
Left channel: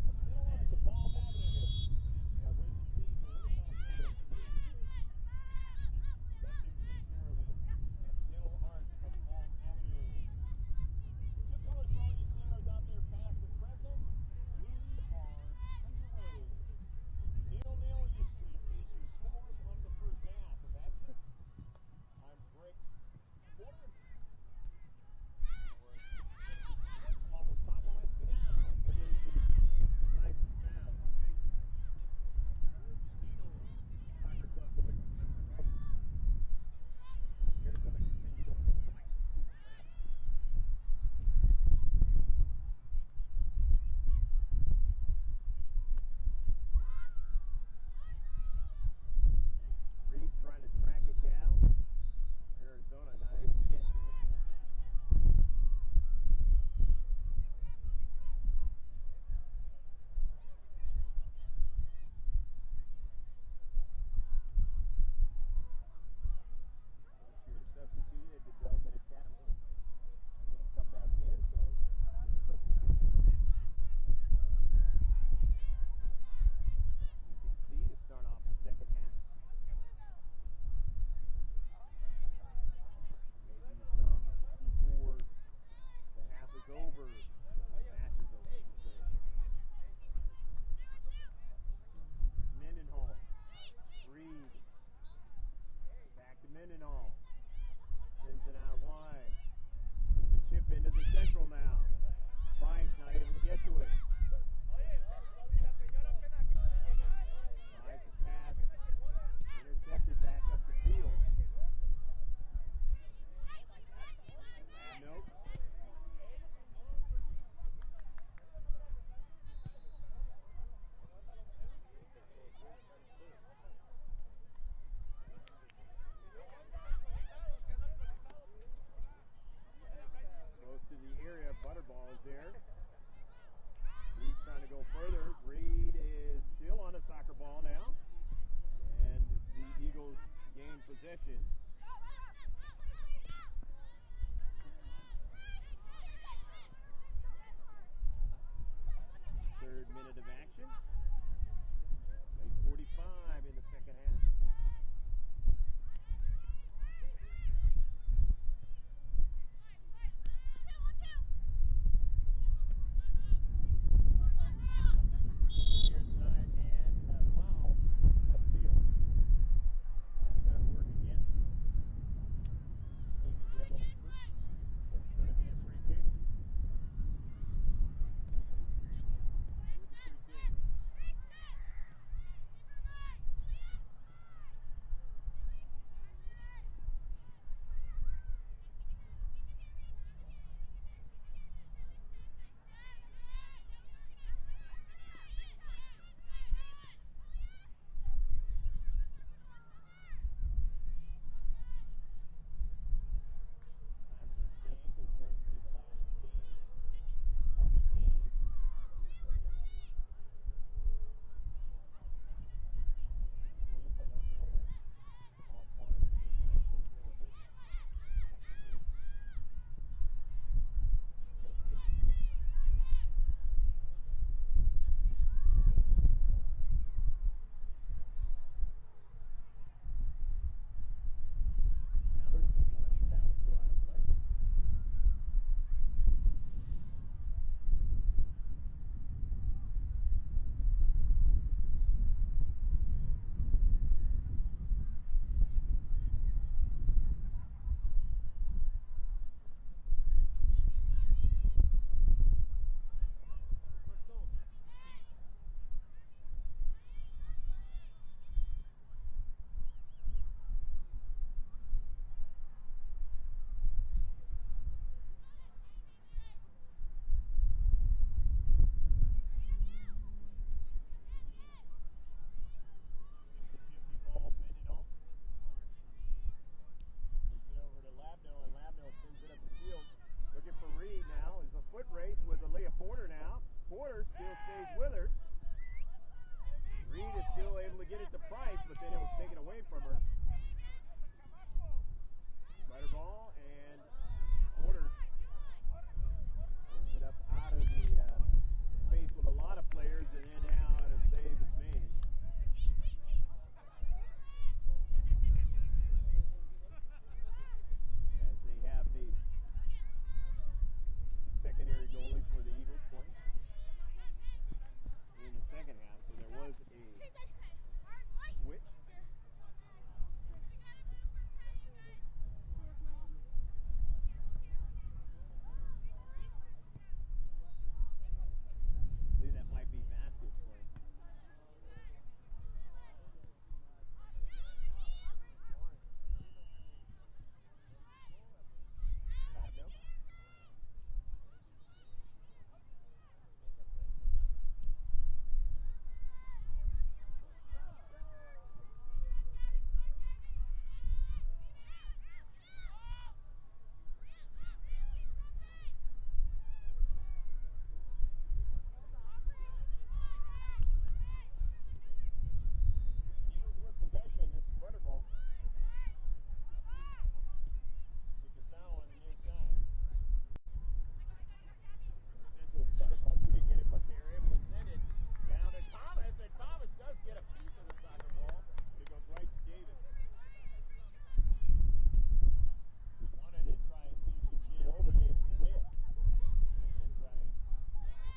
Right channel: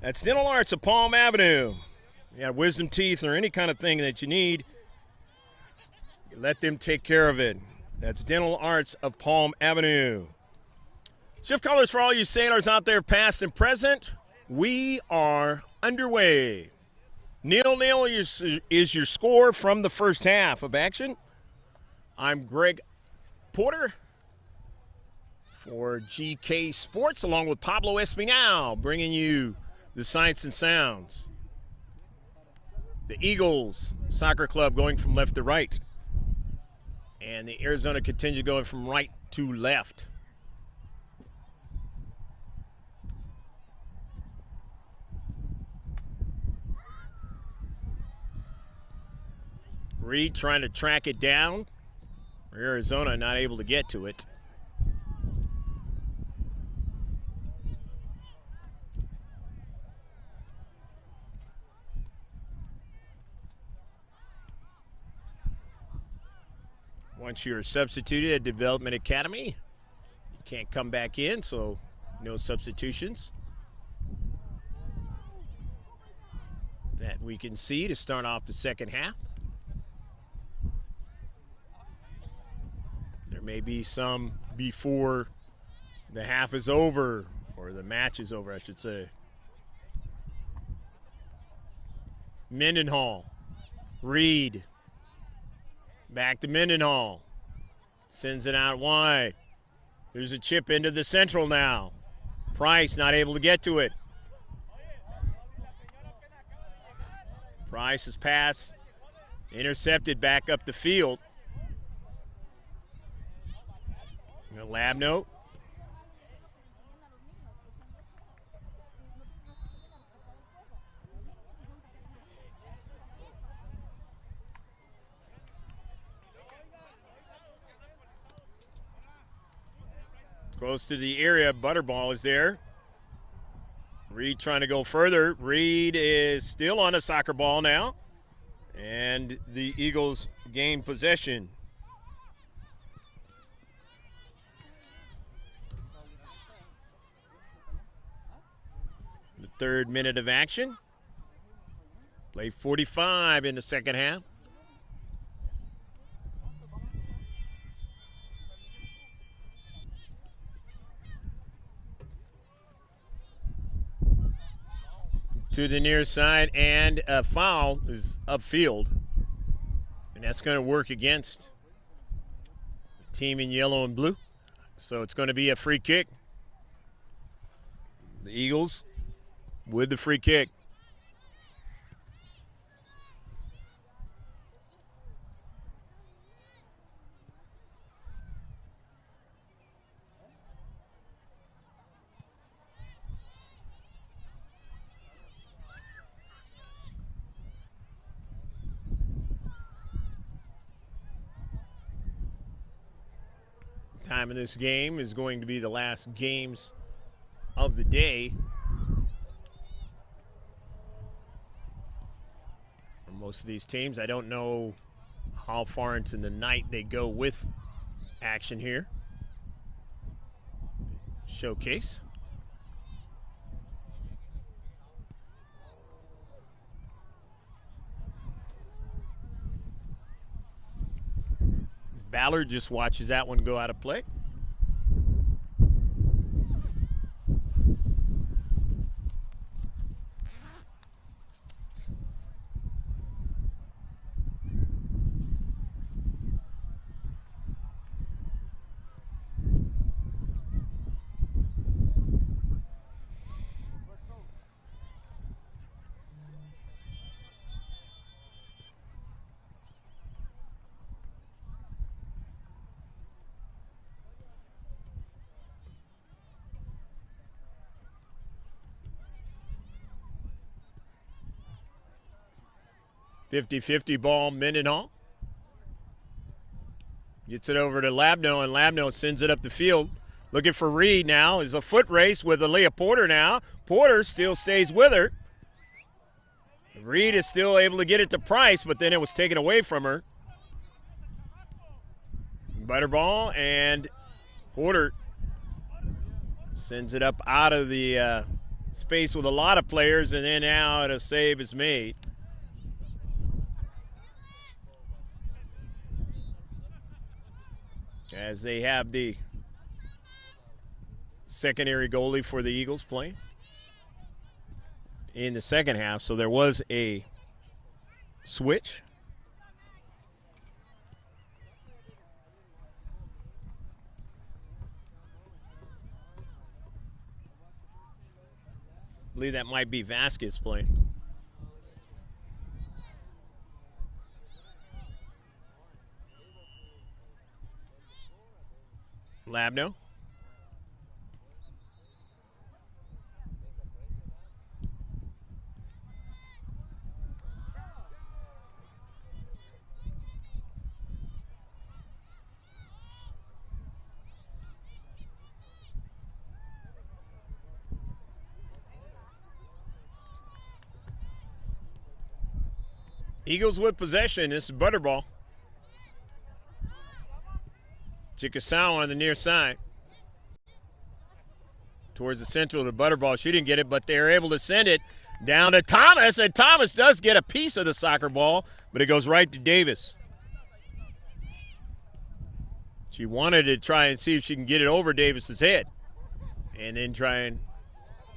That's Dental Arts of Palm Avenue. You got wisdom teeth or any kind of thing that you need, let them take care of it. That's Dental Arts of Palm Avenue. Shift callers for all you sailors out there, past and present. We are underway. 0-0 is your score from the first half of action. I'm Greg Porter for GK Sports, along with Pablo Espinal, bringing you the sights and sounds. The Eagles Soccer Club going from left to right, and the Arizona contingent going from right to left. Reed trying to track it down. Arizona not able to get to it. Once you're substituted at Development Academy, you can't come back in, so no substitutions that we can see to start off the second half. There may be some before the half is over, or the match is over, I should say. Mendenhall, Reed, back to Mendenhall, sends it out wide. There's a chip into the central now. Price not able to get to it. Price's pass intercepted back up the field. A lab note. Close to the area, Butterball is there. Reed trying to go further. Reed is still on a soccer ball now, and the Eagles gain possession. The third minute of action. Play 45 in the second half. To the near side, and a foul is upfield, and that's going to work against the team in yellow and blue. So it's going to be a free kick. The Eagles with the free kick. Time of this game is going to be the last games of the day for most of these teams. I don't know how far into the night they go with action here. Showcase. Ballard just watches that one go out of play. .50 ball, Mendenhall. Gets it over to Labno, and Labno sends it up the field. Looking for Reed now. Is a foot race with Aaliyah Porter now. Porter still stays with her. Reed is still able to get it to Price, but then it was taken away from her. Butterball and Porter Sends it up out of the space with a lot of players, and then now a save is made. As they have the secondary goalie for the Eagles playing in the second half, so there was a switch. I believe that might be Vasquez playing. Labno. Eagles with possession. This is Butterball. Chickasaw on the near side. Towards the central to Butterball. She didn't get it, but they're able to send it down to Thomas, and Thomas does get a piece of the soccer ball, but it goes right to Davis. She wanted to try and see if she can get it over Davis's head and then try and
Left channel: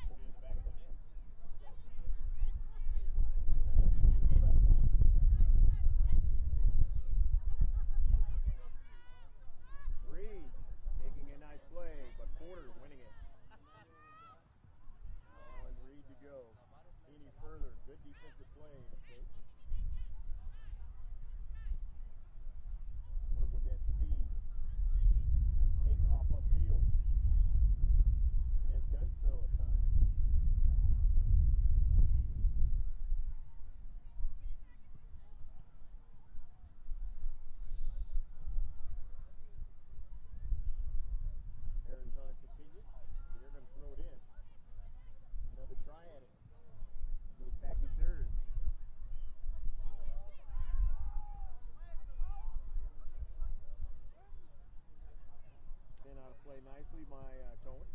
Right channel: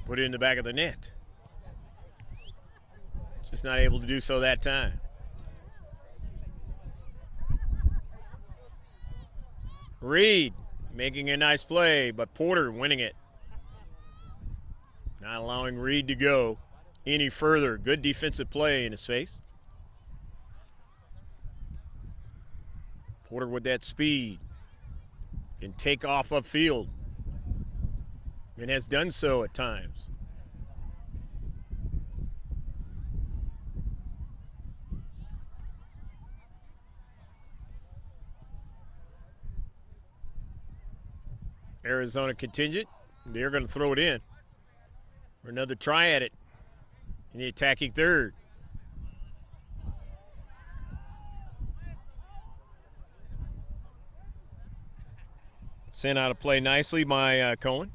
put it in the back of the net. Just not able to do so that time. Reed making a nice play, but Porter winning it. Not allowing Reed to go any further. Good defensive play in his face. Porter with that speed can take off upfield and has done so at times. Arizona contingent, they're going to throw it in for another try at it in the attacking third. Sent out of play nicely by Cohen.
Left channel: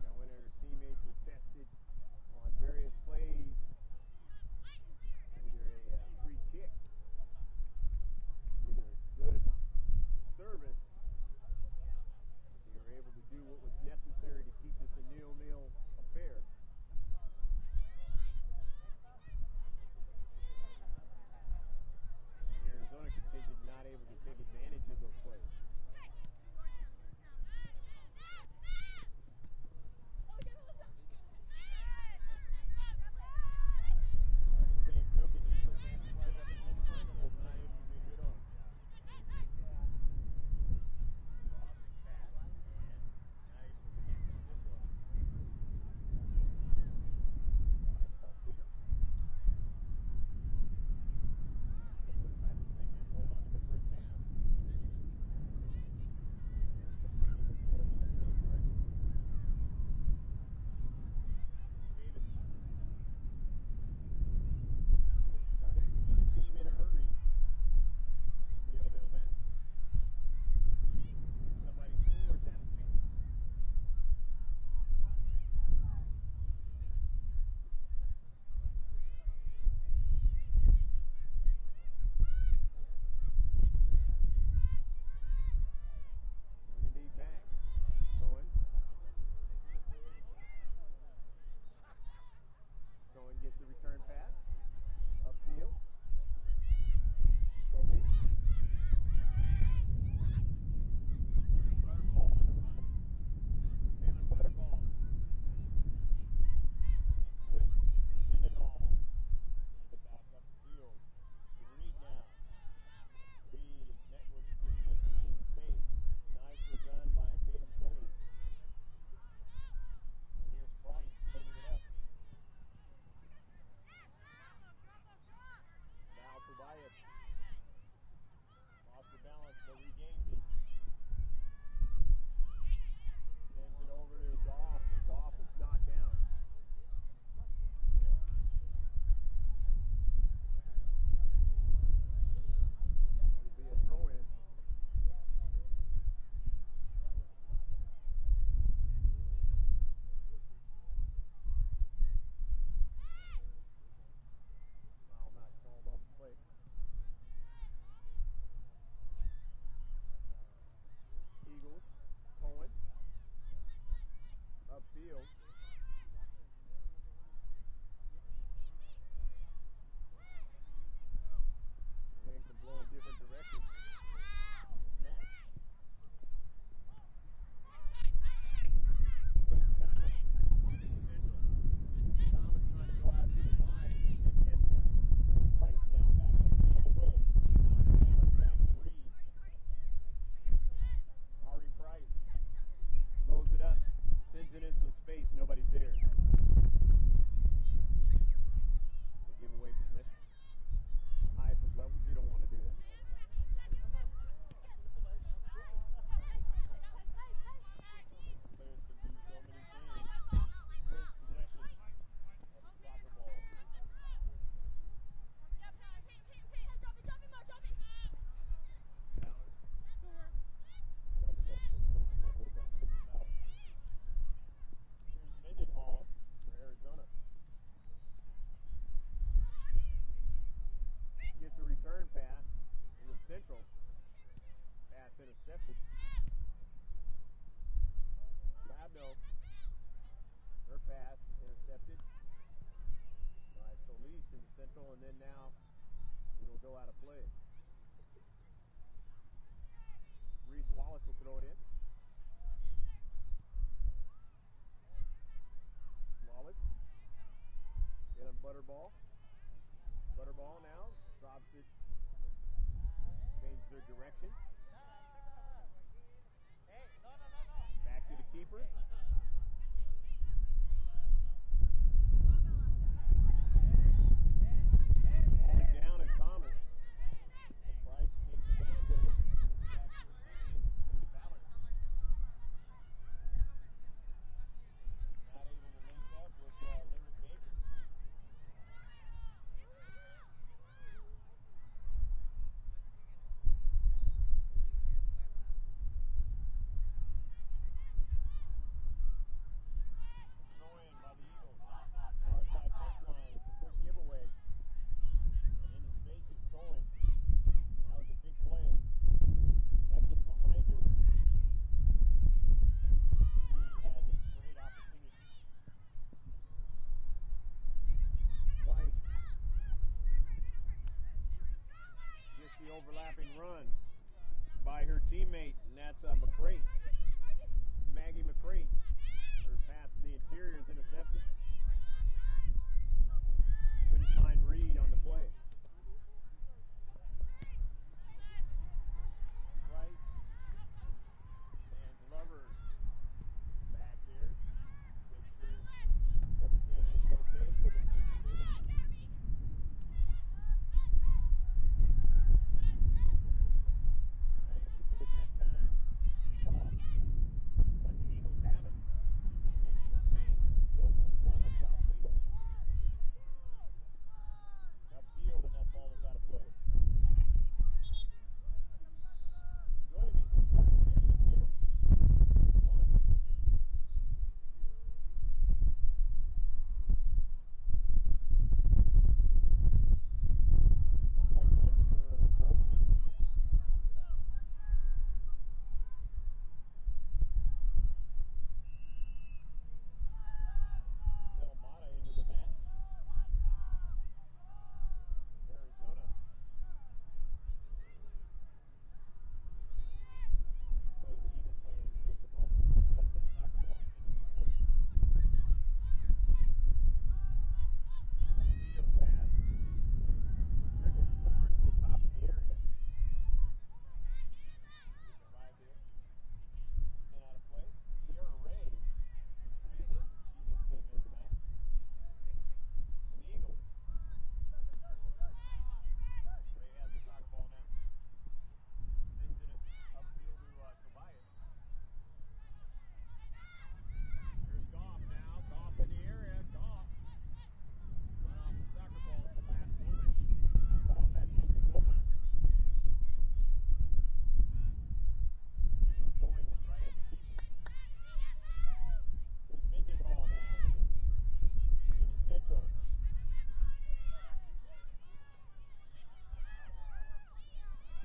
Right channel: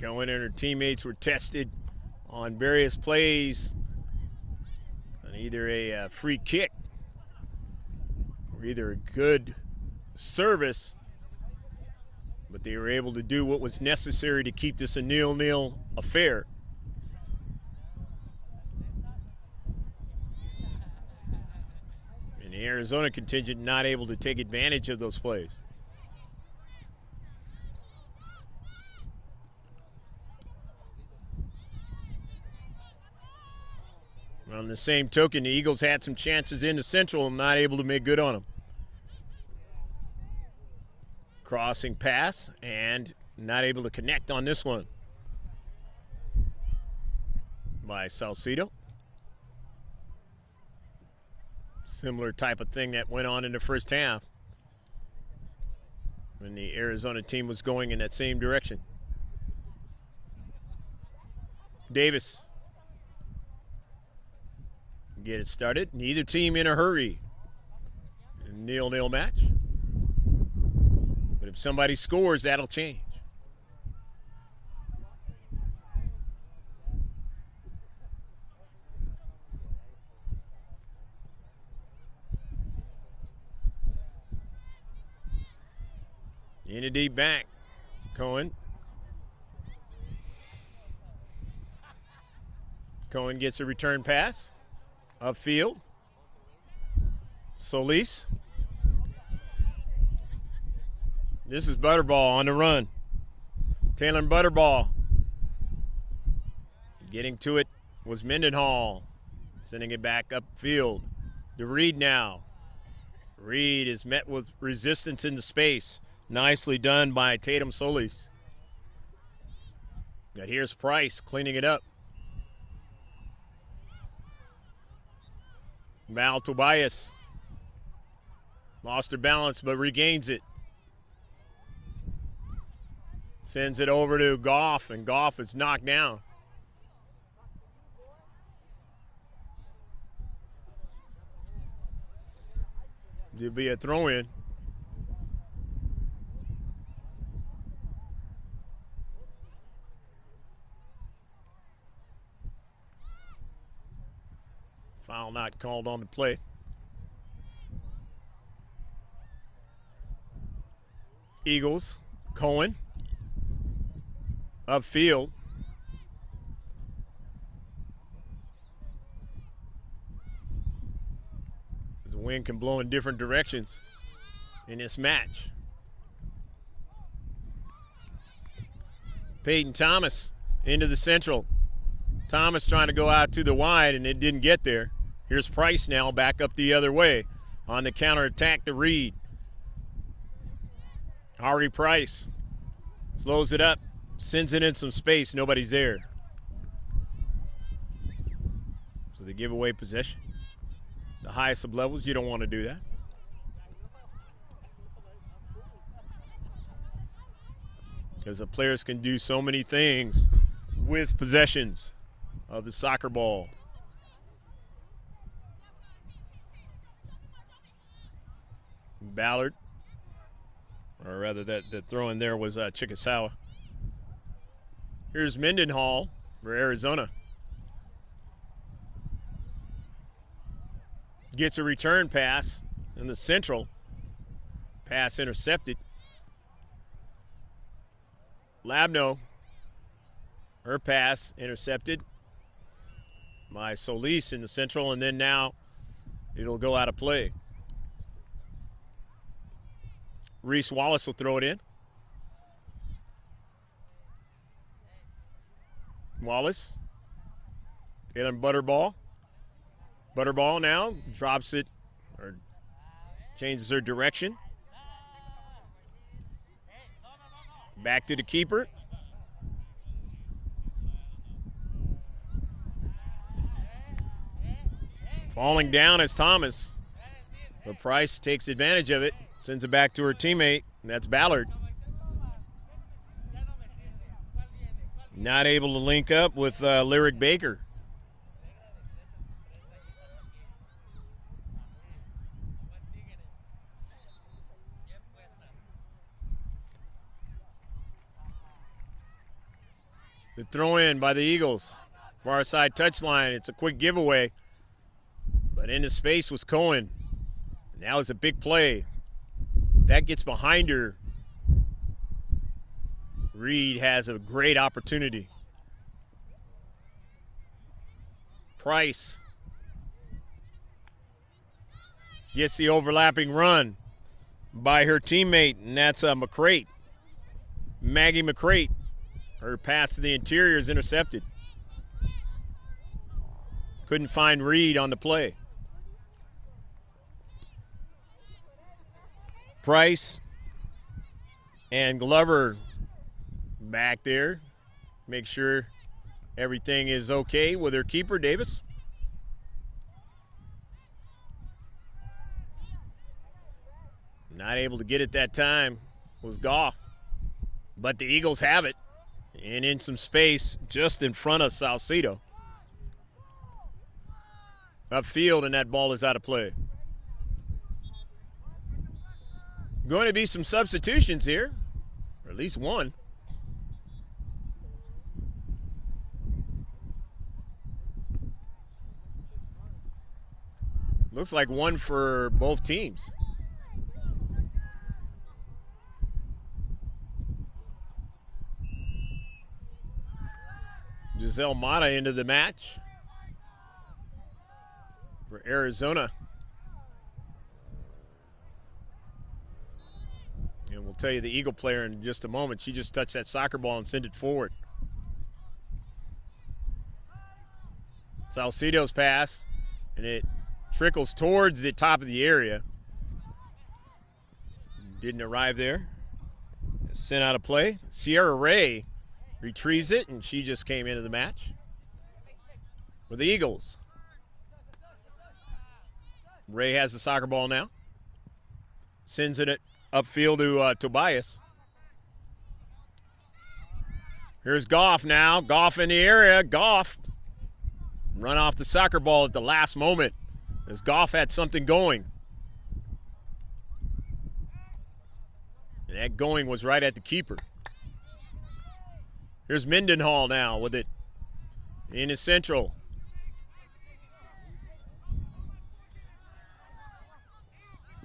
Cohen and her teammates were tested on various plays on either a free kick or either a good service, but they were able to do what was necessary to keep this a 0-0 affair. And the Arizona contingent not able to take advantage of those plays. On the same token, the Eagles had some chances in the Central and not able to make good on them. Crossing pass and not able to connect on this one by Salcido. Similar type of thing that went on in the first half when the Arizona team was going in that same direction. Davis. Get it started. Neither team in a hurry. A 0-0 match. But if somebody scores, that'll change. In a deep back. Cohen. Cohen gets a return pass. Upfield. Solis. This is Butterball on the run. Taylor Butterball. Getting to it was Mendenhall. Sending it back upfield to Reed now. Reed is met with resistance into space. Nicely done by Tatum Solis. But here's Price cleaning it up. Val Tobias lost her balance but regains it. Sends it over to Goff, and Goff is knocked down. There'll be a throw-in. Foul not called on the play. Eagles, Cohen, upfield. The wind can blow in different directions in this match. Peyton Thomas into the central. Thomas trying to go out to the wide, and it didn't get there. Here's Price now back up the other way on the counterattack to Reed. Ari Price slows it up, sends it in some space, nobody's there. So they give away possession. The highest of levels, you don't want to do that. Because the players can do so many things with possessions of the soccer ball. Ballard, or rather that throw in there was Chickasawa. Here's Mendenhall for Arizona. Gets a return pass in the central. Pass intercepted. Labno, her pass intercepted by Solis in the central, and then now it'll go out of play. Reese Wallace will throw it in. Wallace, Taylor Butterball. Butterball now drops it, or changes her direction. Back to the keeper. Falling down is Thomas. So Price takes advantage of it, sends it back to her teammate, and that's Ballard. Not able to link up with Lyric Baker. The throw in by the Eagles. Far side touchline. It's a quick giveaway. But into space was Cohen. Now it's a big play. That gets behind her. Reed has a great opportunity. Price gets the overlapping run by her teammate, and that's McCrate. Maggie McCrate. Her pass to the interior is intercepted. Couldn't find Reed on the play. Price and Glover back there. Make sure everything is okay with her keeper, Davis. Not able to get it that time was Goff. But the Eagles have it. And in some space just in front of Salcedo. Upfield, and that ball is out of play. Going to be some substitutions here, or at least one. Looks like one for both teams. Giselle Mata into the match for Arizona. And we'll tell you the Eagle player in just a moment. She just touched that soccer ball and sent it forward. Salcedo's pass, and it trickles towards the top of the area. Didn't arrive there. It's sent out of play. Sierra Ray retrieves it, and she just came into the match for the Eagles. Ray has the soccer ball now. Sends it upfield to Tobias. Here's Goff now. Goff in the area. Goff run off the soccer ball at the last moment as Goff had something going. That going was right at the keeper. Here's Mendenhall now with it in his central.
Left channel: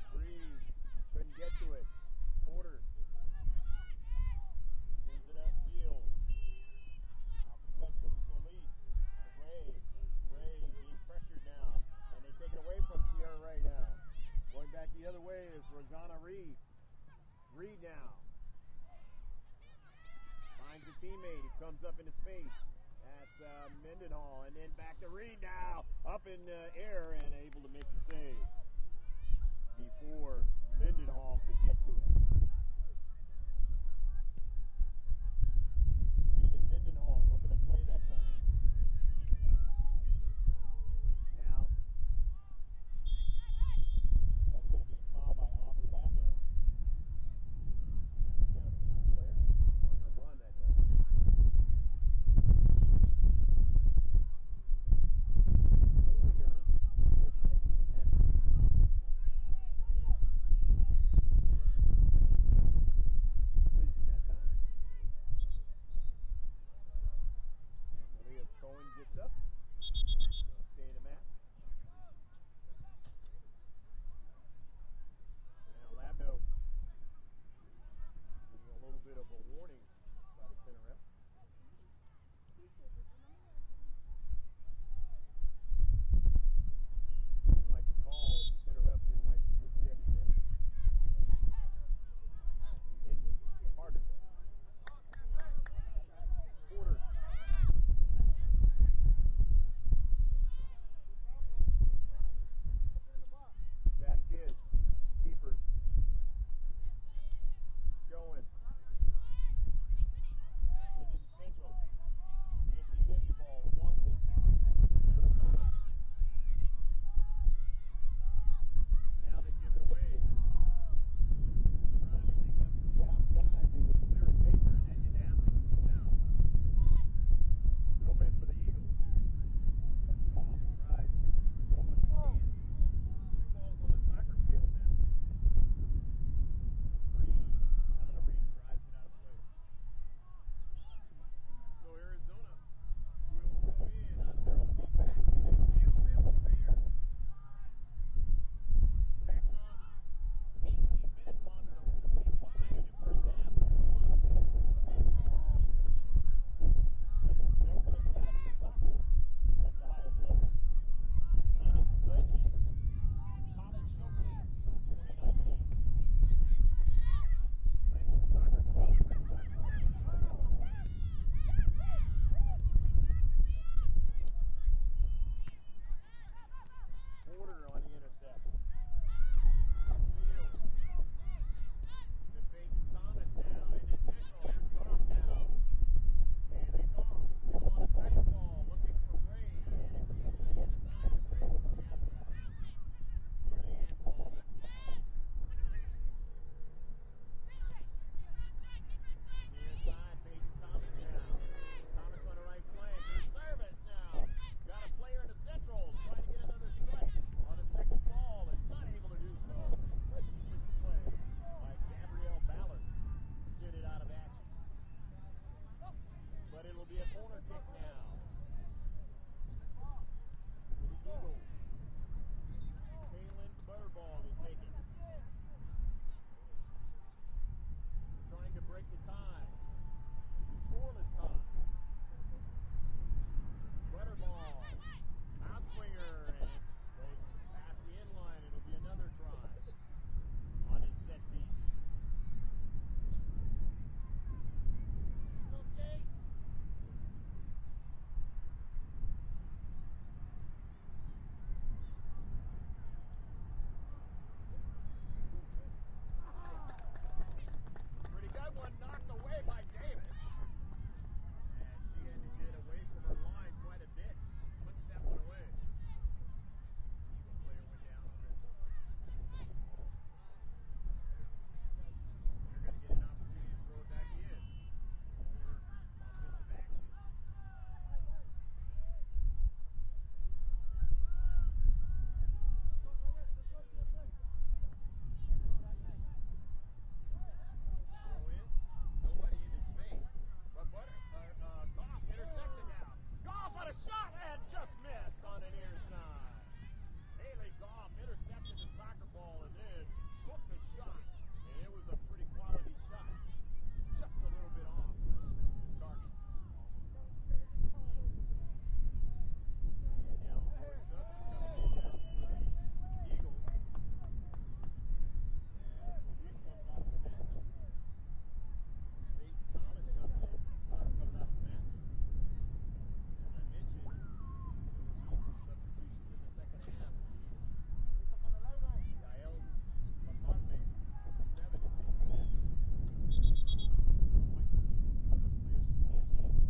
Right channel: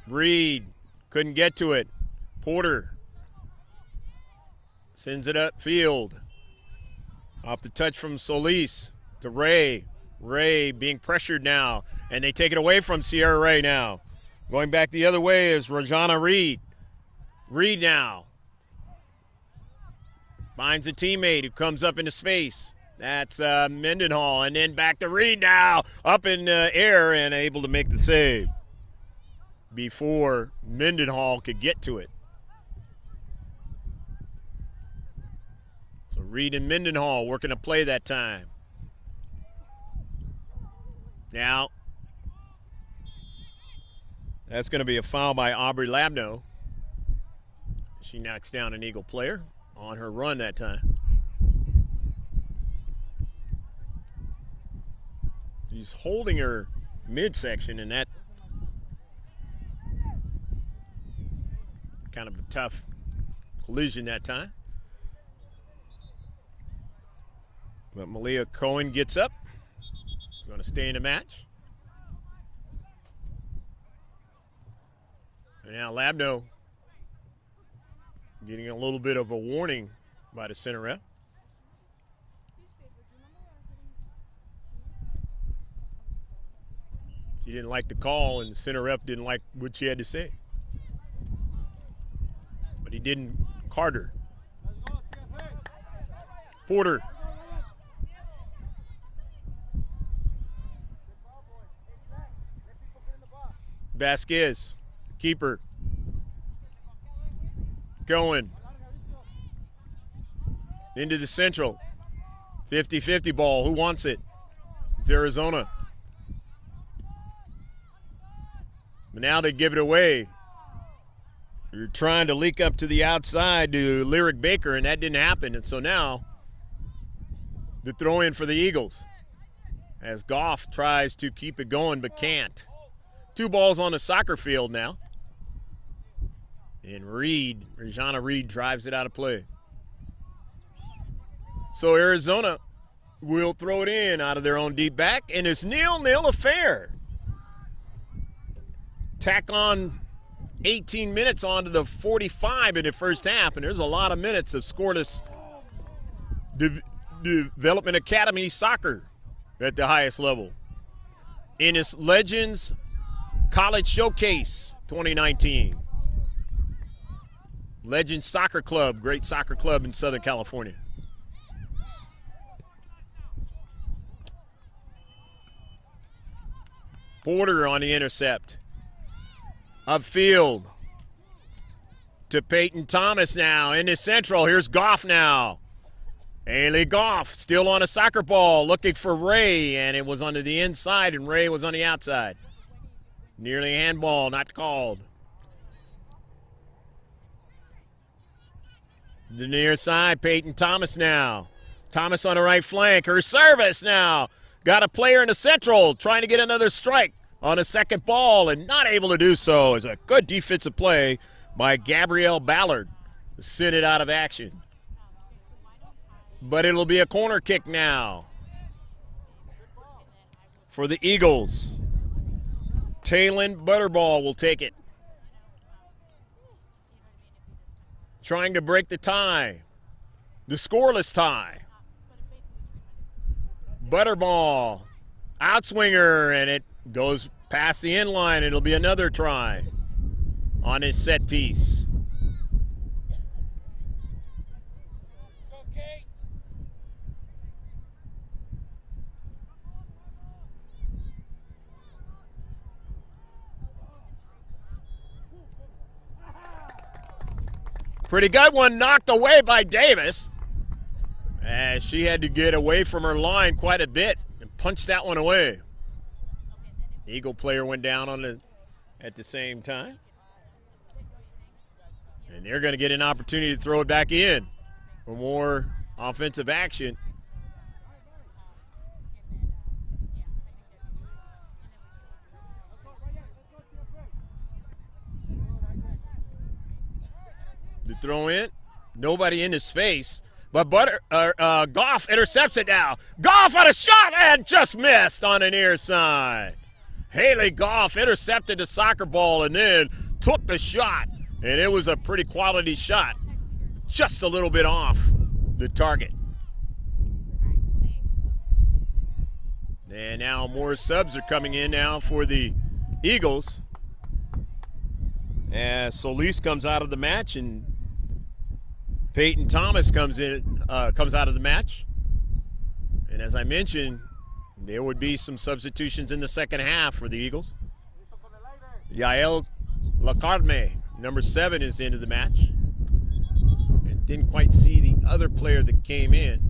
Reed couldn't get to it. Porter sends it upfield. Off the touch from Solis to Ray. Ray being pressured now, and they take it away from Sierra Ray now. Going back the other way is Rajana Reed. Reed now finds a teammate who comes up into space. That's Mendenhall, and then back to Reed now. Up in the air and able to make the save before Mendenhall could get to it. So Reed and Mendenhall working a play that time. Now, that's going to be a foul by Aubrey Labno. She knocks down an Eagle player on her run that time. She's holding her midsection, and that kind of a tough collision that time. But Malia Cohen gets up. She's going to stay in the match. And now Labno getting a little bit of a warning by the center ref. She didn't like the call, and the center ref didn't like what she had to say. But he didn't card her. Porter. Vasquez, keeper. Going into the central. 50-50 ball. Who wants it? It's Arizona. But now they give it away. You're trying to leak up to the outside to Lyric Baker, and that didn't happen. And so now the throw in for the Eagles as Goff tries to keep it going but can't. 2 balls on the soccer field now. And Reed, Rajana Reed, drives it out of play. So Arizona will throw it in out of their own deep back, and it's 0-0 affair. Tack on 18 minutes onto the 45 in the first half, and there's a lot of minutes of scoreless Development Academy soccer at the highest level. In its Legends College Showcase 2019. Legends Soccer Club, great soccer club in Southern California. Porter on the intercept. Upfield to Peyton Thomas now in the central. Here's Goff now. Haley Goff still on a soccer ball looking for Ray, and it was onto the inside, and Ray was on the outside. Nearly a handball, not called. The near side, Peyton Thomas now. Thomas on the right flank. Her service now. Got a player in the central trying to get another strike on a second ball and not able to do so. Is a good defensive play by Gabrielle Ballard to send it out of action. But it'll be a corner kick now for the Eagles. Taylon Butterball will take it. Trying to break the tie, the scoreless tie. Butterball, outswinger, and it goes past the end line. It'll be another try on his set piece. Pretty good one, knocked away by Davis. As she had to get away from her line quite a bit and punch that one away. Eagle player went down on at the same time. And they're going to get an opportunity to throw it back in for more offensive action. The throw in. Nobody in the space. But Goff intercepts it now. Goff on a shot and just missed on the near side. Haley Goff intercepted the soccer ball and then took the shot. And it was a pretty quality shot. Just a little bit off the target. And now more subs are coming in now for the Eagles. As Solis comes out of the match and Peyton Thomas comes out of the match. And as I mentioned, there would be some substitutions in the second half for the Eagles. Yael Lacarme, number 7, is into the match. And didn't quite see the other player that came in.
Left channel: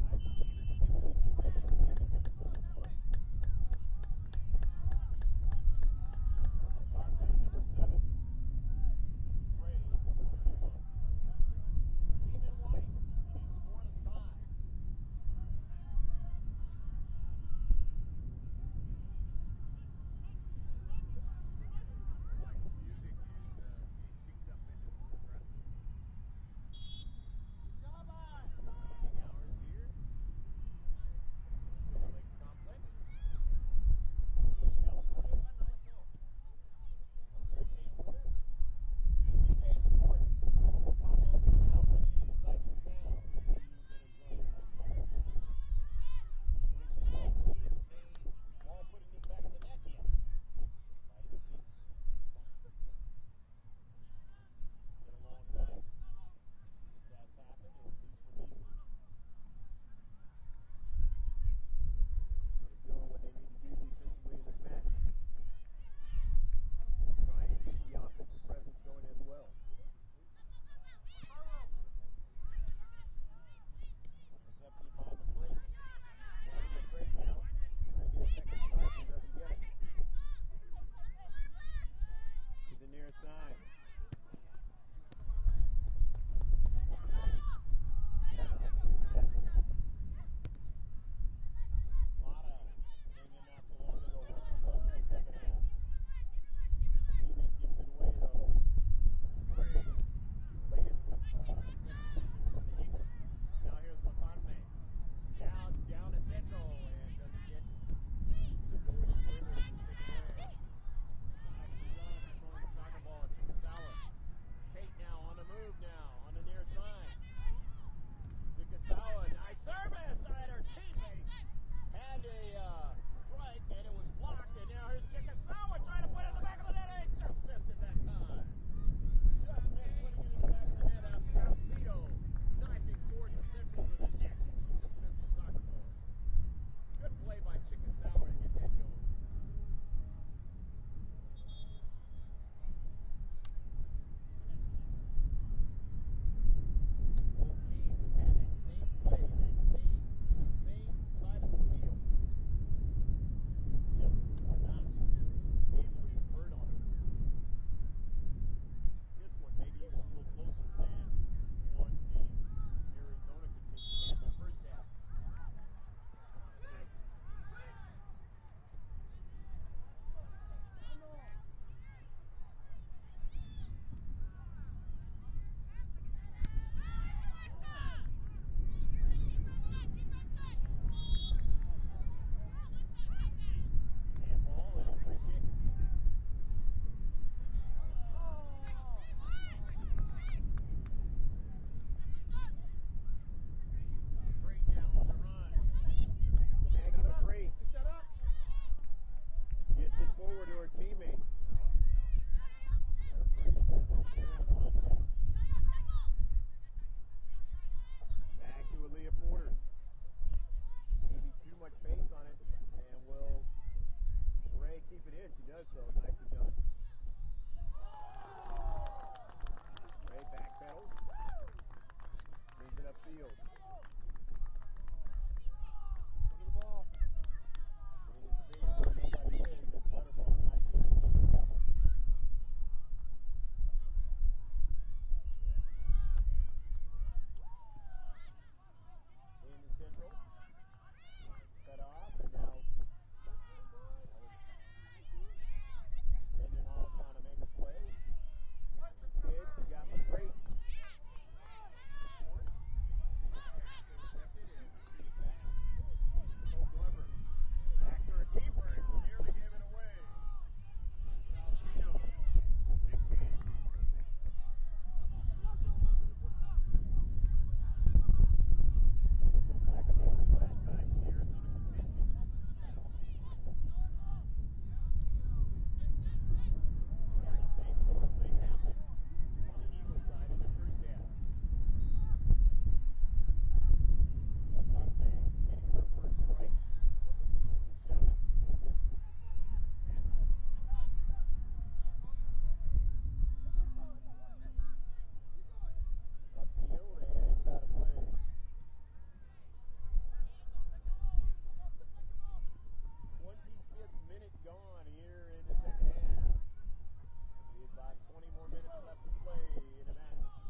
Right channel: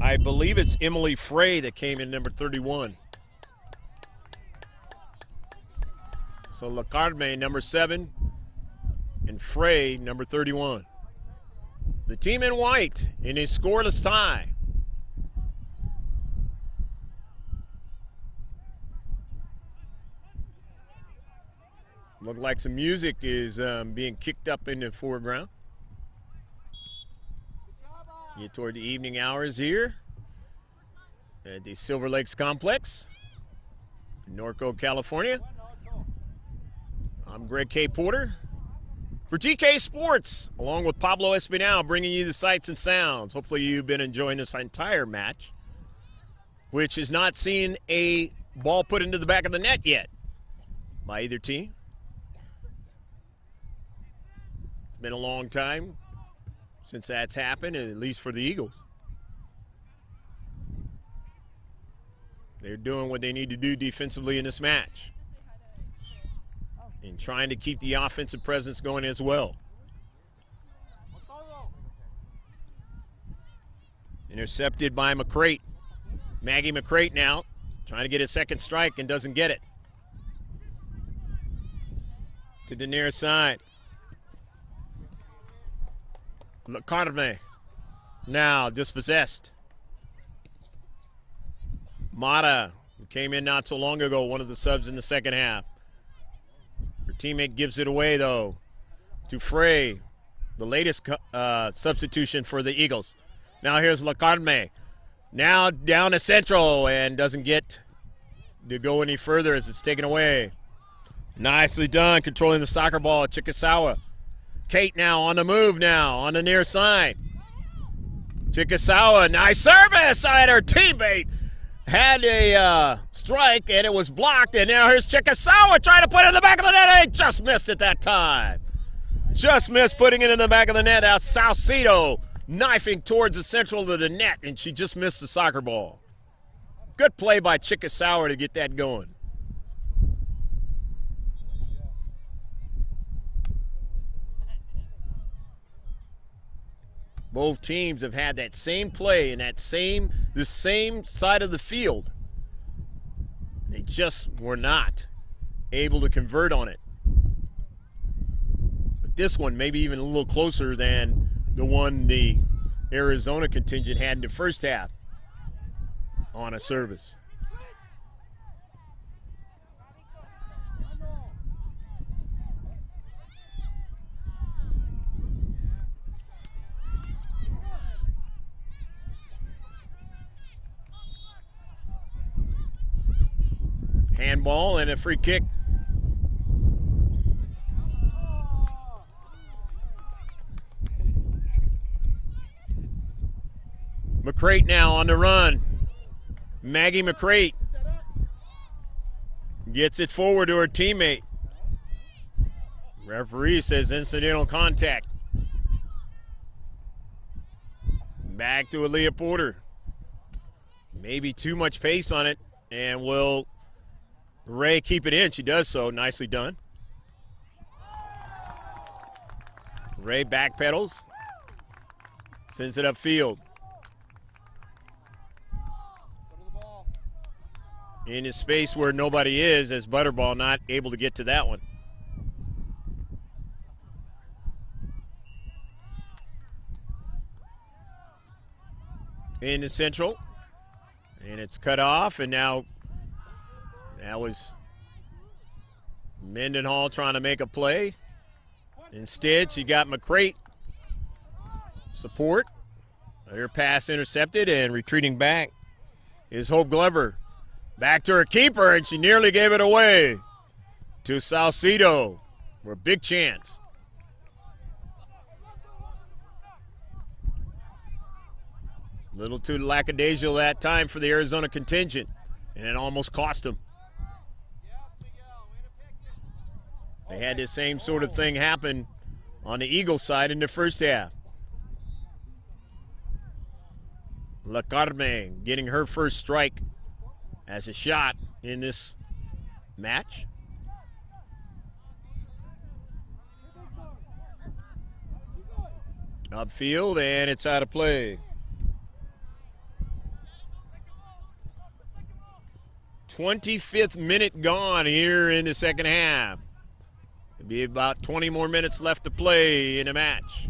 I believe it's Emily Frey that came in, number 31. So Lacarme, number 7, and Frey, number 31. The team in white in a scoreless tie. Look like some music is being kicked up in the foreground. Get toward the evening hours here at the Silver Lakes Complex, Norco, California. I'm Greg K. Porter for GK Sports, along with Pablo Espinal, bringing you the sights and sounds. Hopefully you've been enjoying this entire match, which has not seen a ball put into the back of the net yet by either team. It's been a long time since that's happened, at least for the Eagles. They're doing what they need to do defensively in this match and trying to keep the offensive presence going as well. Intercepted by McCrate. Maggie McCrate now trying to get a second strike and doesn't get it. To the near side. Lacarme now dispossessed. Mata, who came in not so long ago, one of the subs in the second half. Her teammate gives it away, though, to Frey, the latest substitution for the Eagles. Now here's Lacarme. Now down to central and doesn't get to go any further as it's taken away. Nicely done, controlling the soccer ball, Chikasawa. Kate now on the move now, on the near side. Chikasawa, nice service, and her teammate had a strike, and it was blocked, and now here's Chikasawa trying to put it in the back of the net, and he just missed it that time. Just missed putting it in the back of the net. Now Salcido knifing towards the central of the net, and she just missed the soccer ball. Good play by Chikasawa to get that going. Both teams have had that same play in the same side of the field. They just were not able to convert on it. But this one maybe even a little closer than the one the Arizona contingent had in the first half on a service. Handball and a free kick. McCrate now on the run. Maggie McCrate gets it forward to her teammate. Referee says incidental contact. Back to Aaliyah Porter. Maybe too much pace on it, and will Ray keep it in? She does so. Nicely done. Ray backpedals. Sends it upfield. In a space where nobody is, as Butterball not able to get to that one. In the central. And it's cut off, and now that was Mendenhall trying to make a play. Instead, she got McCrate support. Her pass intercepted, and retreating back is Hope Glover. Back to her keeper, and she nearly gave it away to Salcedo for a big chance. A little too lackadaisical that time for the Arizona contingent, and it almost cost them. They had the same sort of thing happen on the Eagle side in the first half. La Carme getting her first strike as a shot in this match. Upfield, and it's out of play. 25th minute gone here in the second half. It'll be about 20 more minutes left to play in the match.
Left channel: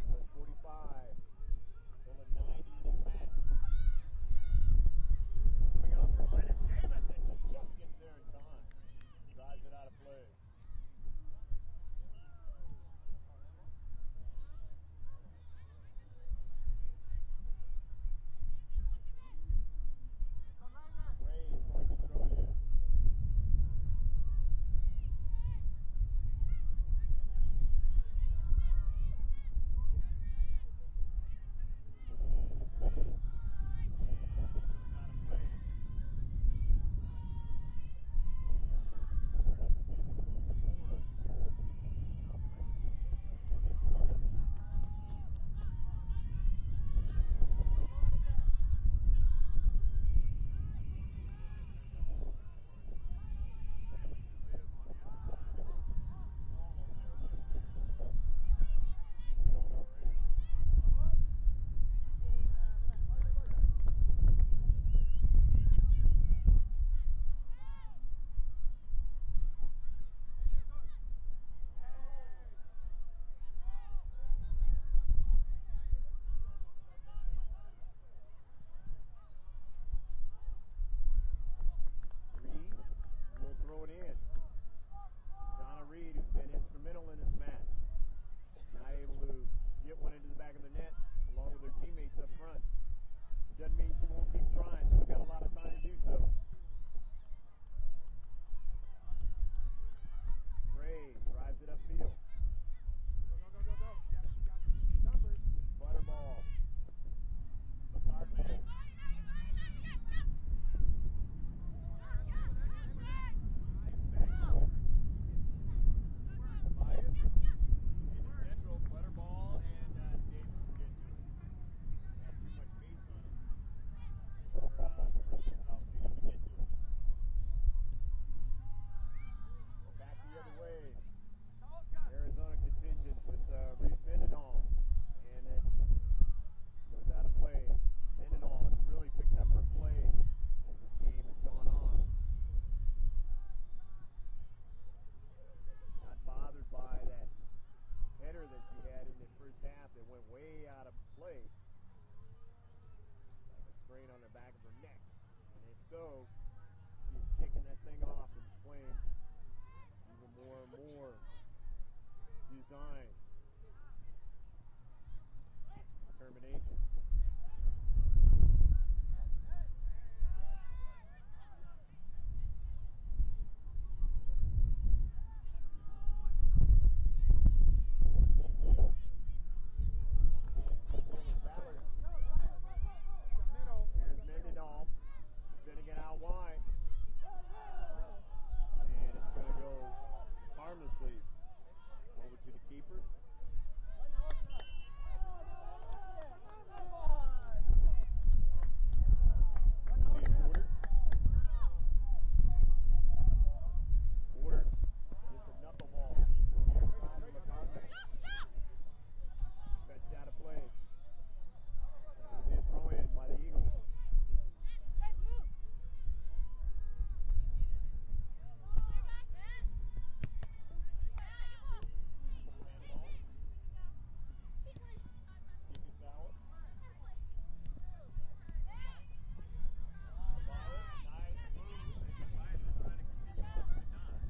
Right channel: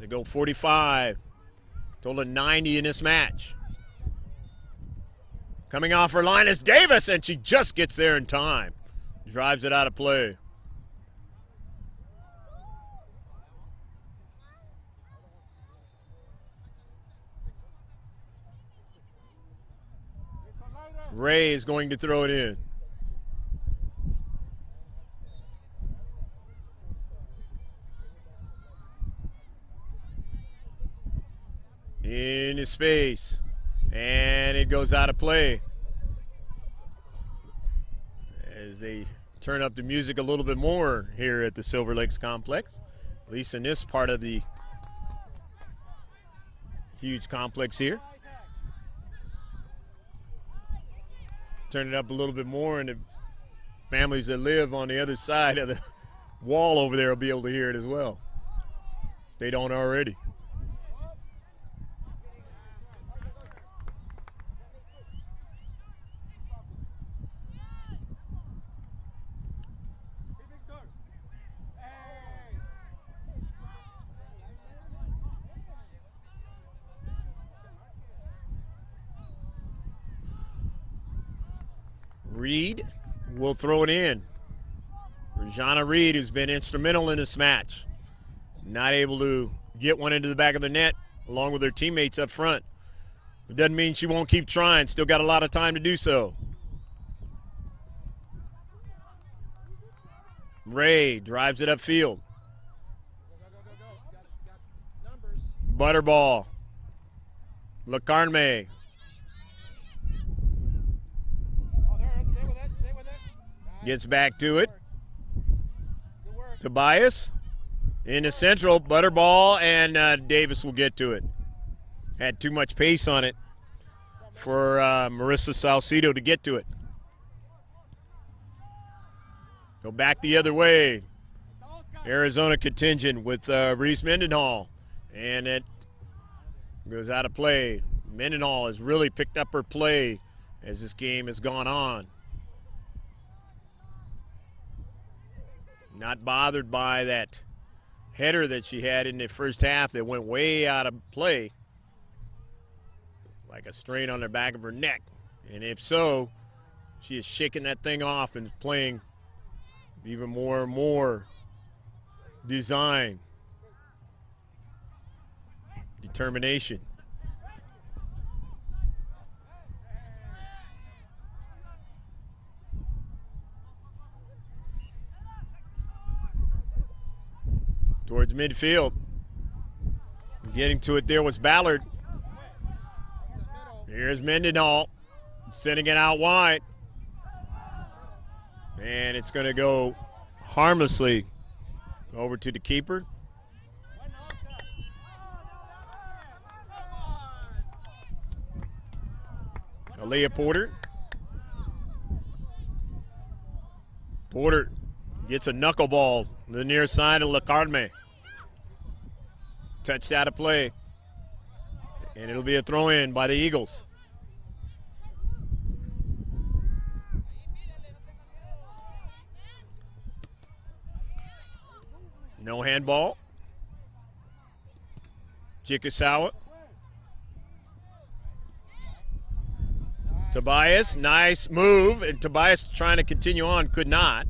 They go 45. Total of 90 in this match. Coming off her line is Davis, and she just gets there in time. Drives it out of play. Ray is going to throw it in. Into space, and it goes out of play as they turn up the music a little bit more here at the Silver Lakes complex, at least in this part of the huge complex here. Turn it up a little bit more, and the families that live on the other side of the wall over there will be able to hear it as well. They don't already. Reed will throw it in. Rajana Reed, who's been instrumental in this match. Not able to get one into the back of the net along with her teammates up front. It doesn't mean she won't keep trying. Still got a lot of time to do so. Ray drives it upfield. Butterball. LaCarme. Gets back to it. Tobias in the central. Butterball, and Davis will get to it. Had too much pace on it for Marissa Salcedo to get to it. Go back the other way. Arizona contingent with Reese Mendenhall. And it goes out of play. Mendenhall has really picked up her play as this game has gone on. Not bothered by that header that she had in the first half that went way out of play, like a strain on the back of her neck. And if so, she is shaking that thing off and playing even more and more design, determination. Towards midfield. Getting to it there was Ballard. Here's Mendenhall sending it out wide. And it's going to go harmlessly over to the keeper. Aaliyah Porter. Porter gets a knuckleball to the near side of LaCarme. Touched out of play. And it'll be a throw in by the Eagles. No handball. Chickasawa. Tobias, nice move, and Tobias trying to continue on, could not.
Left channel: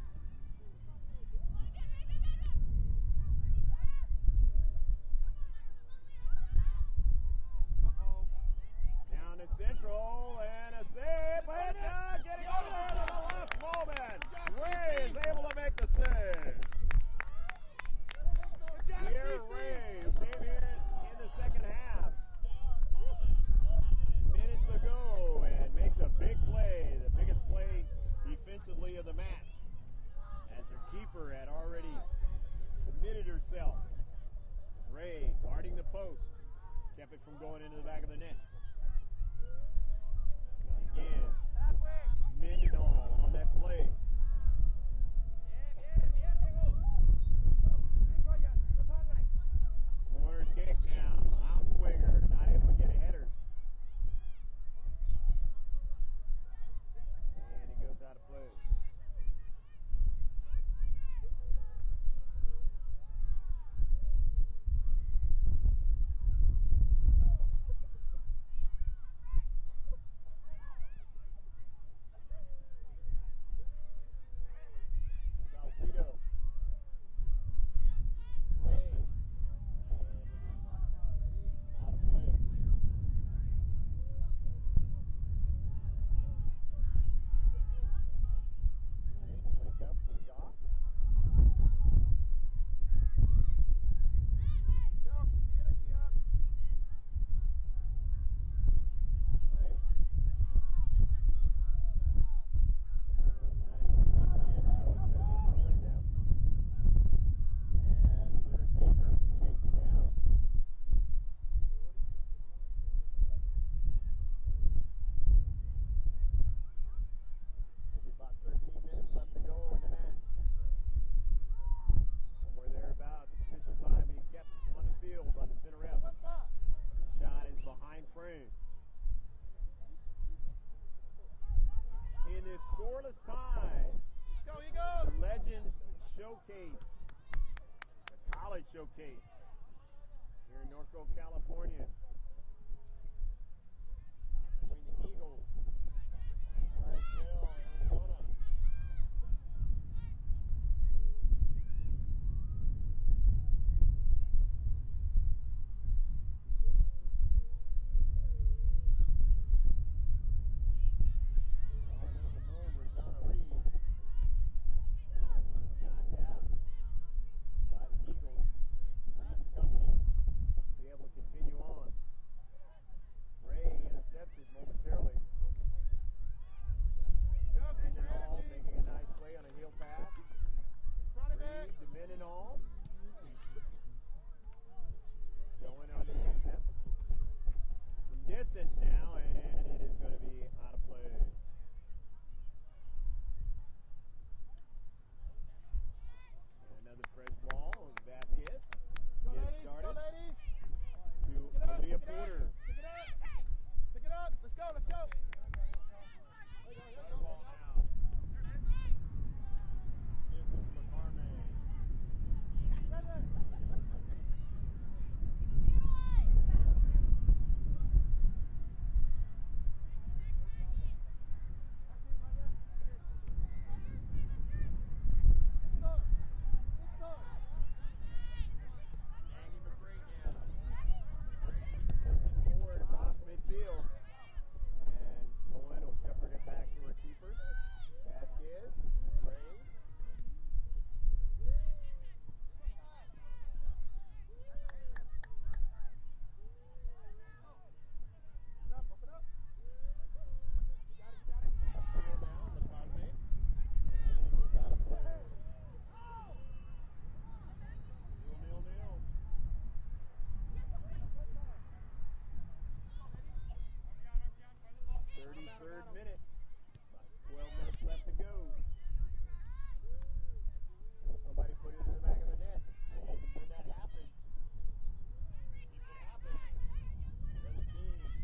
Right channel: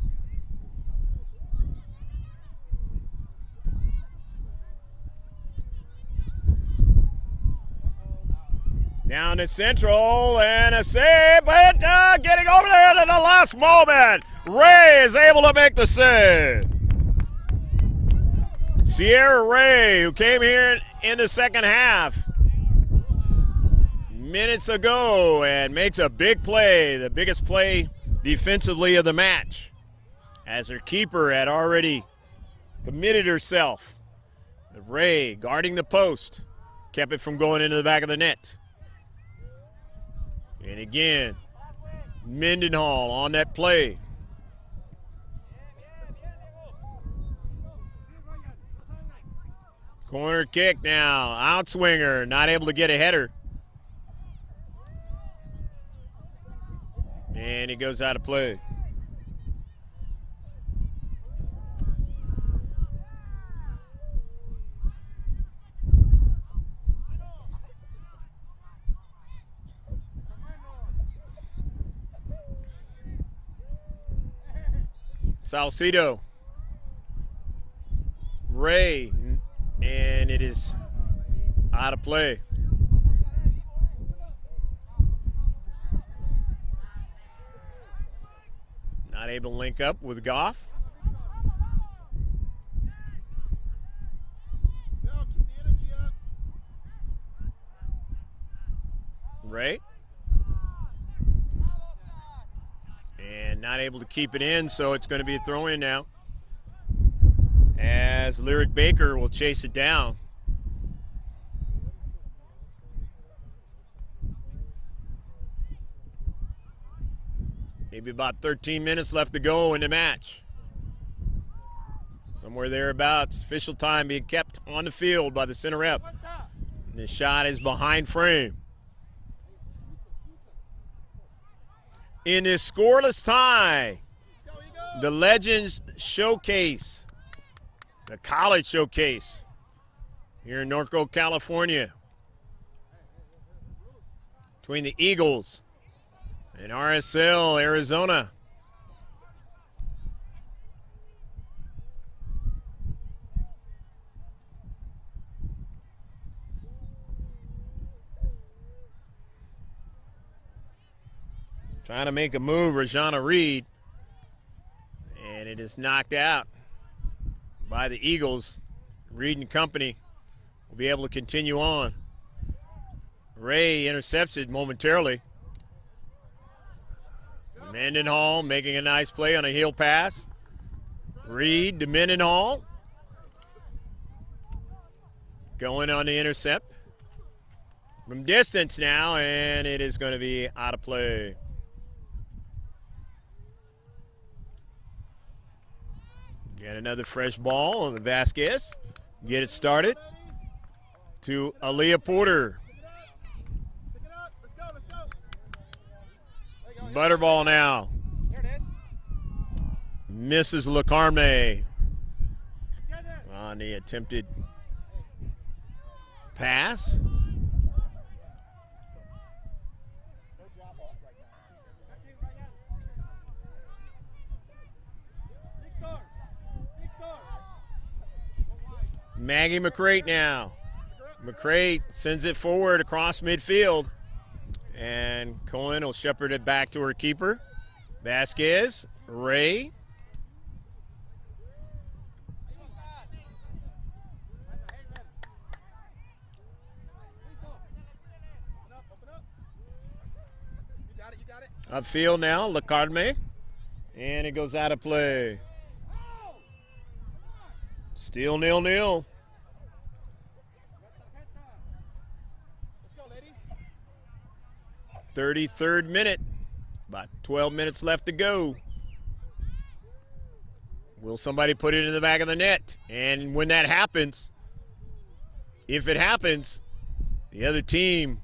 Down at Central, and a save, but getting over there to the last moment. Ray is able to make the save. Sierra Ray, who came here in the second half minutes ago and makes a big play, the biggest play defensively of the match, as her keeper had already committed herself. Ray, guarding the post, kept it from going into the back of the net. And again, Mendenhall on that play. Corner kick now, outswinger, not able to get a header. And he goes out of play. Salcido. Ray, and it is out of play. Not able to link up with Goff. Ray. And not able to keep it in, so it's going to be a throw-in now, as Lyric Baker will chase it down. Maybe about 13 minutes left to go in the match. Somewhere thereabouts. Official time being kept on the field by the center ref. And the shot is behind frame. In this scoreless tie, the Legends Showcase, the college showcase here in Norco, California, between the Eagles and RSL Arizona. Trying to make a move, Rajana Reed, and it is knocked out by the Eagles. Reed and company will be able to continue on. Ray intercepts it momentarily. Mendenhall making a nice play on a heel pass. Reed to Mendenhall. Going on the intercept from distance now, and it is going to be out of play. Get another fresh ball on the Vasquez. Get it started to Aaliyah Porter. Butterball now. Misses LaCarme on the attempted pass. Maggie McCrate now. McCrate sends it forward across midfield, and Cohen will shepherd it back to her keeper. Vasquez, Ray. Upfield now, LaCarme, and it goes out of play. Still 0-0. 33rd minute, about 12 minutes left to go. Will somebody put it in the back of the net? And when that happens, if it happens, the other team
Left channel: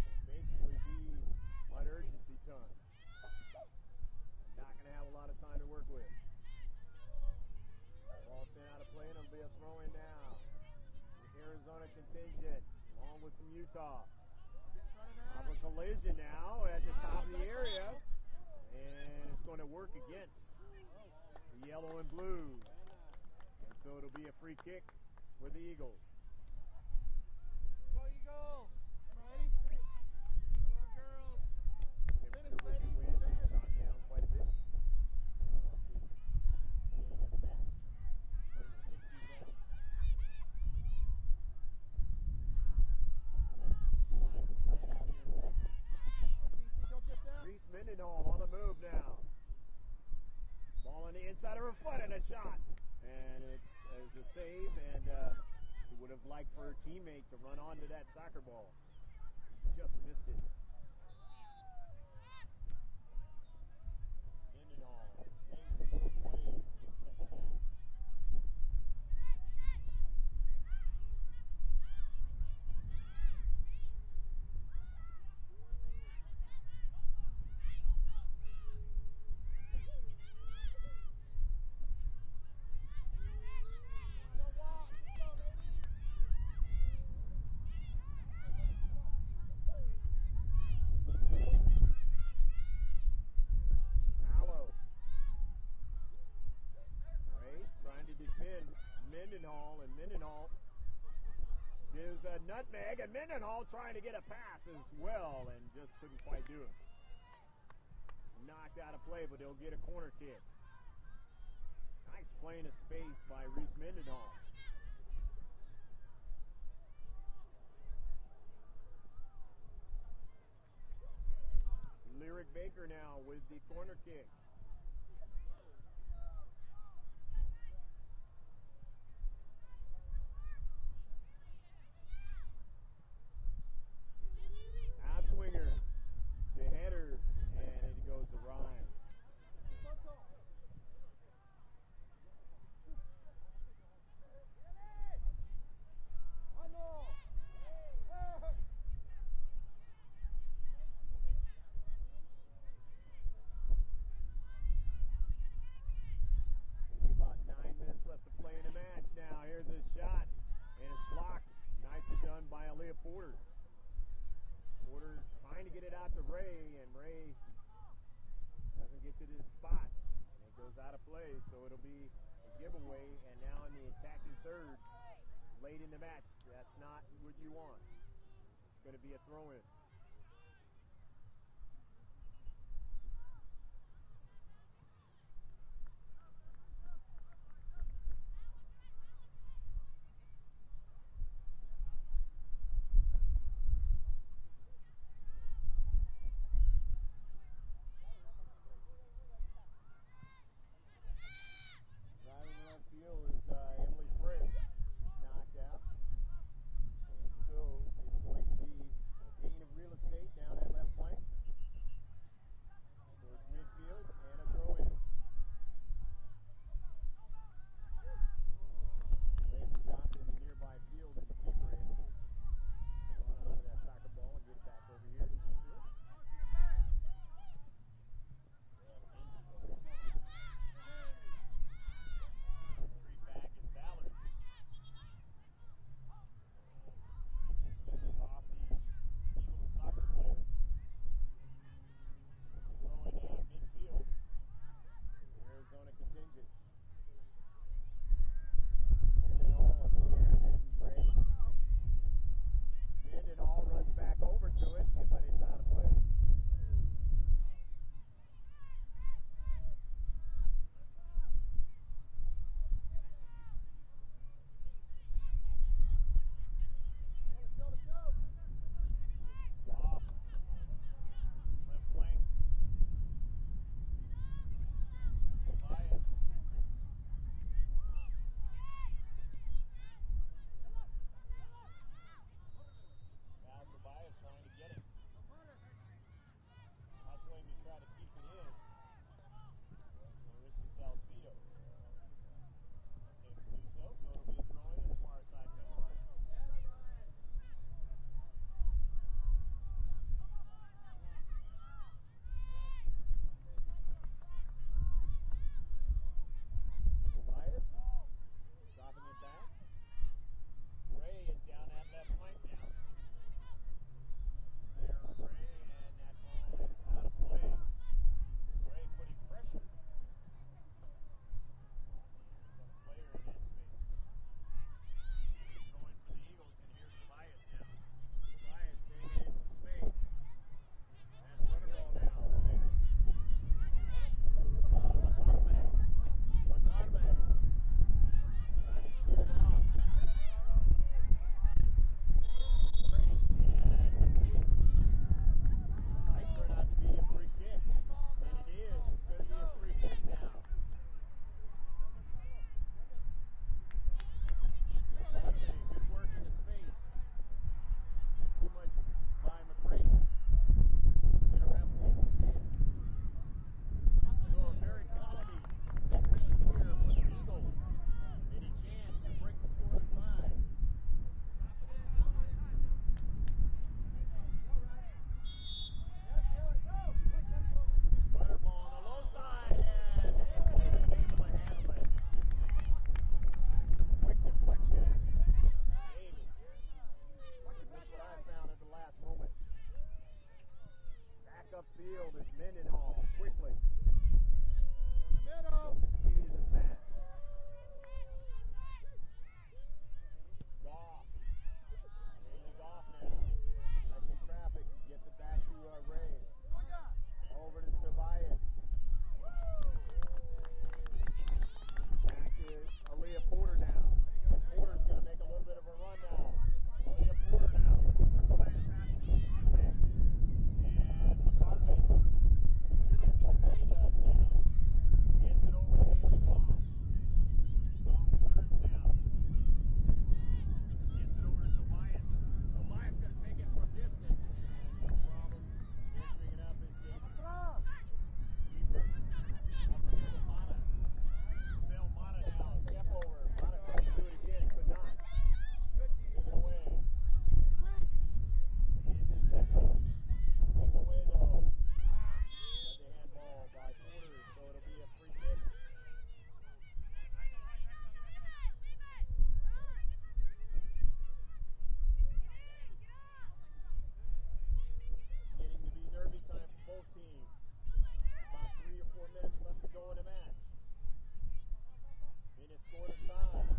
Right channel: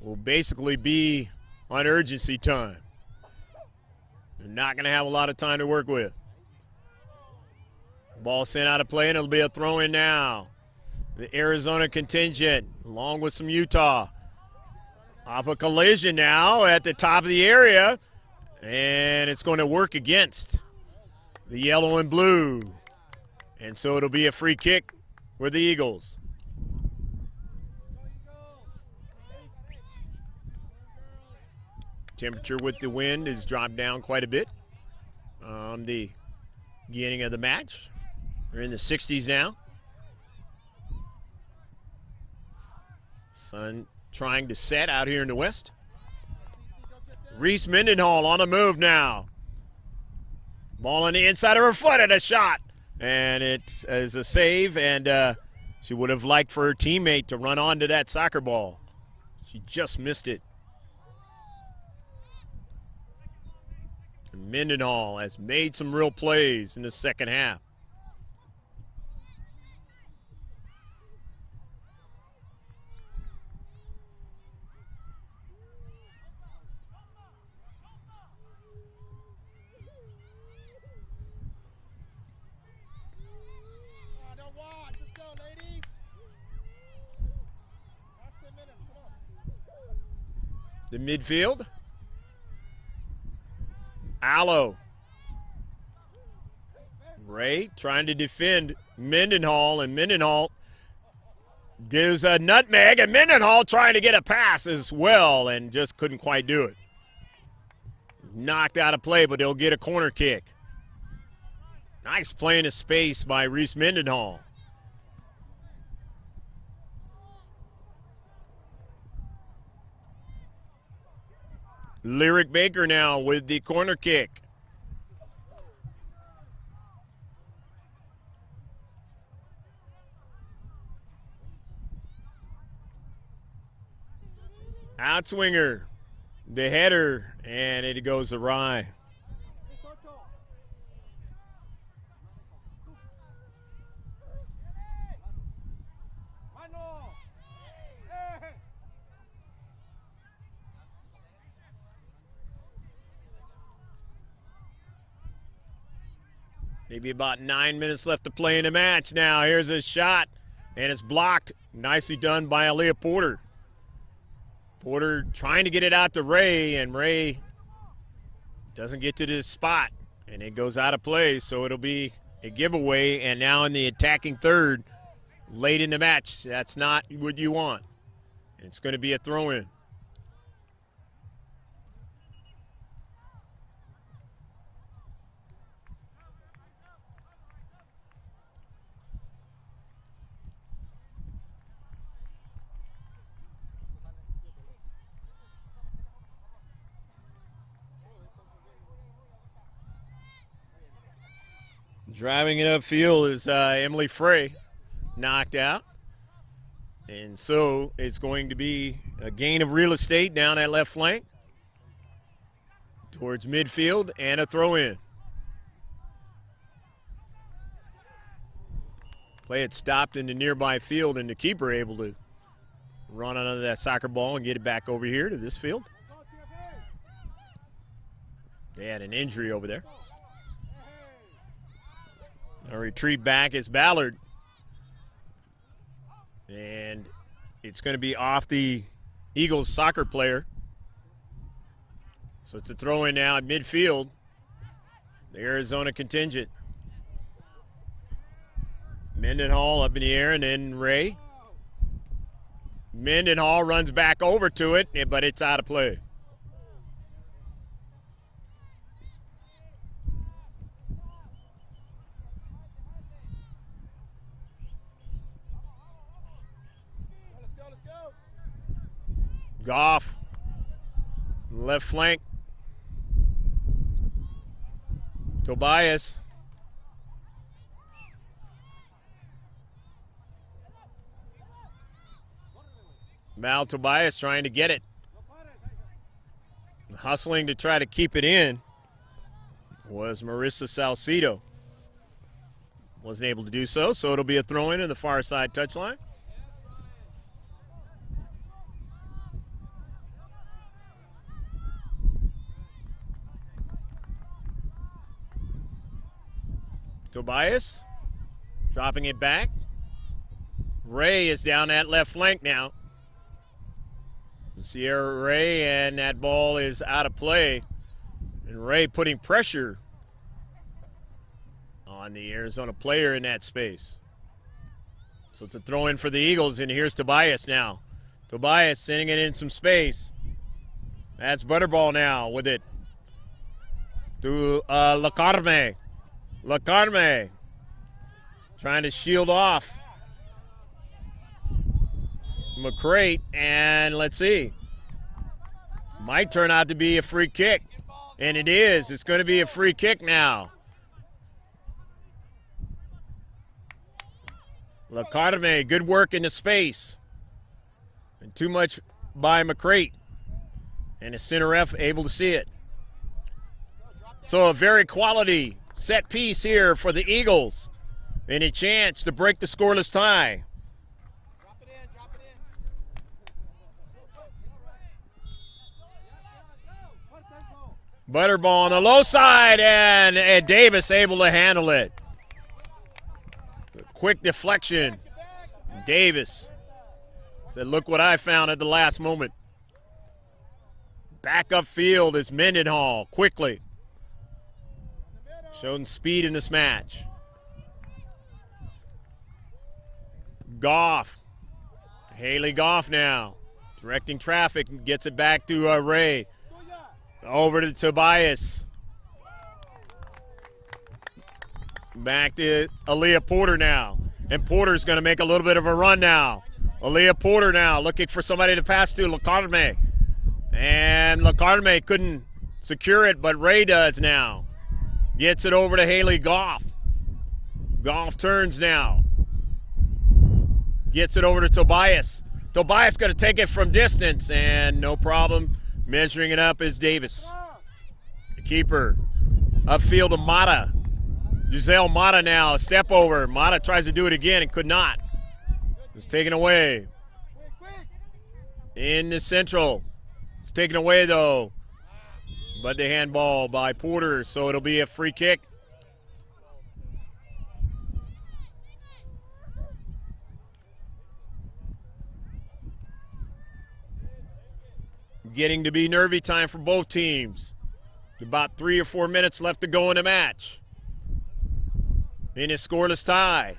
will basically be on urgency time. They're not going to have a lot of time to work with. Ball sent out of play, and it'll be a throw-in now. The Arizona contingent, along with some Utah. Off a collision now at the top of the area, and it's going to work against the yellow and blue. And so it'll be a free kick for the Eagles. Temperature with the wind has dropped down quite a bit on the beginning of the match. We're in the 60s now. Sun trying to set out here in the west. Reese Mendenhall on the move now. Ball on the inside of her foot and a shot. And it is a save, and she would have liked for her teammate to run onto that soccer ball. She just missed it. Mendenhall has made some real plays in the second half. The midfield. Allo. Ray trying to defend Mendenhall, and Mendenhall gives a nutmeg, and Mendenhall trying to get a pass as well and just couldn't quite do it. Knocked out of play, but they'll get a corner kick. Nice play in the space by Reese Mendenhall. Lyric Baker now with the corner kick. Outswinger, the header, and it goes awry. Maybe about 9 minutes left to play in the match now. Here's a shot, and it's blocked. Nicely done by Aaliyah Porter. Porter trying to get it out to Ray, and Ray doesn't get to this spot, and it goes out of play, so it'll be a giveaway. And now in the attacking third, late in the match, that's not what you want. It's going to be a throw-in. Driving it upfield is Emily Frey, knocked out. And so it's going to be a gain of real estate down that left flank towards midfield and a throw-in. Play had stopped in the nearby field, and the keeper able to run under that soccer ball and get it back over here to this field. They had an injury over there. A retreat back is Ballard. And it's going to be off the Eagles soccer player. So it's a throw in now at midfield. The Arizona contingent. Mendenhall up in the air, and then Ray. Mendenhall runs back over to it, but it's out of play. Goff, left flank. Tobias. Mal Tobias trying to get it. Hustling to try to keep it in was Marissa Salcido. Wasn't able to do so, so it'll be a throw-in in the far side touchline. Tobias dropping it back. Ray is down that left flank now. Sierra Ray, and that ball is out of play. And Ray putting pressure on the Arizona player in that space. So it's a throw in for the Eagles, and here's Tobias now. Tobias sending it in some space. That's Butterball now with it to Lacarme. Lacarme trying to shield off McCrate, and let's see. Might turn out to be a free kick, and it is. It's going to be a free kick now. Lacarme, good work in the space. And too much by McCrate. And the center ref able to see it. So a very quality set piece here for the Eagles. And a chance to break the scoreless tie. Butterball on the low side, and Davis able to handle it. Quick deflection. Davis said, look what I found at the last moment. Back upfield is Mendenhall quickly. Showing speed in this match. Goff. Haley Goff now. Directing traffic, gets it back to Ray. Over to Tobias. Back to Aaliyah Porter now. And Porter's going to make a little bit of a run now. Aaliyah Porter now looking for somebody to pass to. Lacarme. And Lacarme couldn't secure it, but Ray does now. Gets it over to Haley Goff. Goff turns now. Gets it over to Tobias. Tobias going to take it from distance, and no problem. Measuring it up is Davis. The keeper. Upfield to Mata. Giselle Mata now, a step over. Mata tries to do it again and could not. It's taken away. In the central. It's taken away though. But the handball by Porter, so it'll be a free kick. Getting to be nervy time for both teams. About 3 or 4 minutes left to go in the match. In a scoreless tie.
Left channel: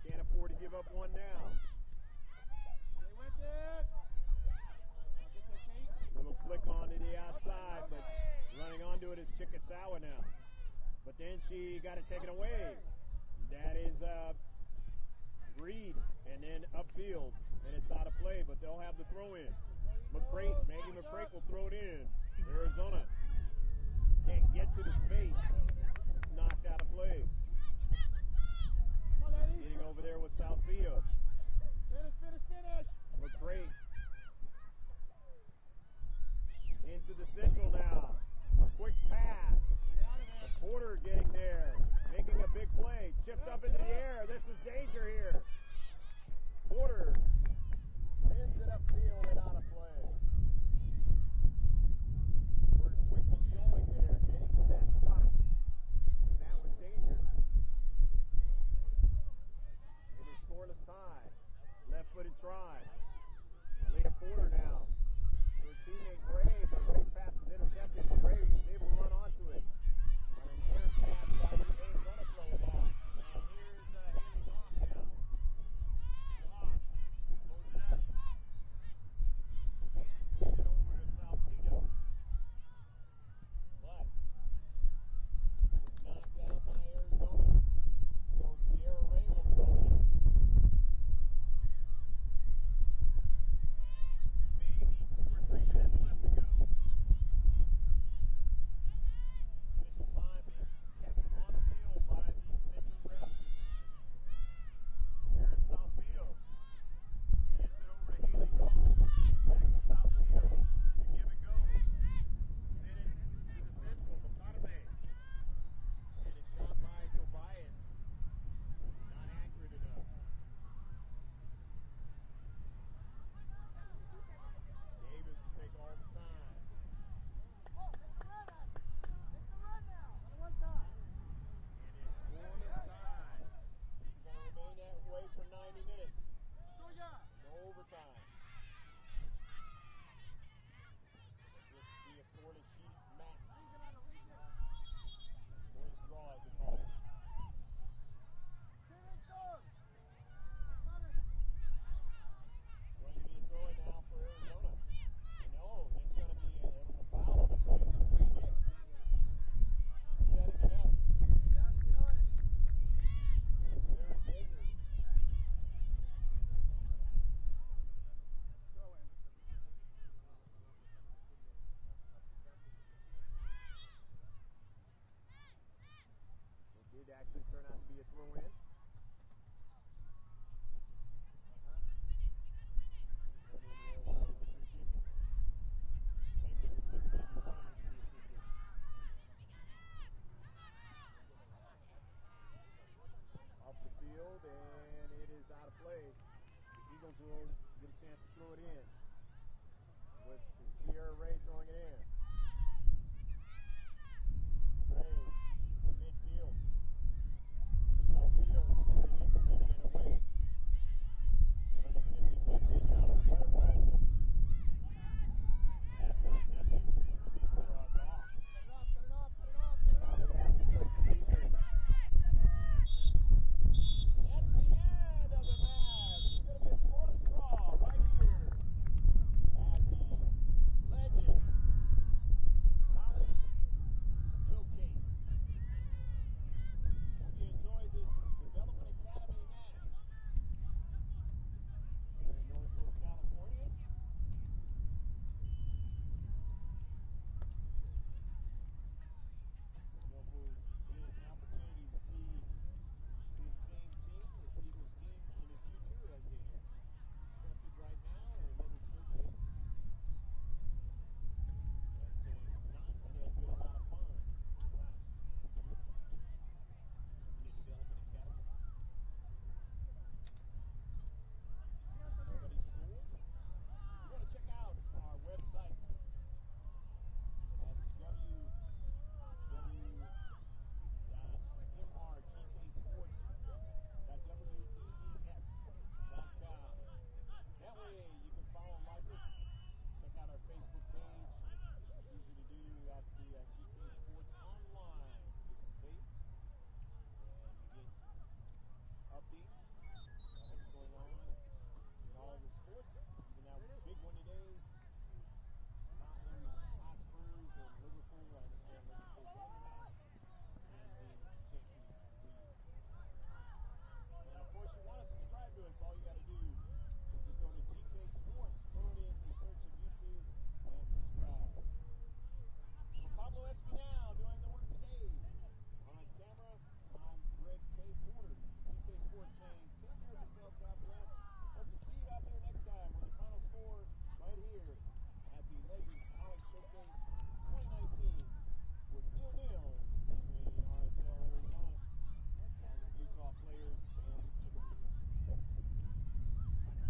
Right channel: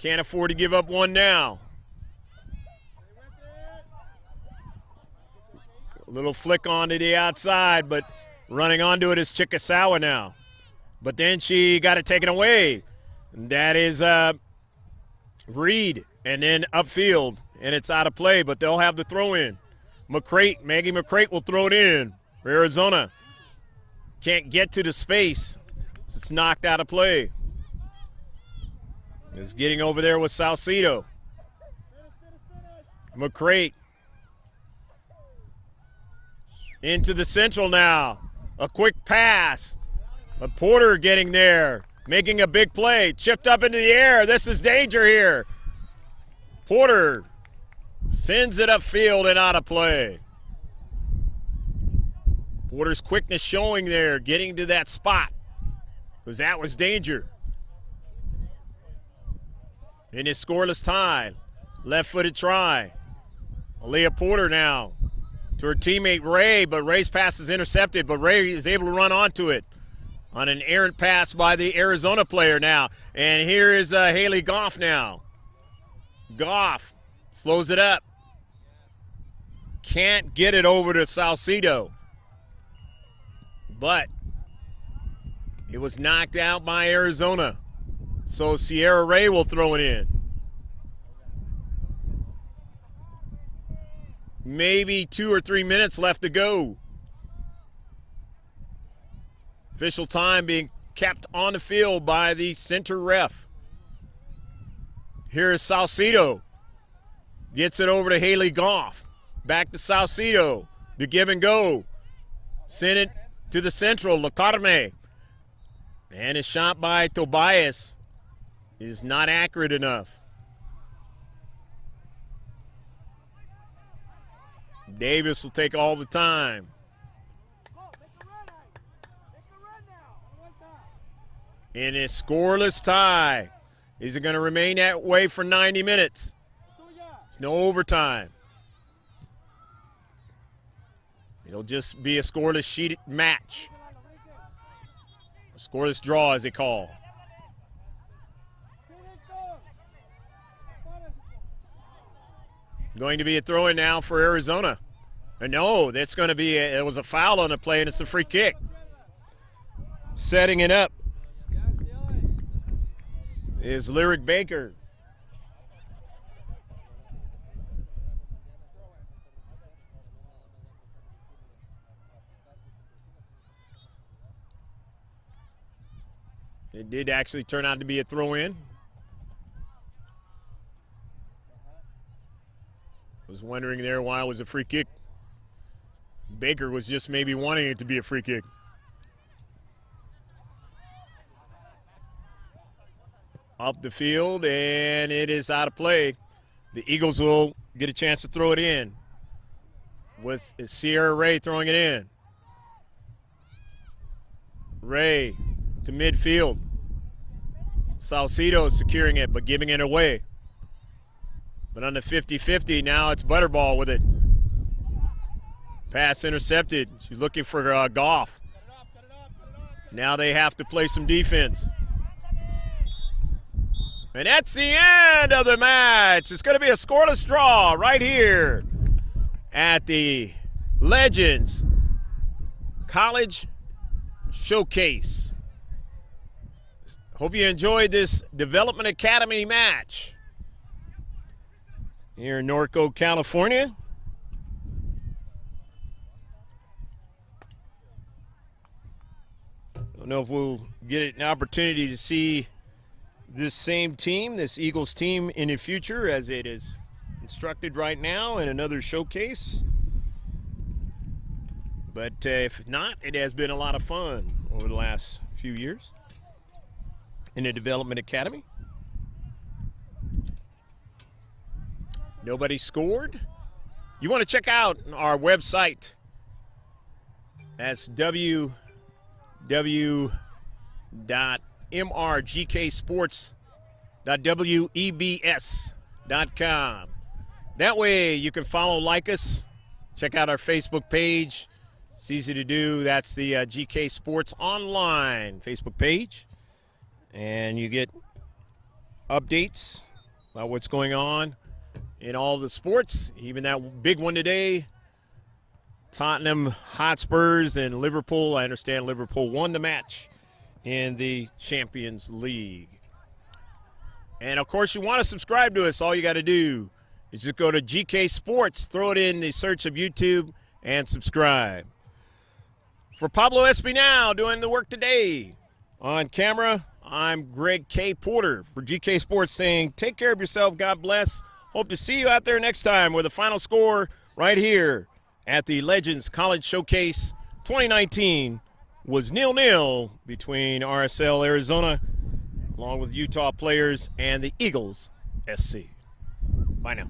Can't afford to give up one now. A little flick onto the outside, but running onto it is Chikasawa now. But then she got it taken away. And that is Reed, and then upfield, and it's out of play, but they'll have the throw in. McCrate, Maggie McCrate will throw it in for Arizona. Can't get to the space. It's knocked out of play. It's getting over there with Salcido. McCrate. Into the central now. A quick pass. But Porter getting there. Making a big play. Chipped up into the air. This is danger here. Porter sends it upfield and out of play. Porter's quickness showing there, getting to that spot, because that was danger. In his scoreless tie, left-footed try. Aaliyah Porter now to her teammate Ray, but Ray's pass is intercepted, but Ray is able to run onto it on an errant pass by the Arizona player now. And here is Haley Goff now. Goff slows it up. Can't get it over to Salcido. But it was knocked out by Arizona. So Sierra Ray will throw it in. Maybe 2 or 3 minutes left to go. Official time being kept on the field by the center ref. Here is Salcido. Gets it over to Haley Goff. Back to Salcido. The give and go. Send it to the central, Lacarme. And a shot by Tobias is not accurate enough. Davis will take all the time. In a scoreless tie. Is it going to remain that way for 90 minutes? No overtime. It'll just be a scoreless sheet match. A scoreless draw, as they call. Going to be a throw-in now for Arizona. And no, that's going to be, it was a foul on the play, and it's a free kick. Setting it up is Lyric Baker. It did actually turn out to be a throw-in. Was wondering there why it was a free kick. Baker was just maybe wanting it to be a free kick. Up the field, and it is out of play. The Eagles will get a chance to throw it in with Sierra Ray throwing it in. Ray to midfield. Salcido securing it, but giving it away. But on the 50-50, now it's Butterball with it. Pass intercepted. She's looking for Goff. Now they have to play some defense. And that's the end of the match. It's going to be a scoreless draw right here at the Legends College Showcase. Hope you enjoyed this Development Academy match here in Norco, California. Don't know if we'll get an opportunity to see this same team, this Eagles team, in the future as it is instructed right now in another showcase. But if not, it has been a lot of fun over the last few years in the Development Academy. Nobody scored. You want to check out our website. That's www.mrgksports.webs.com. That way you can follow, like us, check out our Facebook page. It's easy to do. That's the GK Sports Online Facebook page. And you get updates about what's going on in all the sports, even that big one today, Tottenham Hotspurs and Liverpool. I understand Liverpool won the match in the Champions League. And, of course, you want to subscribe to us. All you got to do is just go to GK Sports, throw it in the search of YouTube, and subscribe. For Pablo Espinal doing the work today on camera, I'm Greg K. Porter for GK Sports saying take care of yourself. God bless. Hope to see you out there next time with the final score right here at the Legends College Showcase 2019 was 0-0 between RSL Arizona along with Utah players and the Eagles SC. Bye now.